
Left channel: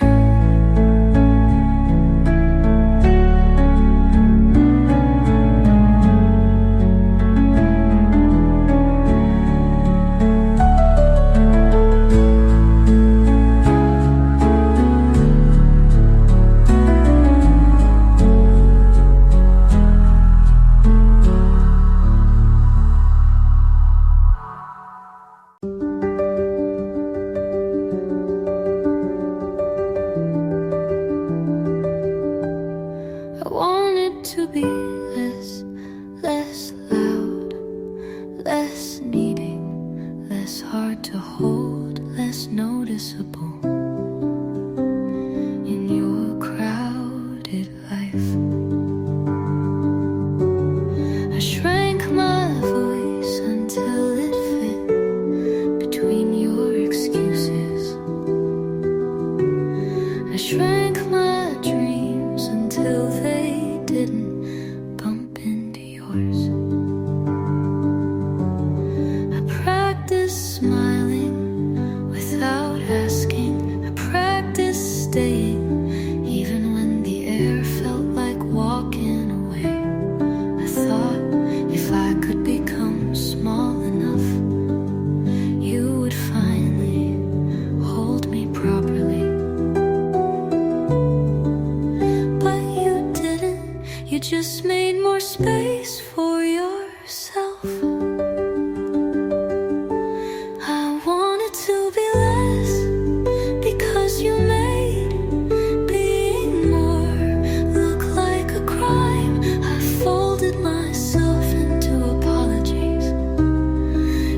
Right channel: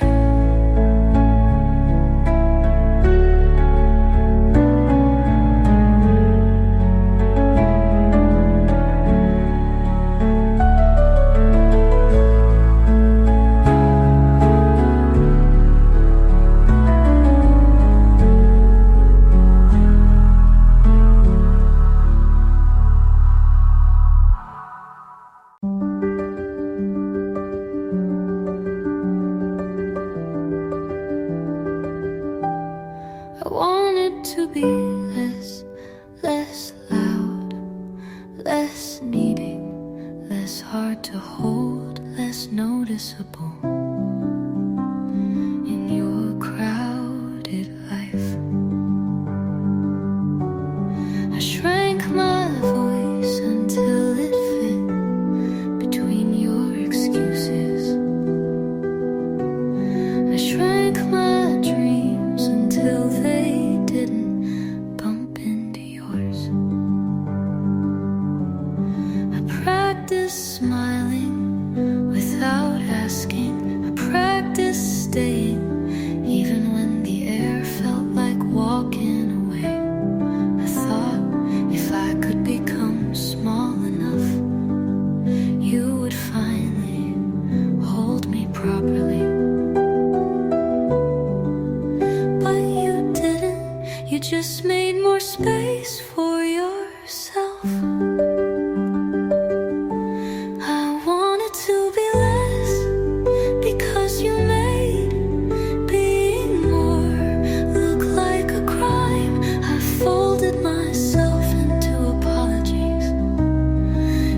I want it to be less loud, less needing, less hard to hold, less noticeable in your crowded life. I shrank my voice until it fit between your excuses. I shrank my dreams until they didn't bump into yours. I practiced smiling without asking. I practiced staying even when the air felt like walking away. I thought if I could become small enough, you would finally hold me properly. But you didn't, you just made more space for yourself. I wanted to be less because you made being more look like a crime. I folded myself into apologies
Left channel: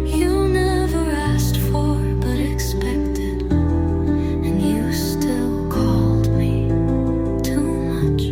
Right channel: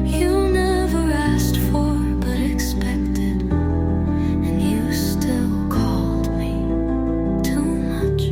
you never asked for but expected, and you still called me too much.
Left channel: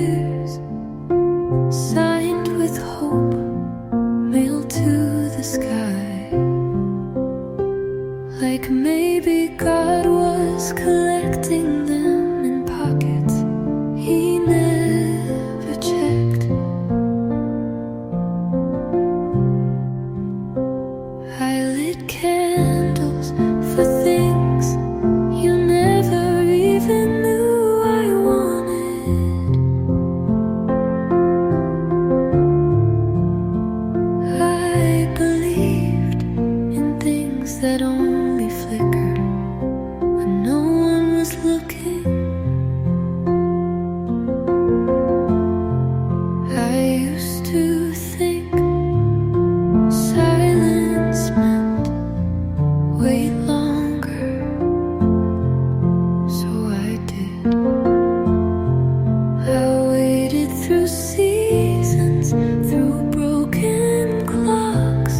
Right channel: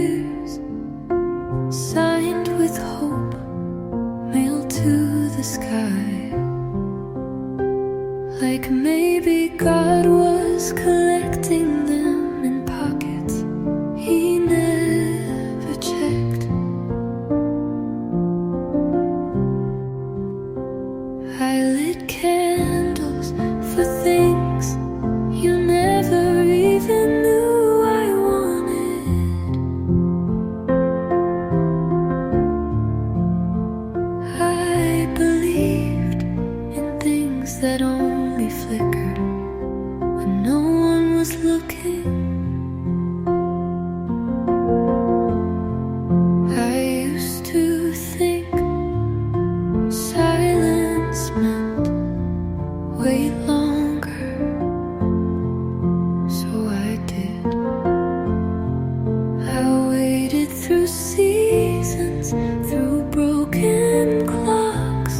tears, signed with hope, mailed to the sky. Like maybe God was collecting them in pockets he never checked. I lit candles for things you never even knew I wanted. I believed in things that only flickered when no one was looking. I used to think silence meant wait longer, so I did. I waited through seasons, through broken clocks,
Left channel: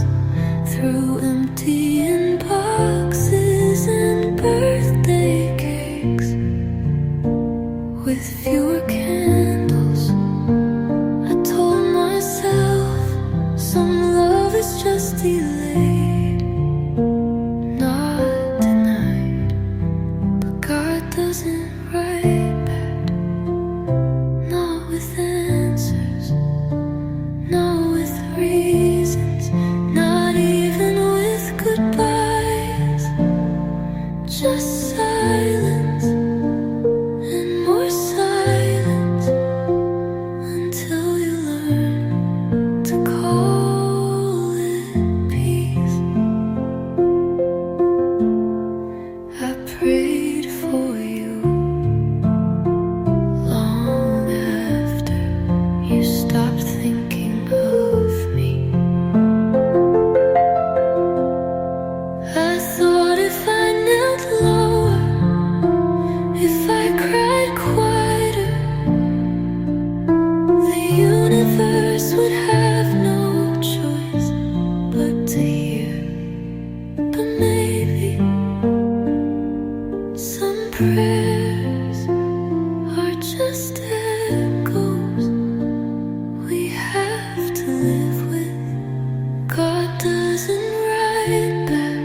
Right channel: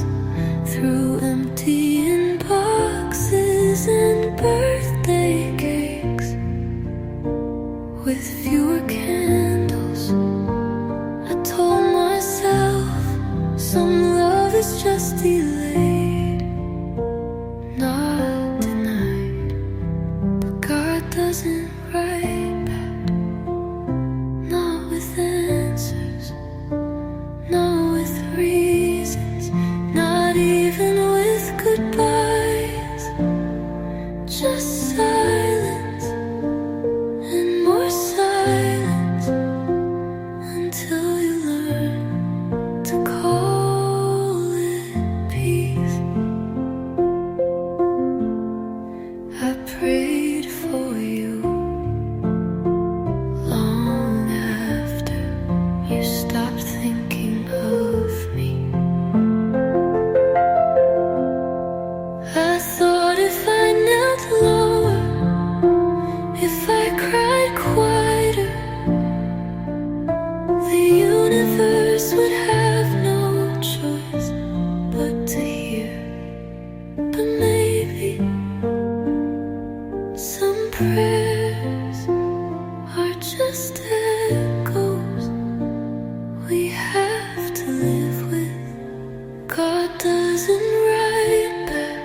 through emptying boxes and birthday cakes. With fewer candles, I told myself some love is just delayed, not denied. But God doesn't write back, not with answers, not with reasons, not even with goodbyes. Just silence and more silence until you learn to call it peace. I prayed for you long after you stopped thinking of me. I thought if I knelt lower, if I cried quieter, the universe would have no choice but to hear. But maybe some prayers are just echoes we have to live with. God doesn't write back,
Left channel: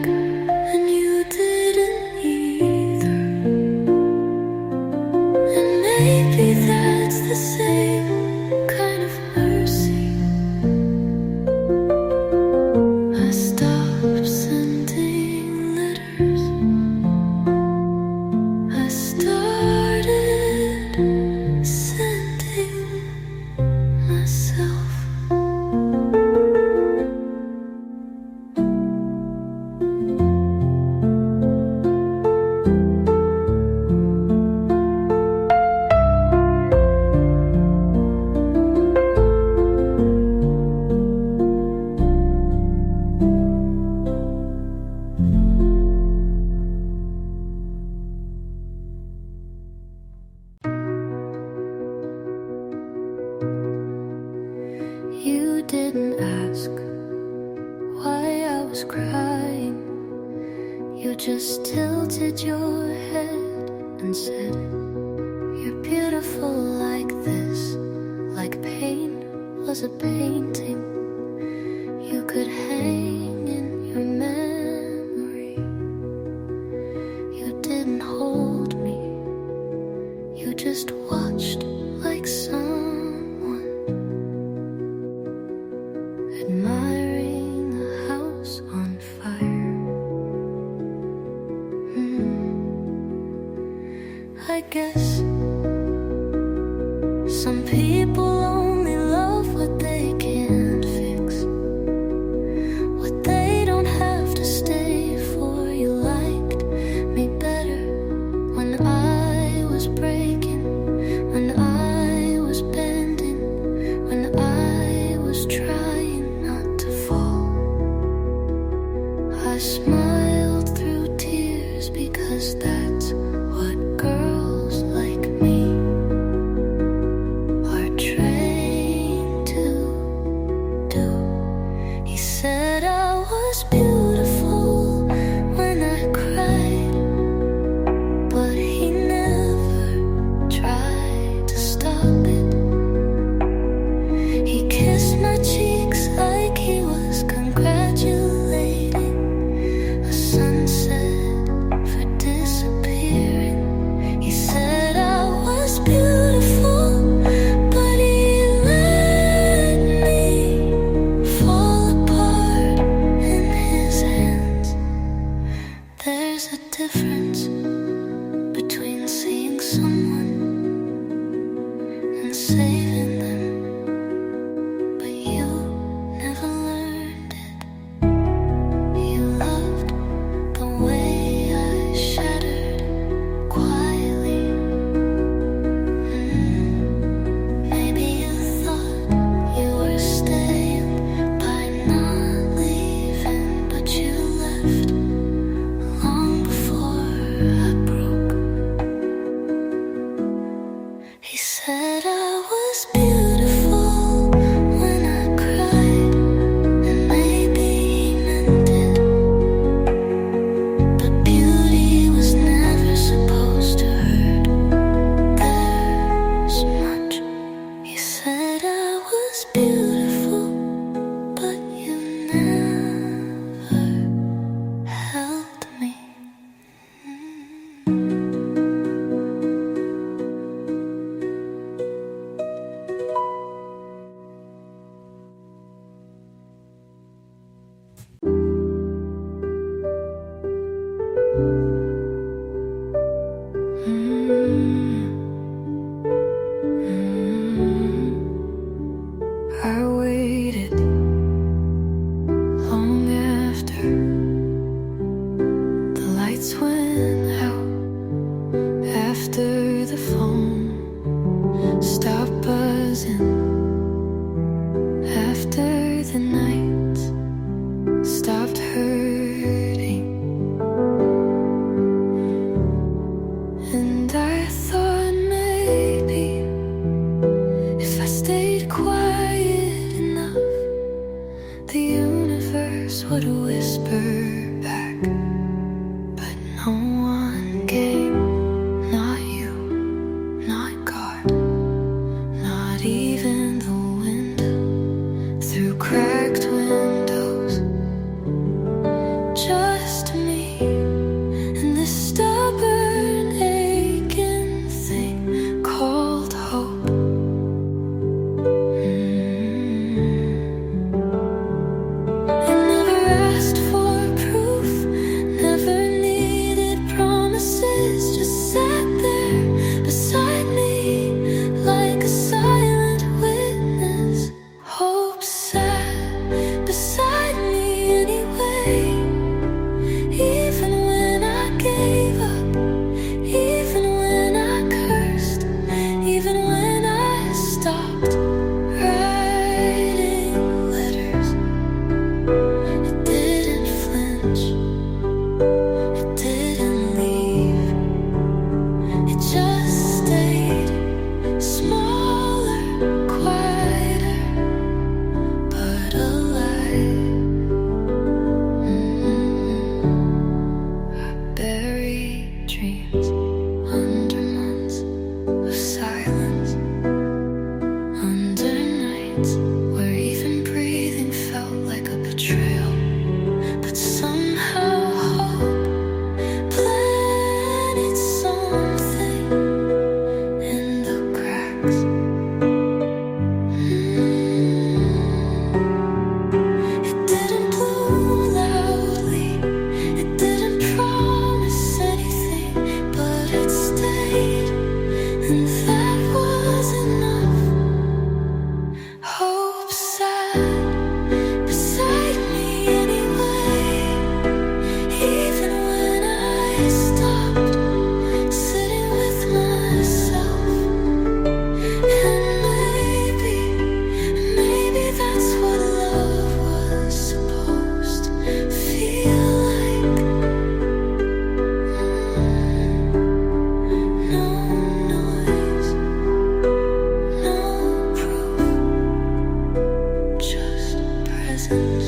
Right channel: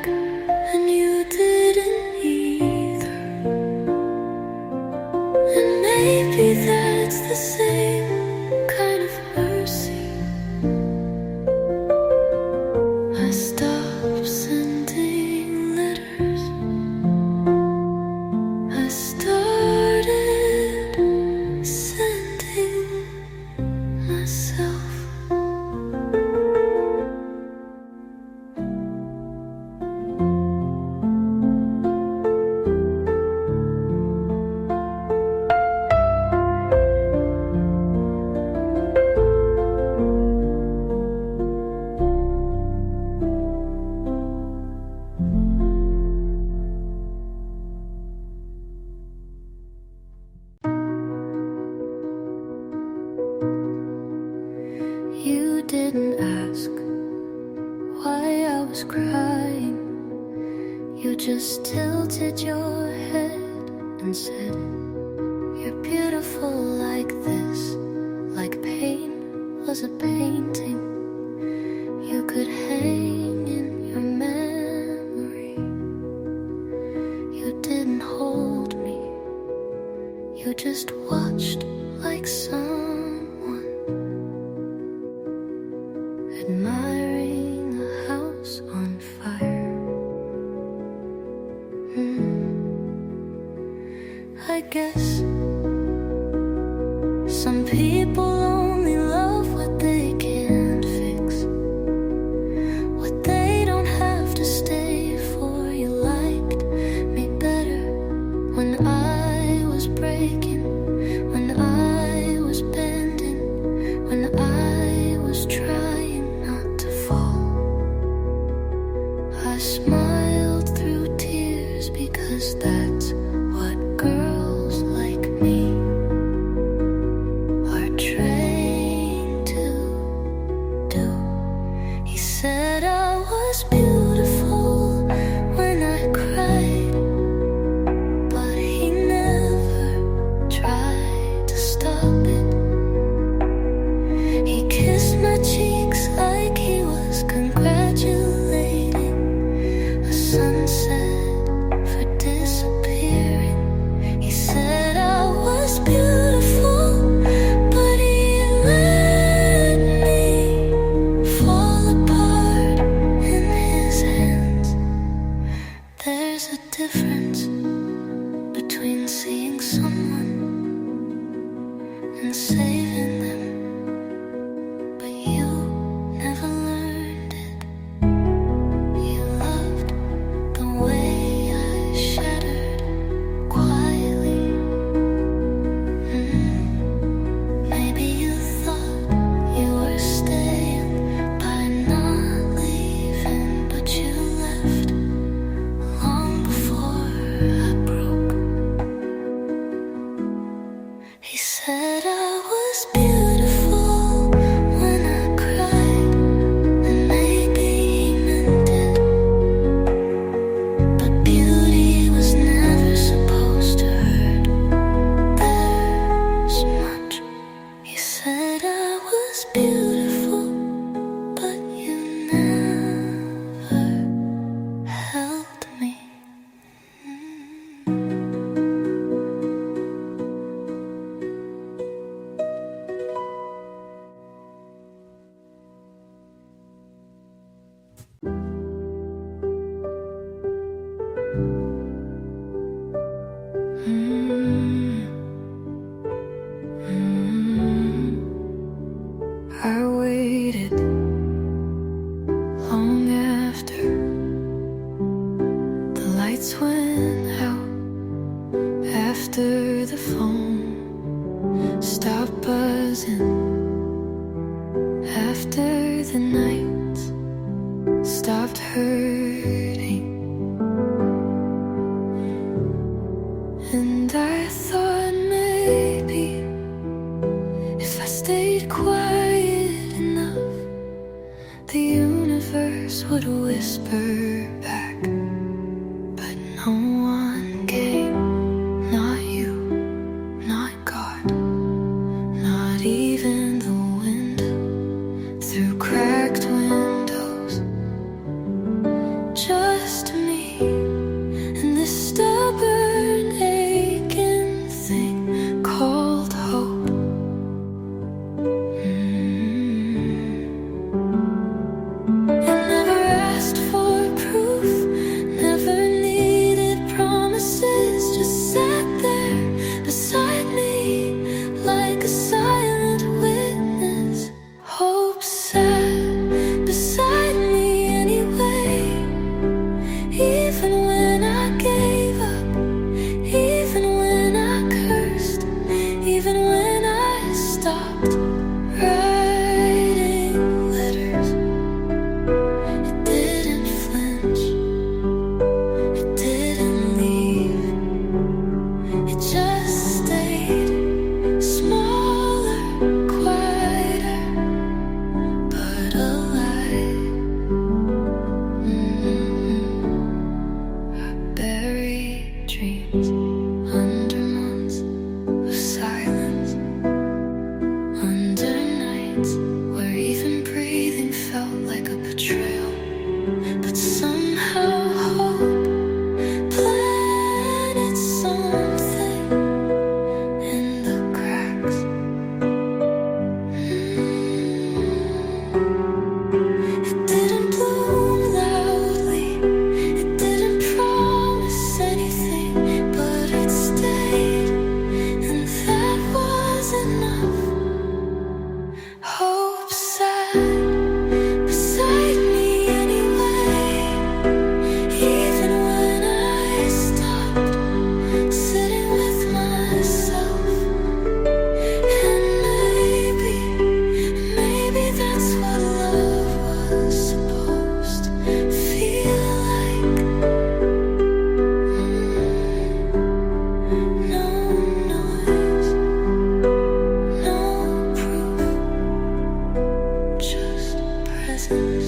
and you didn't either. And maybe that's the same kind of mercy. I stopped sending letters. I started sending myself. You didn't ask why I was crying. You just tilted your head and said, "You're beautiful like this," like pain was a painting you could hang in your memory. You didn't hold me, you just watched like someone admiring a house on fire. I guess some people only love what they can't fix, what they don't have to stay for. You liked me better when I was breaking, when I was bending, when I was trying not to fall. I smiled through tears because that's what girls like me are trained to do. He said I was beautiful when I cried, but he never tried to stop it. cheeks like he was congratulating a sunset for disappearing. He said I was beautiful, but he let me fall apart in his hands. There's a difference between seeing someone and saving them, but you never learned it. You loved the way I shattered quietly. Maybe you thought you were staying by not leaving, but you left long before I broke. He said I was beautiful when I cried, and maybe he meant it, but beauty was never supposed to hurt this much. He said I was beautiful, but you never held me. I waited long after the lights went out, after the phone stopped buzzing, after the nights stopped hurting. And I thought maybe if I stayed quiet enough, the universe would whisper back. But no one came, not you, not God, not even the wind through cracked windows. Just me and this stubborn aching thing called hope. I never asked for proof, never needed promises, just sat there beside me like a silent witness. Hope sat beside me anyway, even when I gave up, even when I cursed, even when I stopped writing letters. It didn't flinch, it didn't leave, it just stayed smaller, quieter, but alive. I buried dreams under months of silence, under nights where even breathing felt like a betrayal. But somehow hope planted something in the cracks. It didn't bloom loudly, it didn't promise anything, but it stayed, and that was enough. Hope sat beside me anyway, even when I stopped sitting with myself. And maybe that's what love was supposed to feel like. No noise, no proof, just presence.